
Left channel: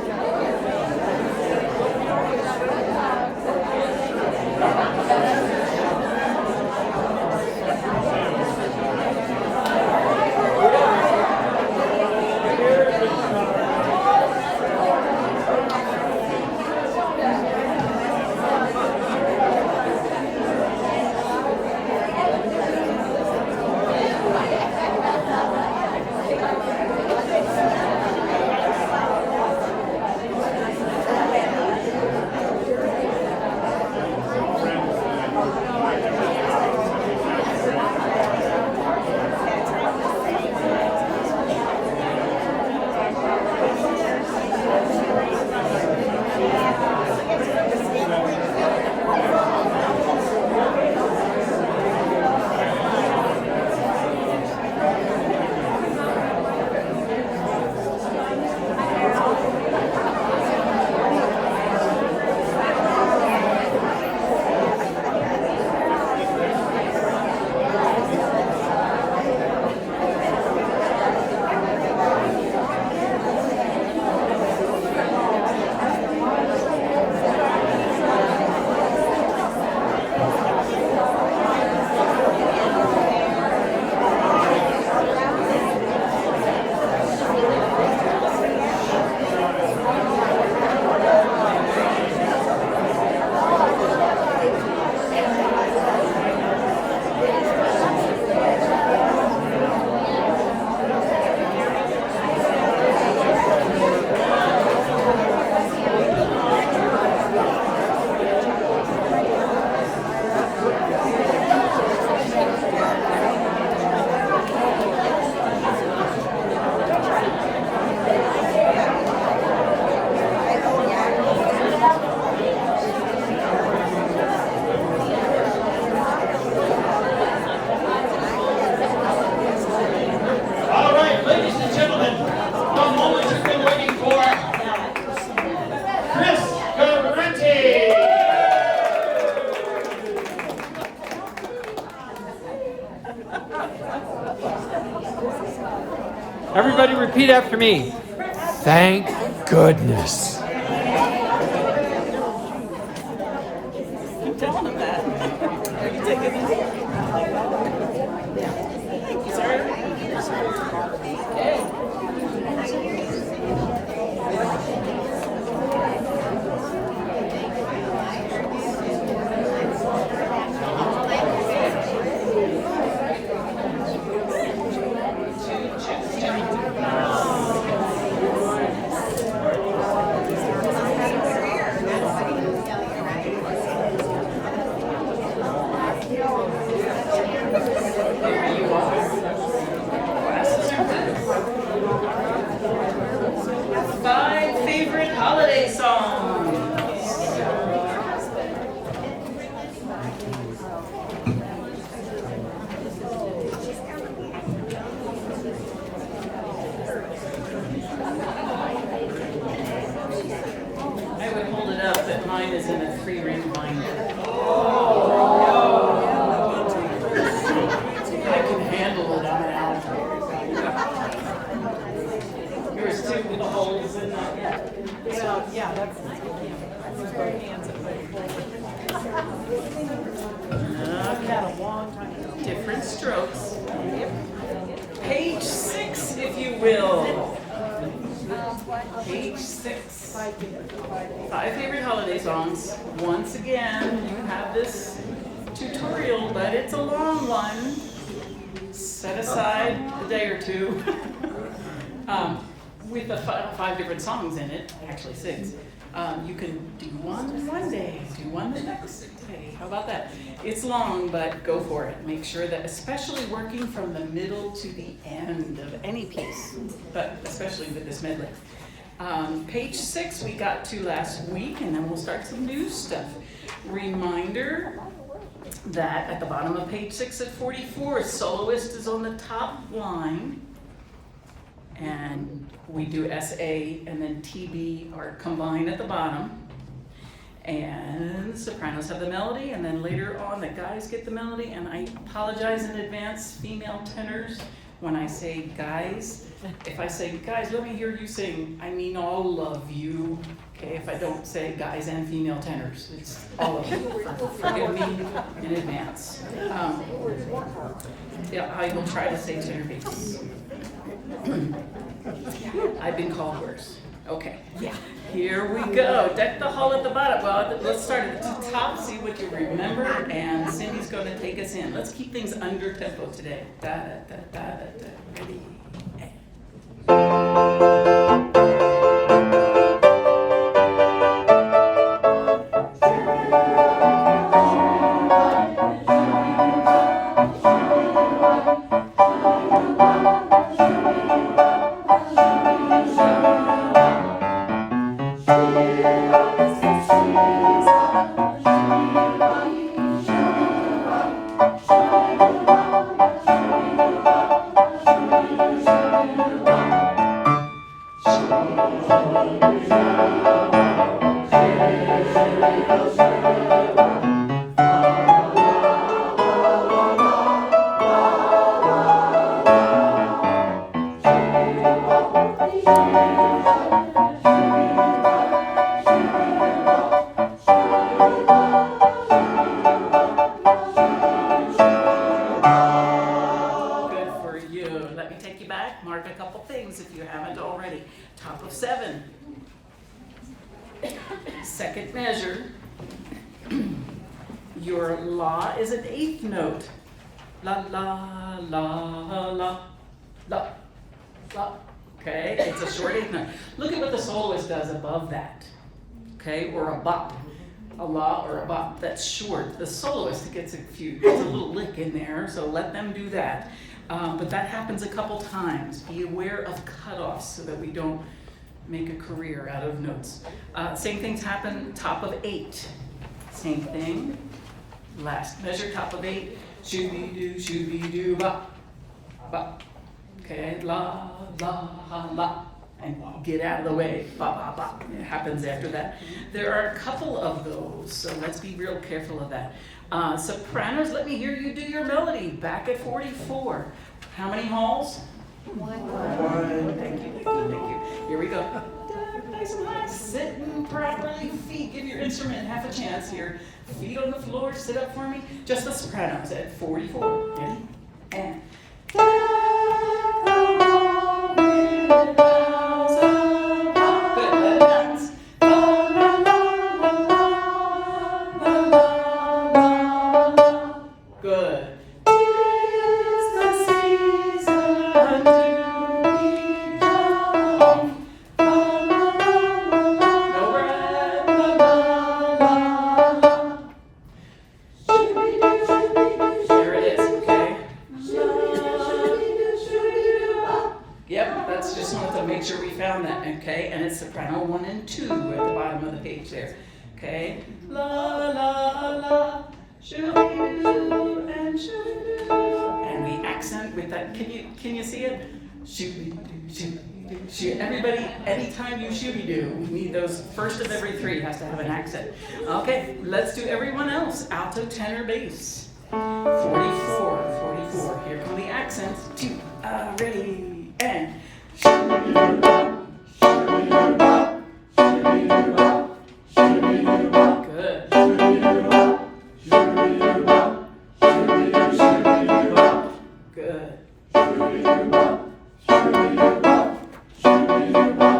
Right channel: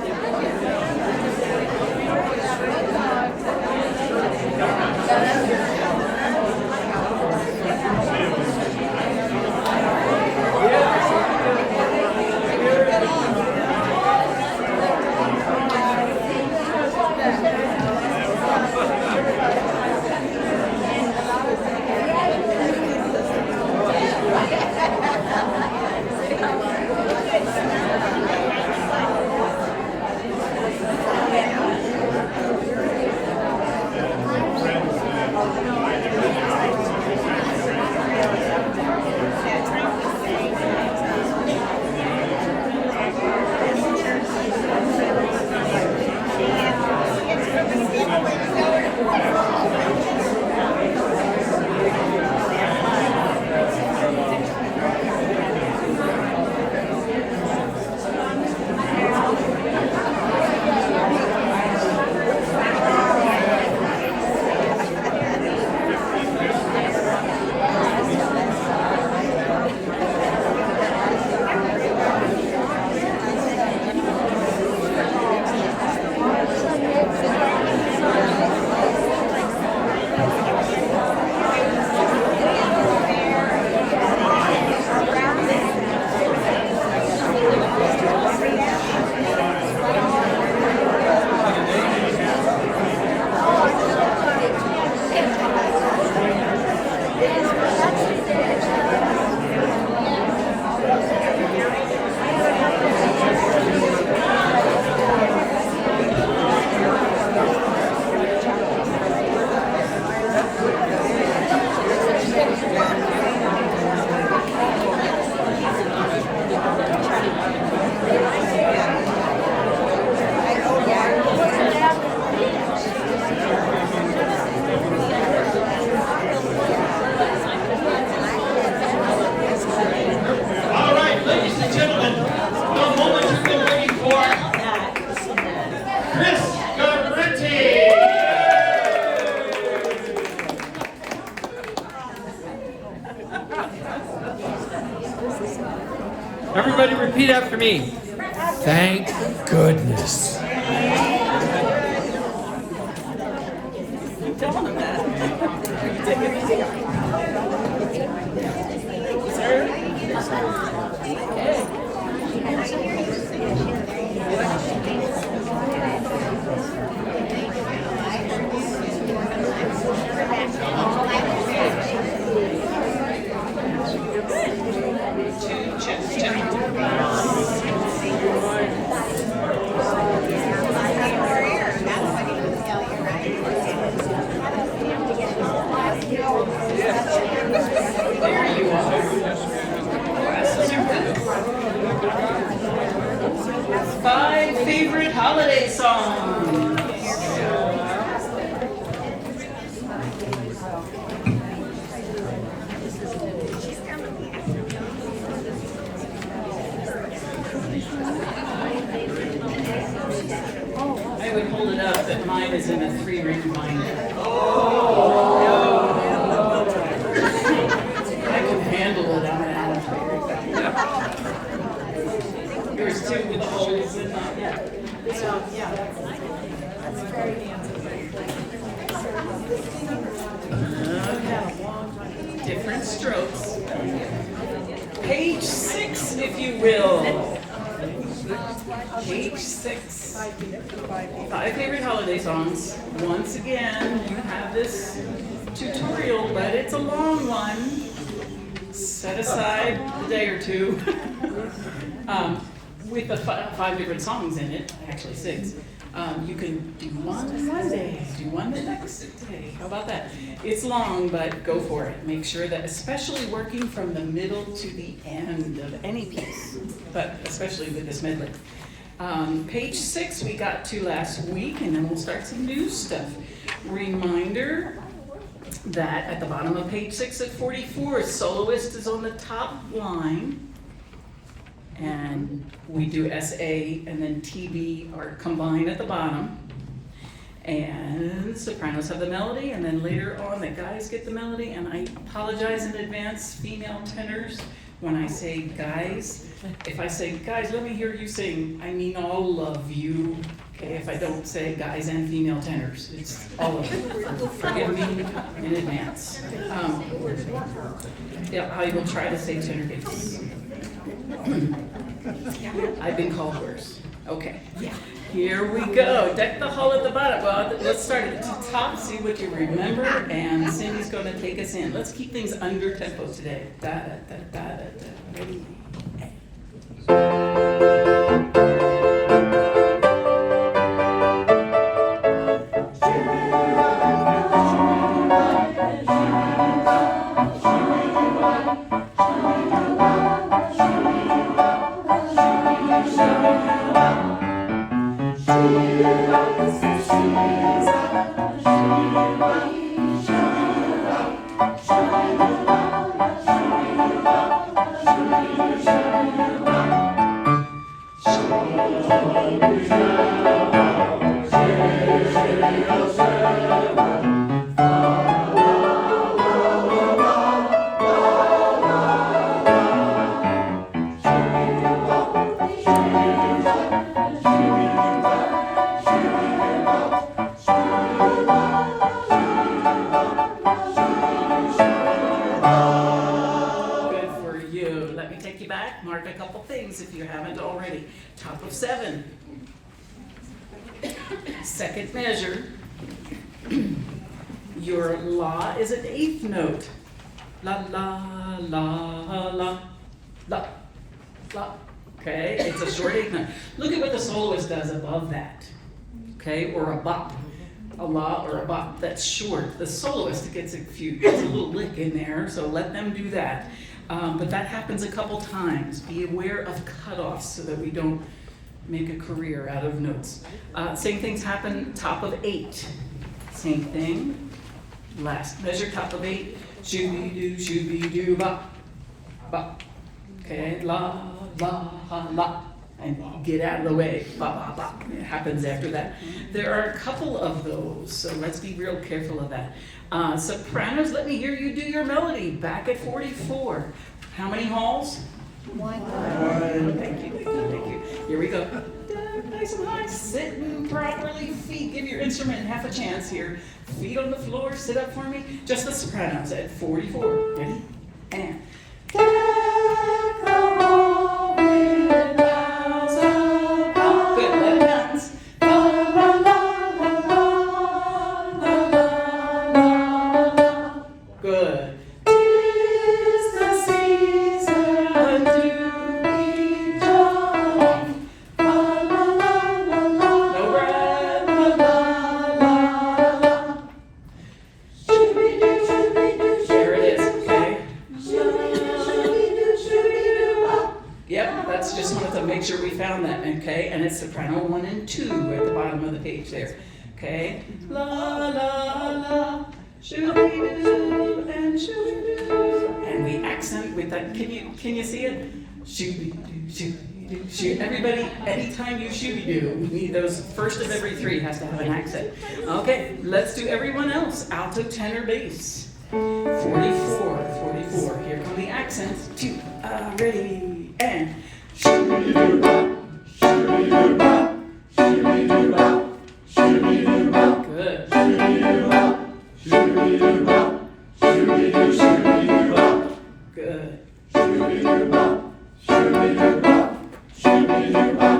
Everybody repeat after me. Thank goodness. There you are. favorite holiday songs. I would hold it up that mine is in a 3-ring binder. I can handle it, I'm an alligator. Yours too, with the holes in them. This one? Yeah. Okay. Different strokes. Page 6, if you will. Page 6. 5 favorite holiday songs. Once again, you have this tutorial, but it's a long one. Set aside a day or two. With the 5 different songs in it, actually 6. You can do one day, do one the next day. How about that? It's long, but go for it. Make sure that, especially working from the middle to the end of any piece, but especially with this medley. Page 6 we got to last week, and then we'll start some new stuff. Reminder that at the bottom of page 6 at 44, soloist is on the top line. And we do SA and then TB are combined at the bottom. And the sopranos have the melody, and then later on the guys get the melody. And I apologize in advance, female tenors, when I say guys. If I say, guys, let me hear you sing, I mean all of you. Okay, if I don't say guys and female tenors, it's all of you. Forgive me in advance. Yeah, I will try to say tenor bass. I've been called worse. Okay, here we go. Deck the hall at the bottom. Well, let's start at the top, see what you remember, and Cindy's going to take us in. Let's keep things under tempo today. Da da da da da da. Ready? Mark a couple things if you haven't already. Top of 7. Second measure. Your la is an 8th note. La la la la la la. Okay, it's a short 8th note. Look at what the soloist does above that. Okay, or a bop. A la or a bop. That's short. The soloist gets a little lick in there, so let them do that. But that happens a couple times. Be aware of cutoffs so that we don't make a career out of notes. Same things happen top of 8. Same thing. Last measure, top of 8. Shooby-doo, bop, bop. Okay, la, la, la. And get out of the way, ba, ba, ba. It happens after that. There are a couple of those, so let's be real careful of that. Sopranos, let me hear you do your melody. Back at 44. How many halls? 1. 1. Thank you, thank you, thank you. Here we go. Nice and high, sitting properly. Feet, give your instrument half a chance here. Feet on the floor, sit up for me. Just the sopranos at 44. Ready? And. Good, let it bounce. Good. There it is, okay? found that, okay? And it's soprano 1 and 2 at the bottom of the page there, okay? La, la, la, shooby-doo, and shooby-doo. And we accent with that, can you see it? Shooby-doo, shooby-doo, shoo. Everybody, anytime you shooby-doo, we need those, first of every 3 has to have an accent. Okay, let's do everyone else. Alto, tenor, bass. 44, here come the accents. 2, ready, and shooby-doo-bop, shooby-doo-bop, shooby-doo-bop, shooby-doo-bop. Good. Shooby-doo-bop, shooby-doo-bop, shooby-doo, shooby-doo-bop. Good. Shooby-doo-bop, shooby-doo-bop, shooby-doo-bop,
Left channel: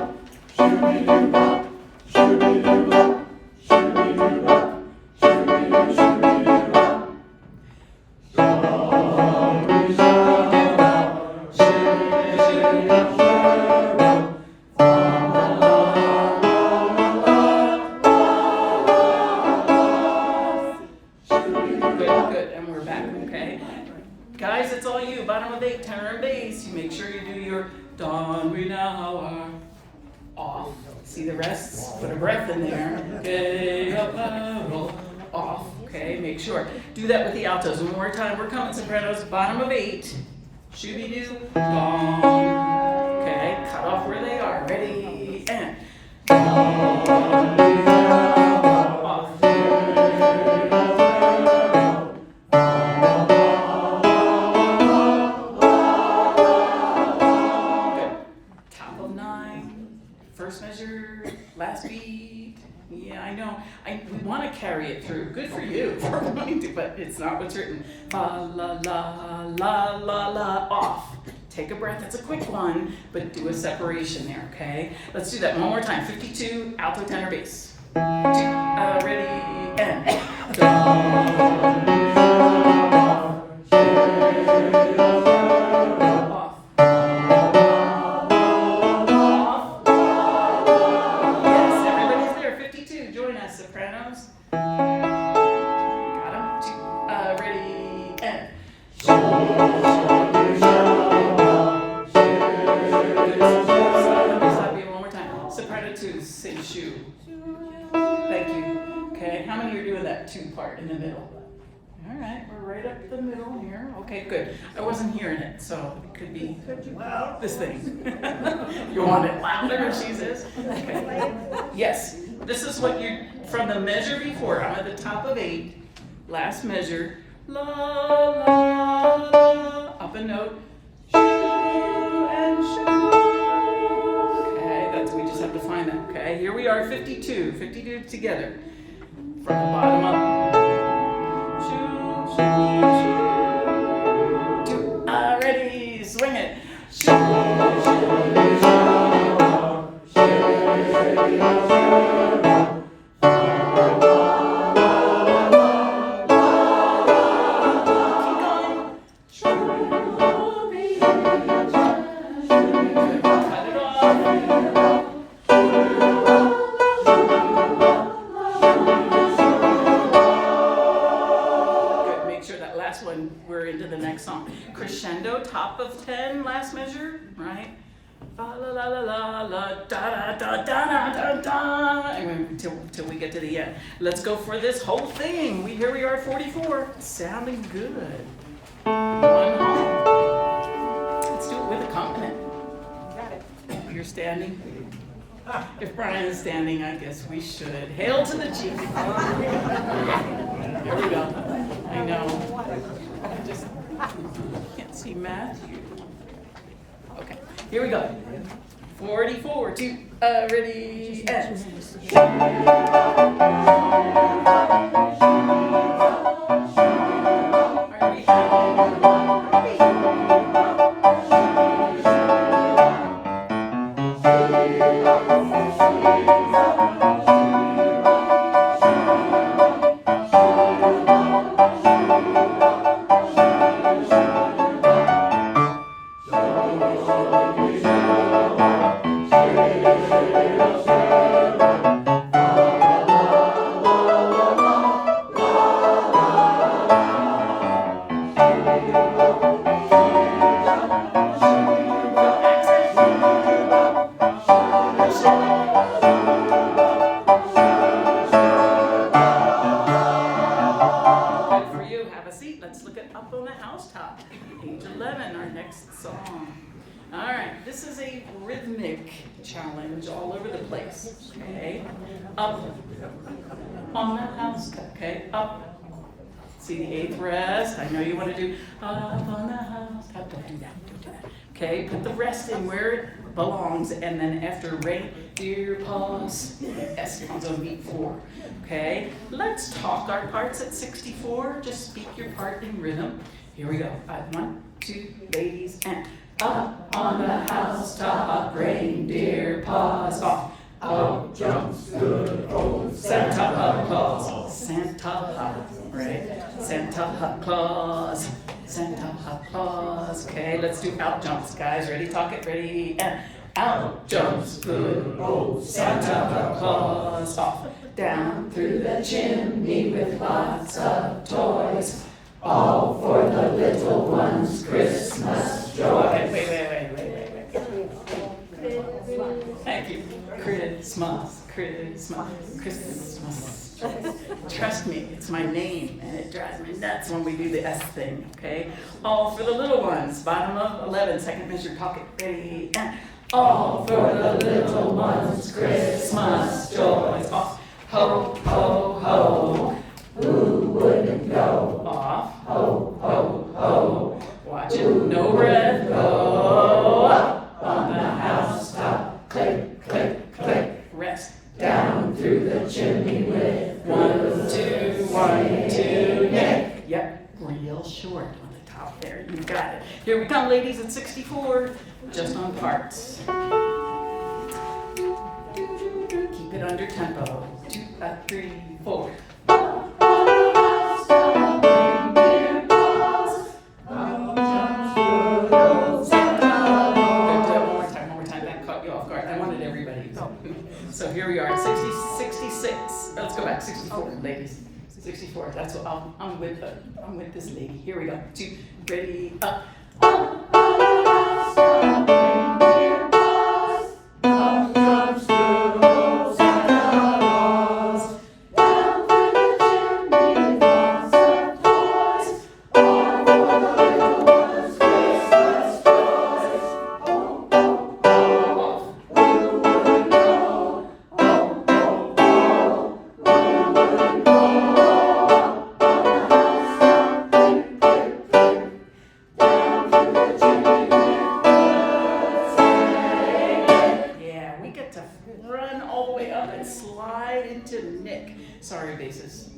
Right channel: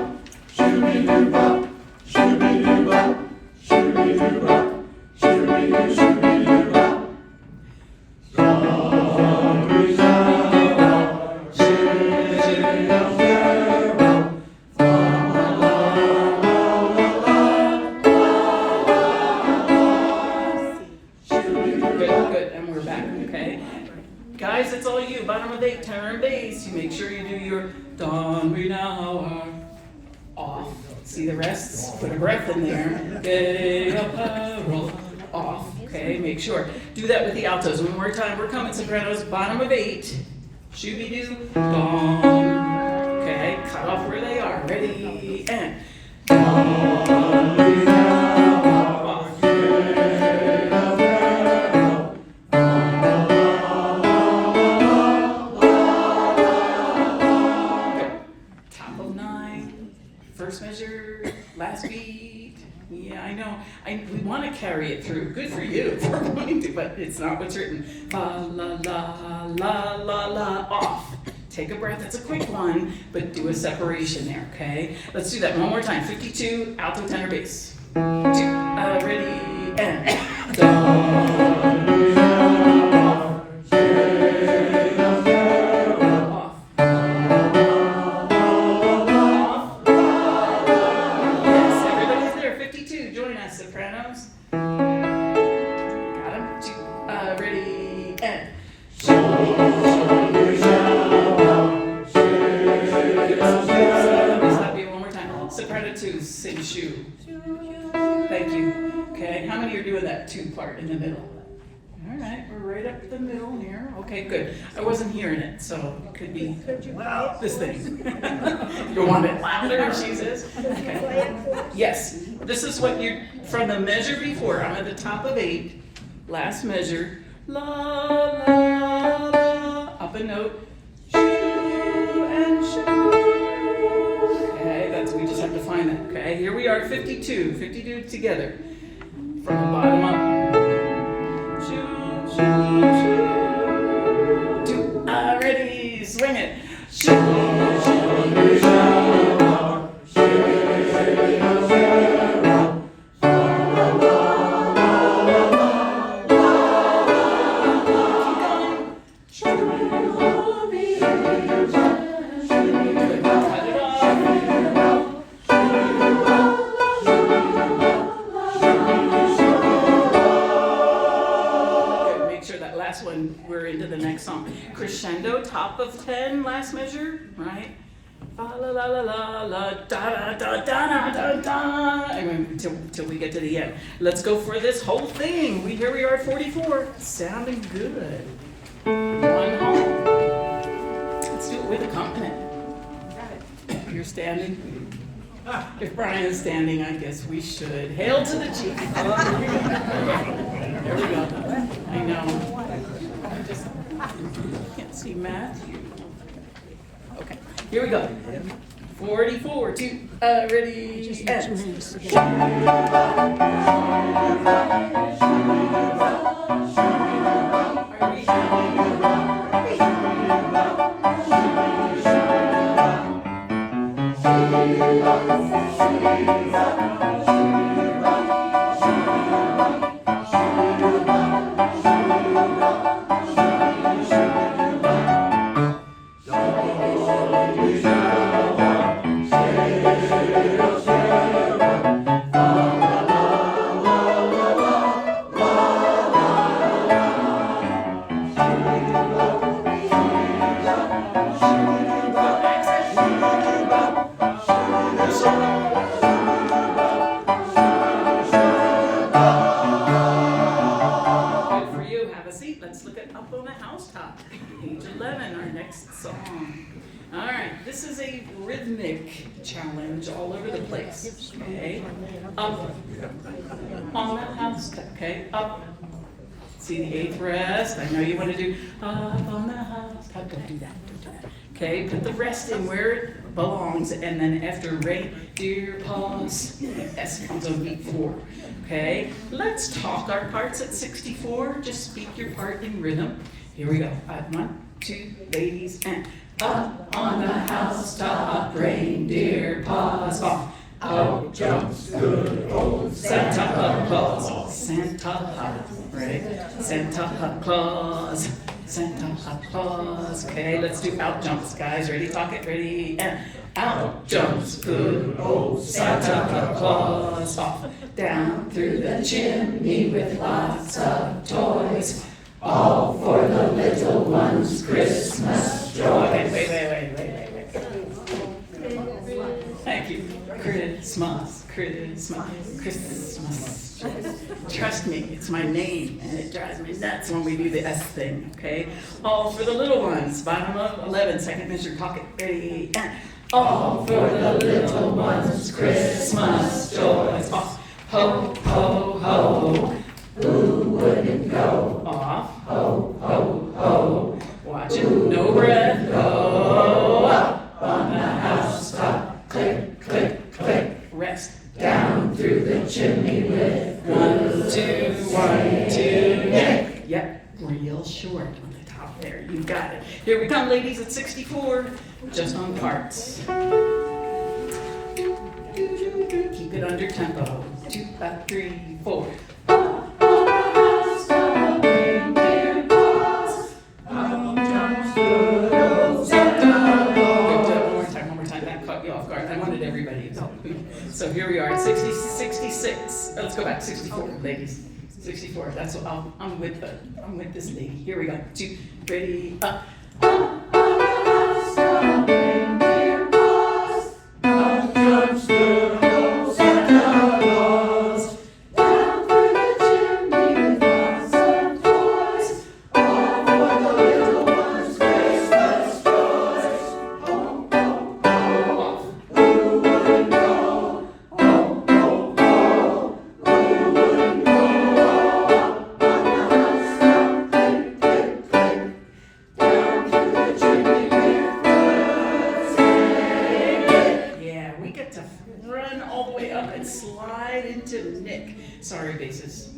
shooby-doo-bop, shooby-doo-bop, shooby-doo-bop, shooby-doo, shooby-doo-bop. Good, and we're back, okay? Guys, it's all you, bottom of 8, tenor and bass. You make sure you do your Don we now are off. See the rests? Put a breath in there. Okay, up, roll, off, okay? Make sure. Do that with the altos. One more time, we're coming sopranos, bottom of 8. Shooby-doo, Don. Okay, cut off where they are. Ready, and Don we now are off. First measure, last beat. Yeah, I know. We want to carry it through. Good for you for wanting to, but it's not what's written. La la la la la la off. Take a breath. It's a quick one, but do a separation there. Okay. Let's do that one more time. 52, alto, tenor, bass. 2, ready, and off. Join us, sopranos. Got them? 2, ready, and stop you one more time. Soprano 2, sing shoe. Thank you. Okay, how many are doing that 2 part in the middle? All right, we're right up the middle here. Okay, good. I wasn't hearing it, so it could be this thing. You want it louder, she says? Okay. Yes, this is what you're, from the measure before, I'm at the top of 8, last measure, la, la, la, up a note, shoo, and shoo. Okay, we just have to find that, okay? Here we are, 52 together, from the bottom up. Shoo, shoo, shoo. 2, ready, swing it. Shoo, shoo, shoo. One, we're into the next song. Crescendo, top of 10, last measure, right? La la la la la la da da da da da da. Anyway, till we get to the end. Let's go for this whole thing. Here we are at 44. Sounding good. One home. Let's do it with accompaniment. You're standing. If Brian is standing, I guess we should. Hail to the chief. Okay, here we go. I know. I just can't see Matthew. Okay, here we go. 44, 2, ready, and. Are we the housetop. Page 11, our next song. All right, this is a rhythmic challenge all over the place. Okay, up on the housetop. Okay, up. See the eighth rest. I know you want to do up on the housetop. Don't do that. Don't do that. Okay, put the rest in where it belongs, and then after ready, dear, pause. S comes on beat 4. Okay, let's talk our parts at 64. Just speak your part in rhythm. Here we go. 1, 2, ladies, and up on the housetop, reindeer paws off. Out jumps good old Santa Claus. Santa, right? Santa Claus. Santa Claus. Okay, let's do out jumps, guys. Ready? Talk it. Ready? And out jumps good old Santa Claus. Off, down through the chimney with lots of toys. All for the little ones' Christmas joy. Okay, wait. Thank you. Christmas. Trust me, it's my name, and it drives me nuts when we do the S thing, okay? All for the little ones. Bottom of 11, second measure, talk it. Ready, and all for the little ones' Christmas joys. Off, ho, ho, ho. Who wouldn't go? Off, ho, ho, ho. Watch it, no breath, go. Up on the housetop, click, click, click. Rest down through the chimney with 1, 2, 1, 2, Nick. Yep, real short on the top there. You got it. Here we come, ladies, at 64, just on parts. Keep it under tempo. 2, 3, 4. I wanted everybody to go. So here we are at 66. Let's go back. 64, ladies. 64. That's what I'm with this lady. Here we go. 2, ready, up. Run all the way up and slide into Nick. Sorry, basses.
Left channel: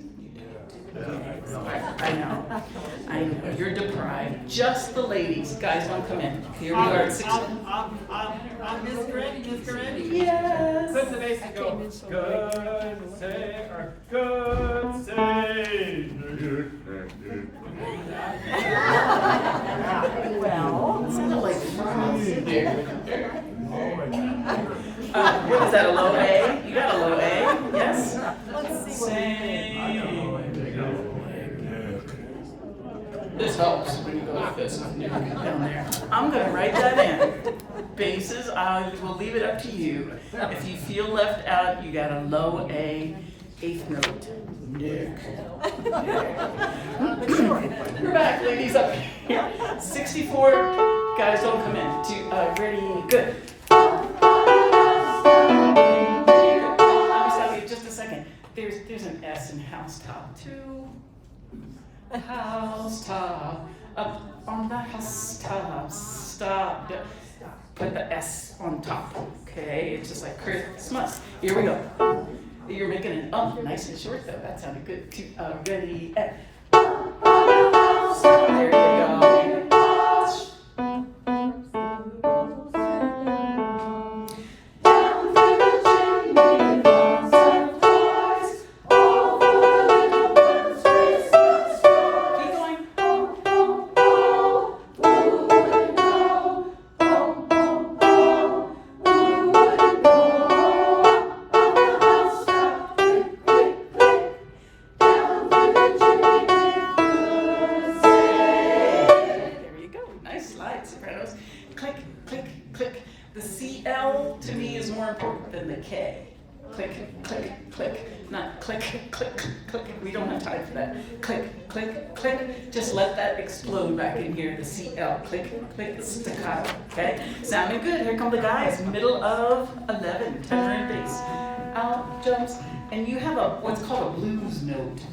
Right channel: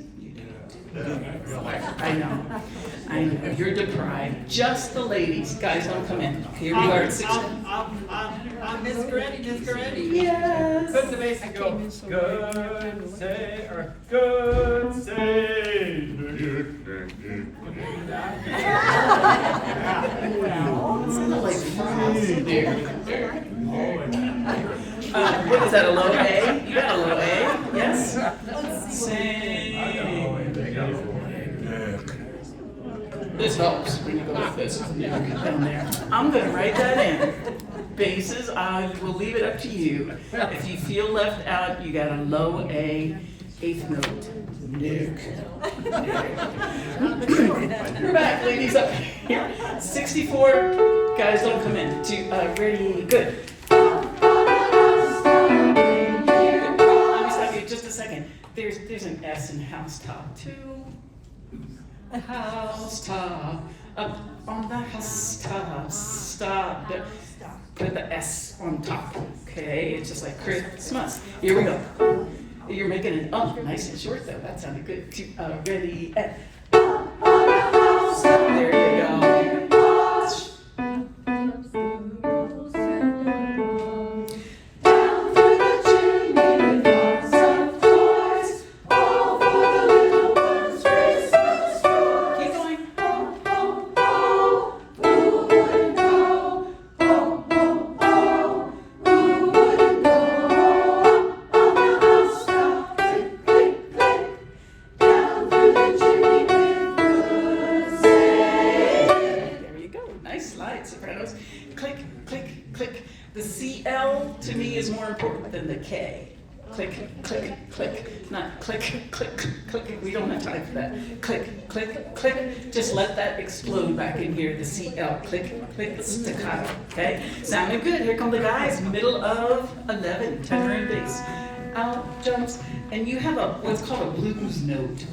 I know. You're deprived. Just the ladies. Guys, don't come in. Here we are at 6. I'm Miss Goretti. Yes. Put the bass and go. Good say, or good say. Sounded like what is that, a low A? You got a low A? Yes? Sing. This helps when you go like this. Down there. I'm going to write that in. Basses, I will leave it up to you. If you feel left out, you got a low A, 8th note. Nick. We're back, ladies, up here. 64. Guys, don't come in. Ready, good. Just a second. There's an S in housetop too. The housetop. Up on the housetop. Stop. Put the S on top. Okay, it's just like Christmas. Here we go. You're making it up nice and short though. That sounded good. Ready. There you go. Sopranos, click, click, click. The CL to me is more important than the K. click, click, click. Not click, click, click. We don't have time for that. Click, click, click. Just let that explode back in here. The CL. Click, click, staccato. Okay? Sounding good. Here come the guys. Middle of 11. Tenor and bass. Out jumps. And you have what's called a blues note.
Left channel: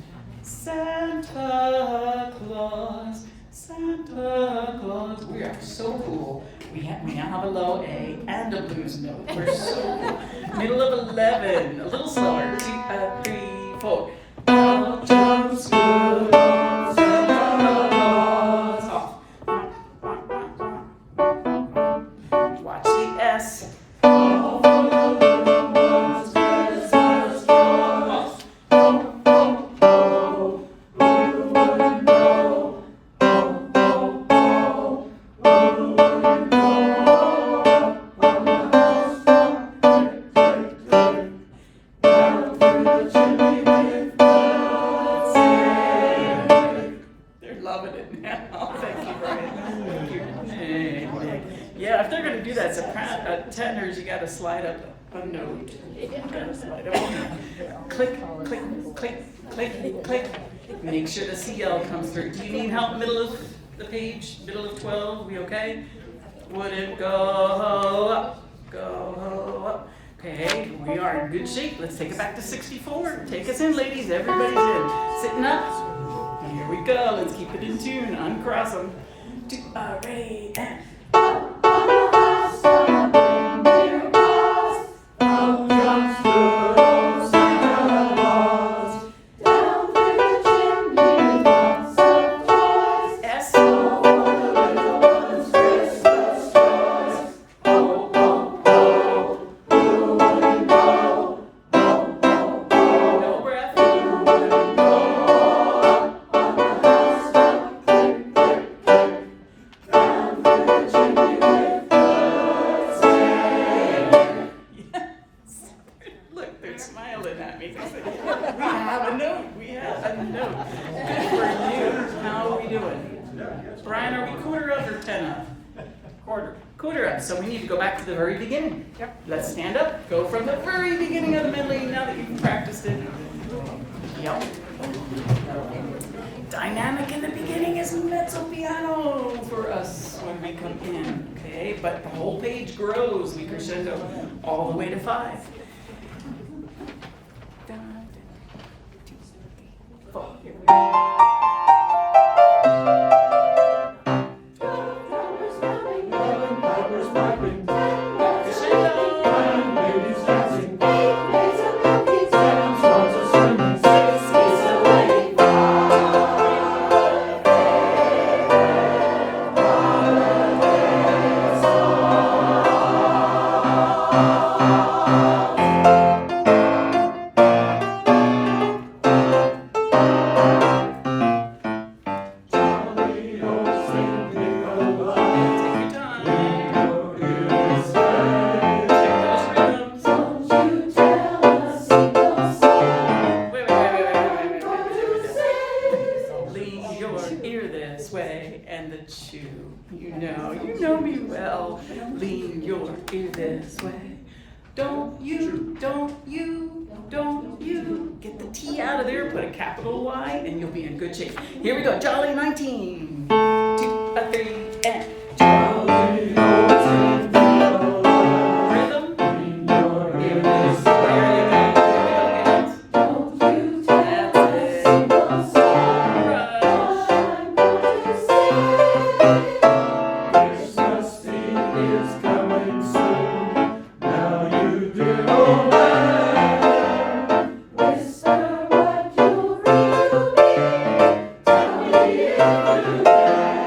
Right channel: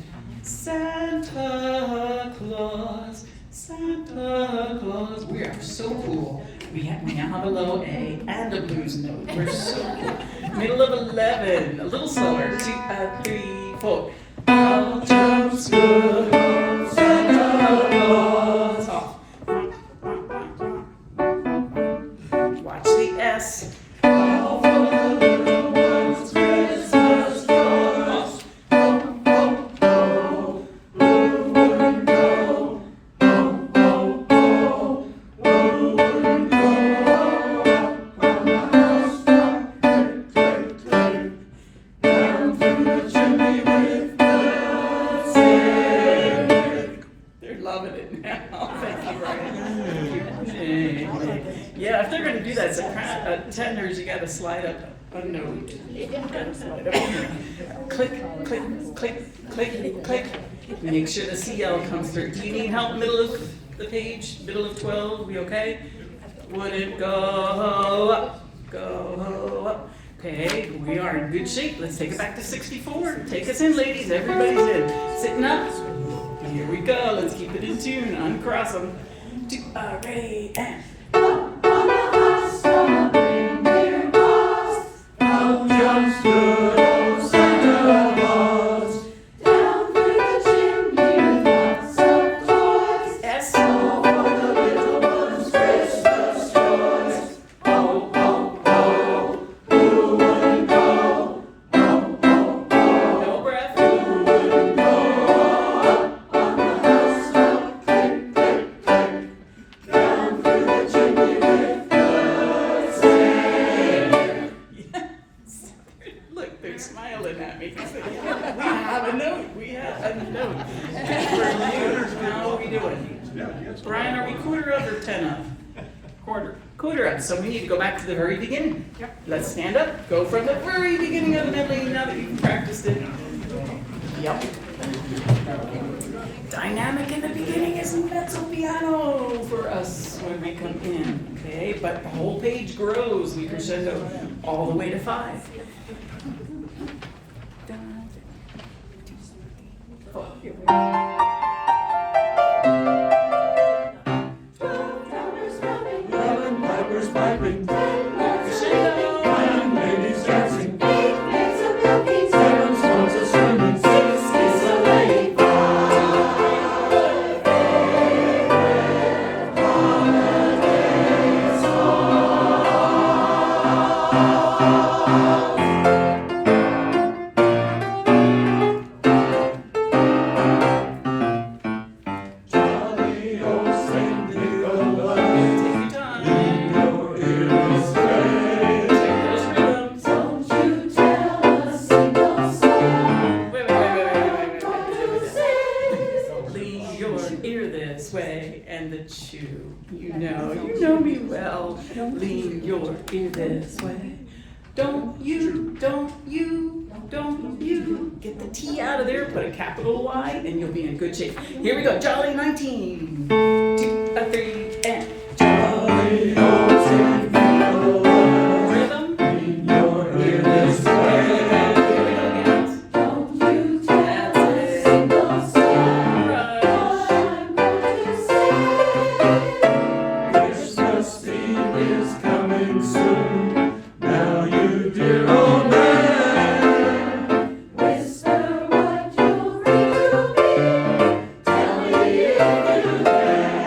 Santa Claus, Santa Claus. We are so cool. We now have a low A and a blues note. We're so cool. Middle of 11. A little slower. 2, 3, 4. Out jumps good old Santa Claus. Off. Watch the S. All for the little ones Christmas joy. Off. Loving it now. Thank you, Ryan. Thank you. Amen. Yeah, if they're going to do that, tenors, you got to slide up a note. You got to slide up a note. Click, click, click, click, click. Make sure the CL comes through. Do you need help middle of the page, middle of 12? We okay? Wouldn't go up, go up. Okay, we are in good shape. Let's take it back to 64. Take us in, ladies. Everybody's in. Sitting up. Here we go. Let's keep it in tune. Uncross them. Ray and. Out jumps good old Santa Claus. Down through the chimney with lots of toys. S. All for the little ones Christmas joys. Oh, oh, oh, who wouldn't go? Oh, oh, oh, No breath. who wouldn't go? On the housetop, click, click, click. Down through the chimney with good singing. Look, they're smiling at me. We have a note. We have a note. Good for you. How are we doing? Brian, are we quarter up or 10 up? Quarter. Quarter up. So we need to go back to the very beginning. Let's stand up. Go from the very beginning of the medley now that you've practiced it. Yep. Dynamic in the beginning is mezzo piano for us when we come in. Okay, but the whole page grows. We crescendo all the way to 5. Eleven pipers piping, Crescendo. nine ladies dancing, seven swans a singing, 6 geese a laying. Jolly old Saint Nicholas, Take your time. your ear this way. Take those rhythms. Don't you tell a single soul. Wait. Lean your ear this way and the chew. You know me well. Lean your ear this way. Don't you get the T out of there, put a capital Y, and you'll be in good shape. Here we go, Jolly 19. 2, 3, and Jolly old Saint Nicholas, rhythm. lean your ear this There way. you go. Here we go, gals. Don't you tell That's a it. single soul. Rush. Christmas Eve is coming soon. Now you dear old man, whisper what you'll read to me. Tell me if you can.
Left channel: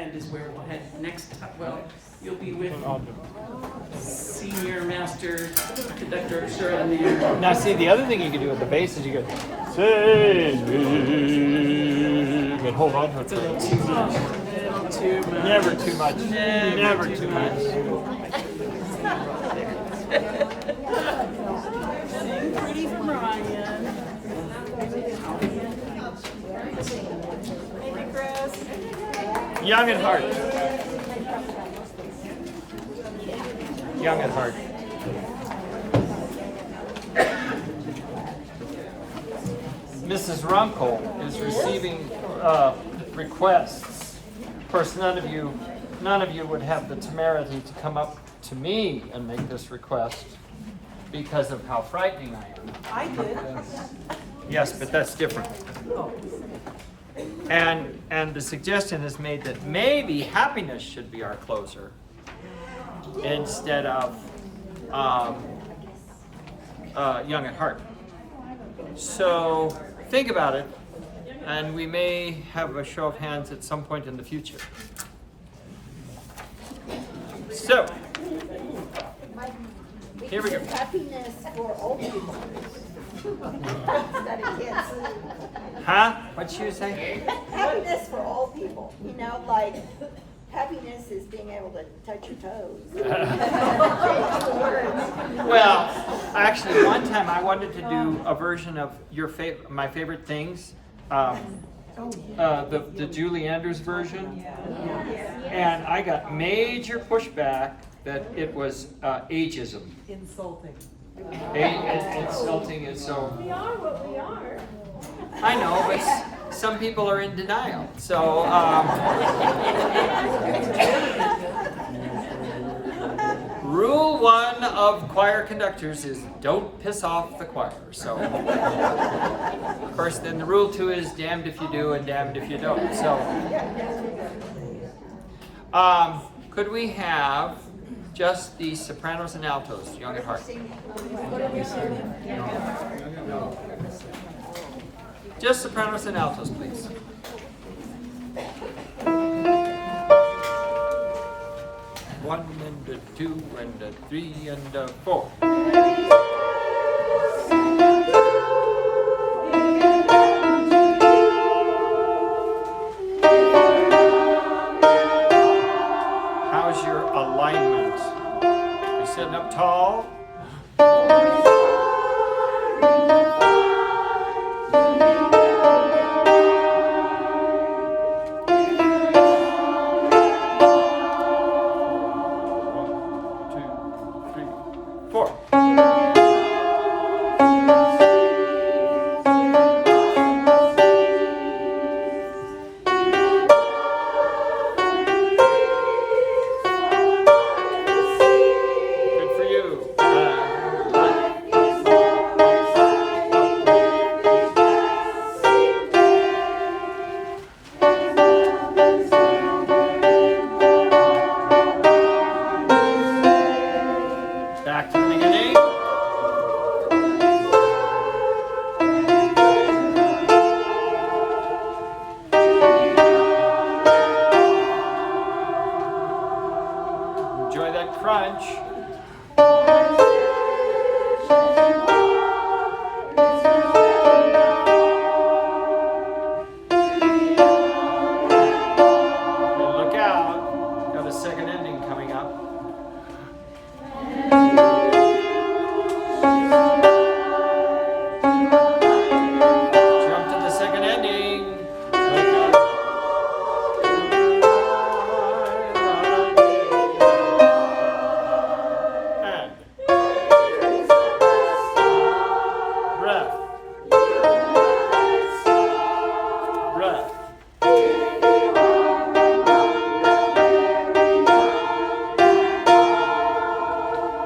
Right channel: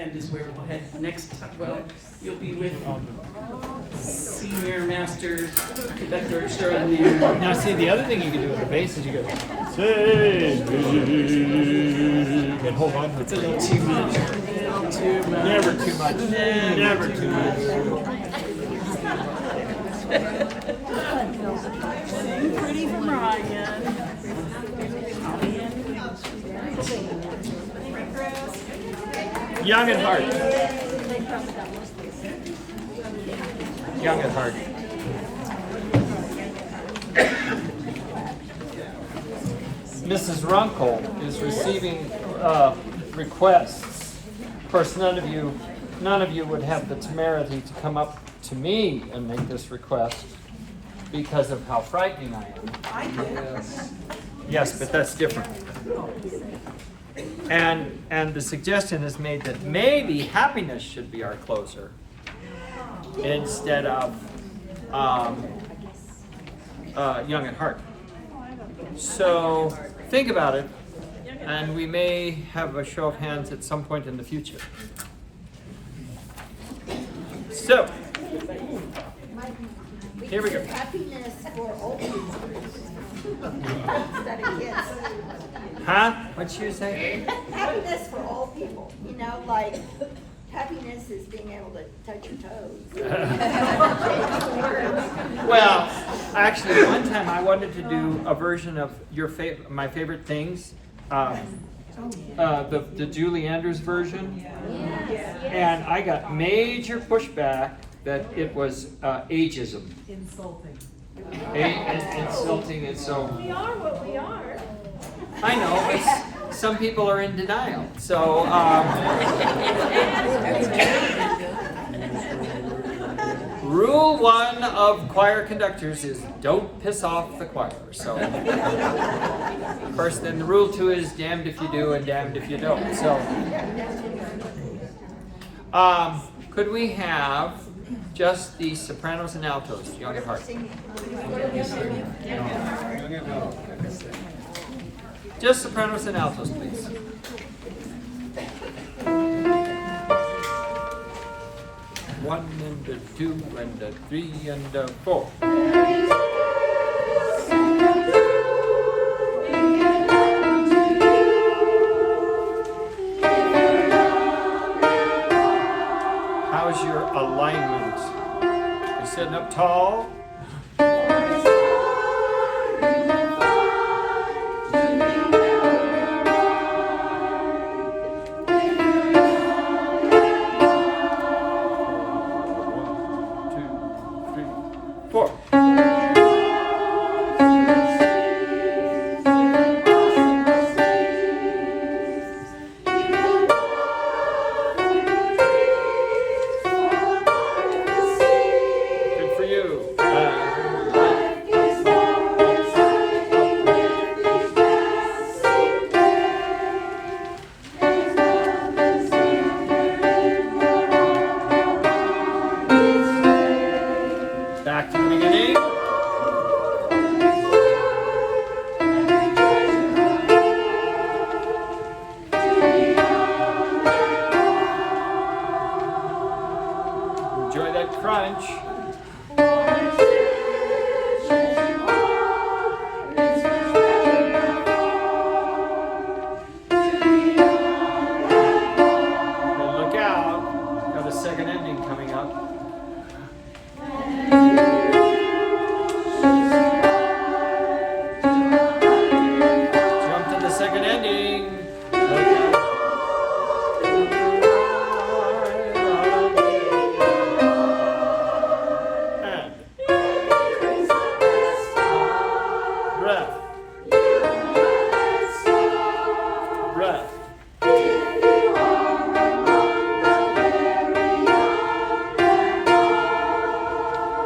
end is where we'll head next time. Well, you'll be with Senior Master Conductor Extraordinaire. Now, see, the other thing you can do with the bass is you go, save me, and hold on. It's a little too much. A little too much. Never too much. Never too much. Sing pretty Brian. Young at heart. Young at heart. Mrs. Runkle is receiving requests. Of course, none of you would have the temerity to come up to me and make this request because of how frightening I am. Yes, but that's different. And the suggestion is made that maybe happiness should be our closer instead of young at heart. So think about it, and we may have a show of hands at some point in the future. So here we go. Happiness for old people. Huh? What'd you say? Happiness for old people, you know, like happiness is being able to touch your toes. Well, actually, one time I wanted to do a version of my favorite things, the Julie Andrews version, and I got major pushback that it was ageism. Insulting. Insulting, and so. We are what we are. I know, but some people are in denial. So, rule 1 of choir conductors is don't piss off the choir. So, of course, then the rule 2 is damned if you do and damned if you don't. So, could we have just the sopranos and altos, young at heart? Just sopranos and altos, please. One and a 2 and a 3 and a 4. How's your alignment? Are you sitting up tall? Back to the beginning. Enjoy that crunch. And look out, got a second ending coming up. Jump to the second ending. And breath. Breath.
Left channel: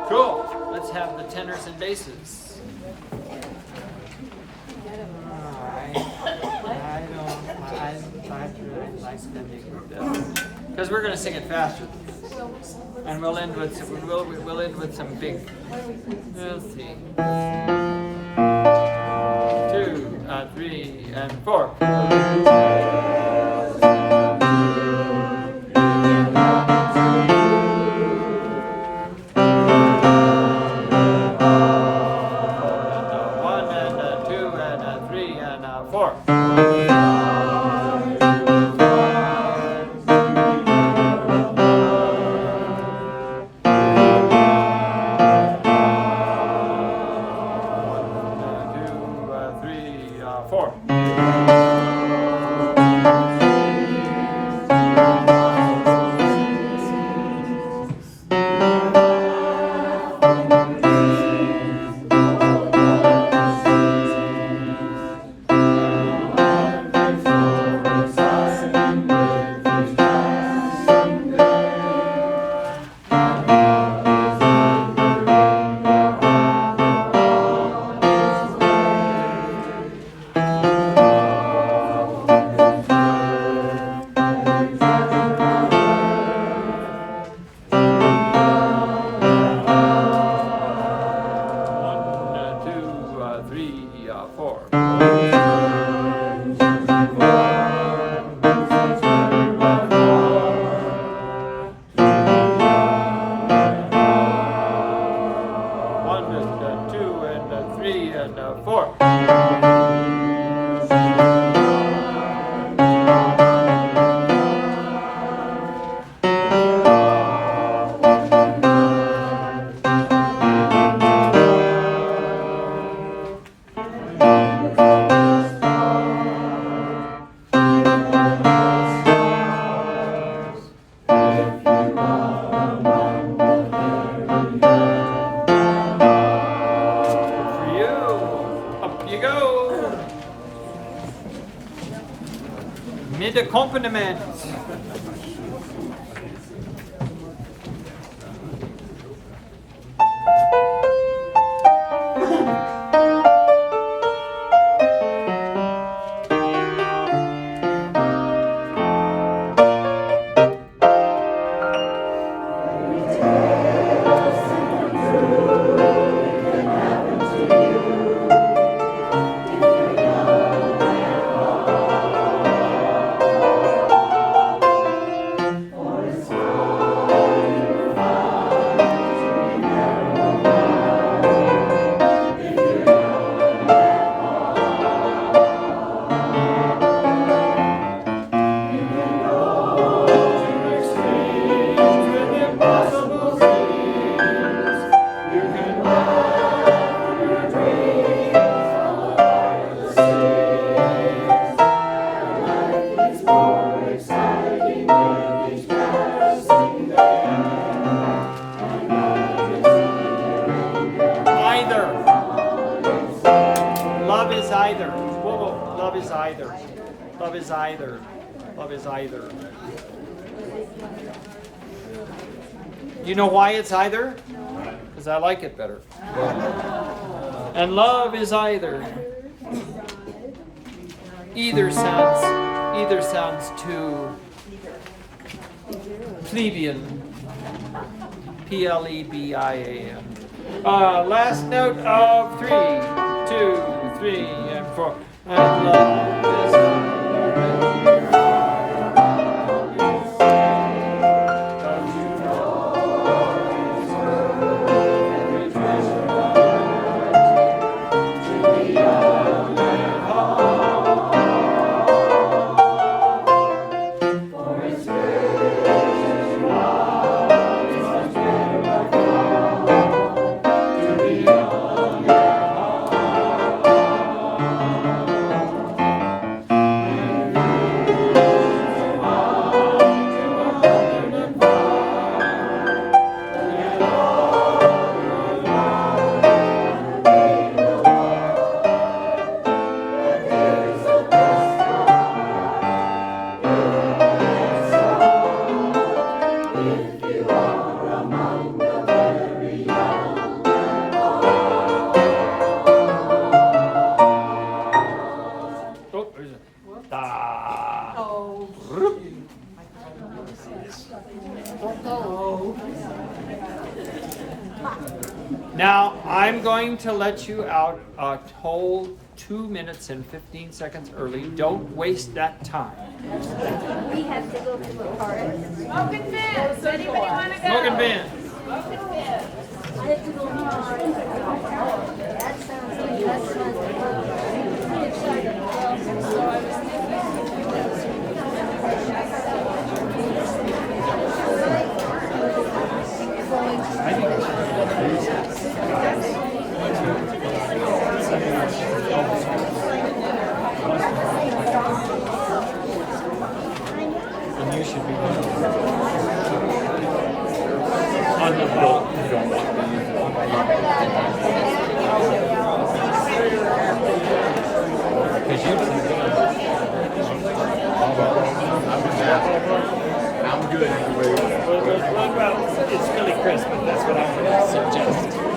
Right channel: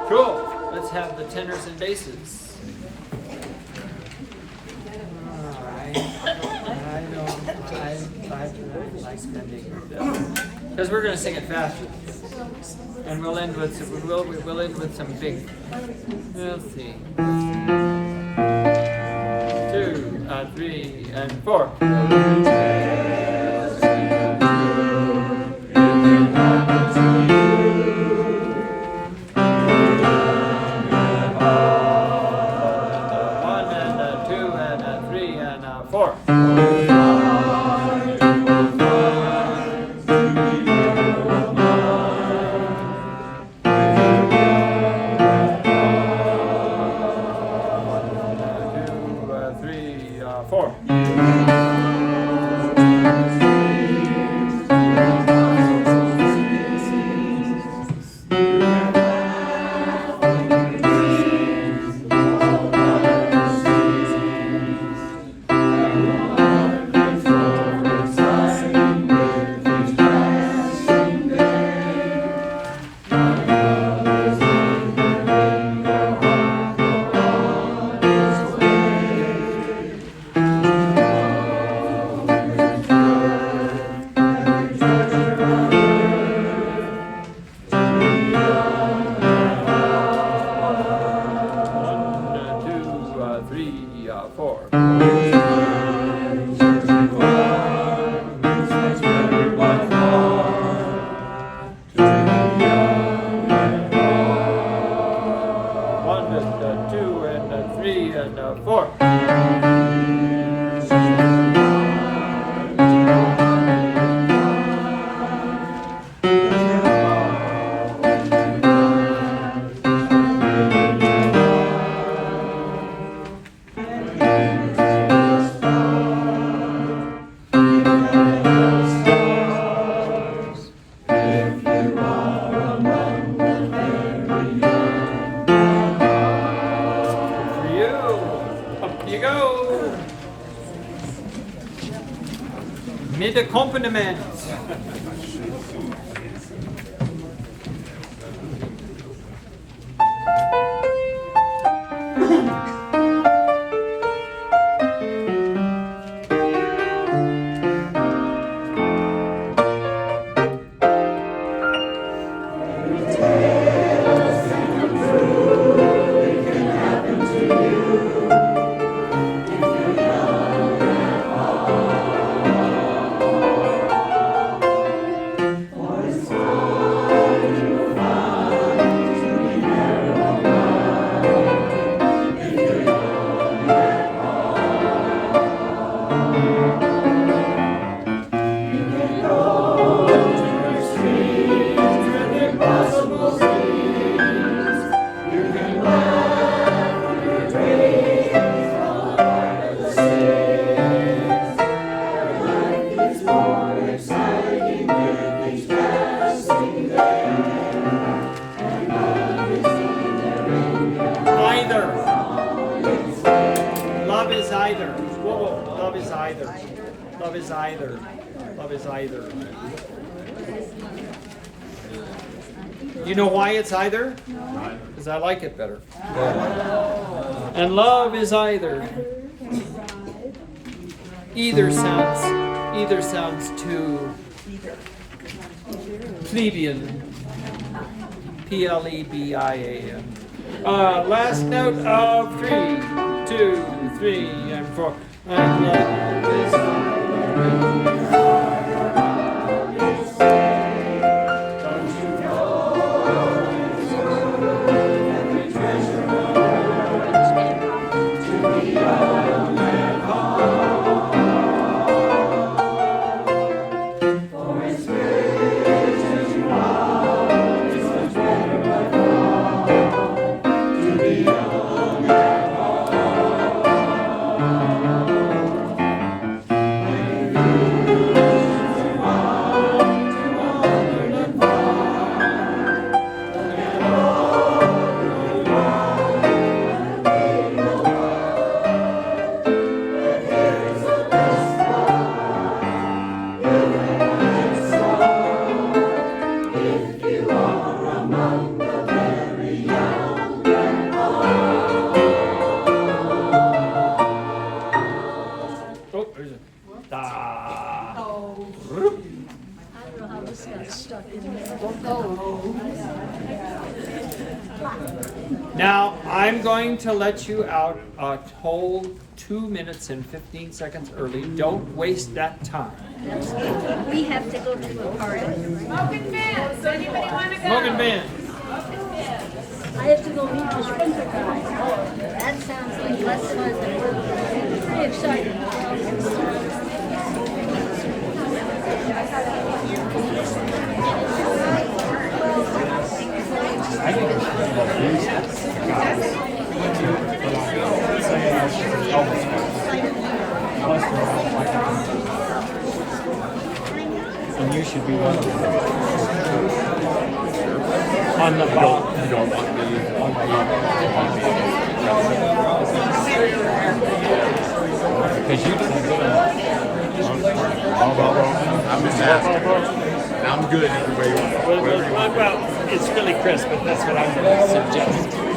Cool. Let's have the tenors and basses. I like spending with them because we're going to sing it faster, and we'll end with some big. Let's see, 2, 3, and 4. the accompaniment. Love is either. Whoa, love is either. Love is either. Love is either. You know why it's either? Because I like it better. And love is either. Either sounds too plebeian. Plebian. Last note of 3, 2, 3, and 4. And love is Now, I'm going to let you out a whole 2 minutes and 15 seconds early. Don't waste that time. We have to go to a party. Smoking fans, anybody wanna go? Smoking band. I have to go meet the sprinter guy. That sounds like less fun than work. Pretty exciting. And you should be one on the boat. Because you I'm good. Well, it's really crisp, but that's what I suggest.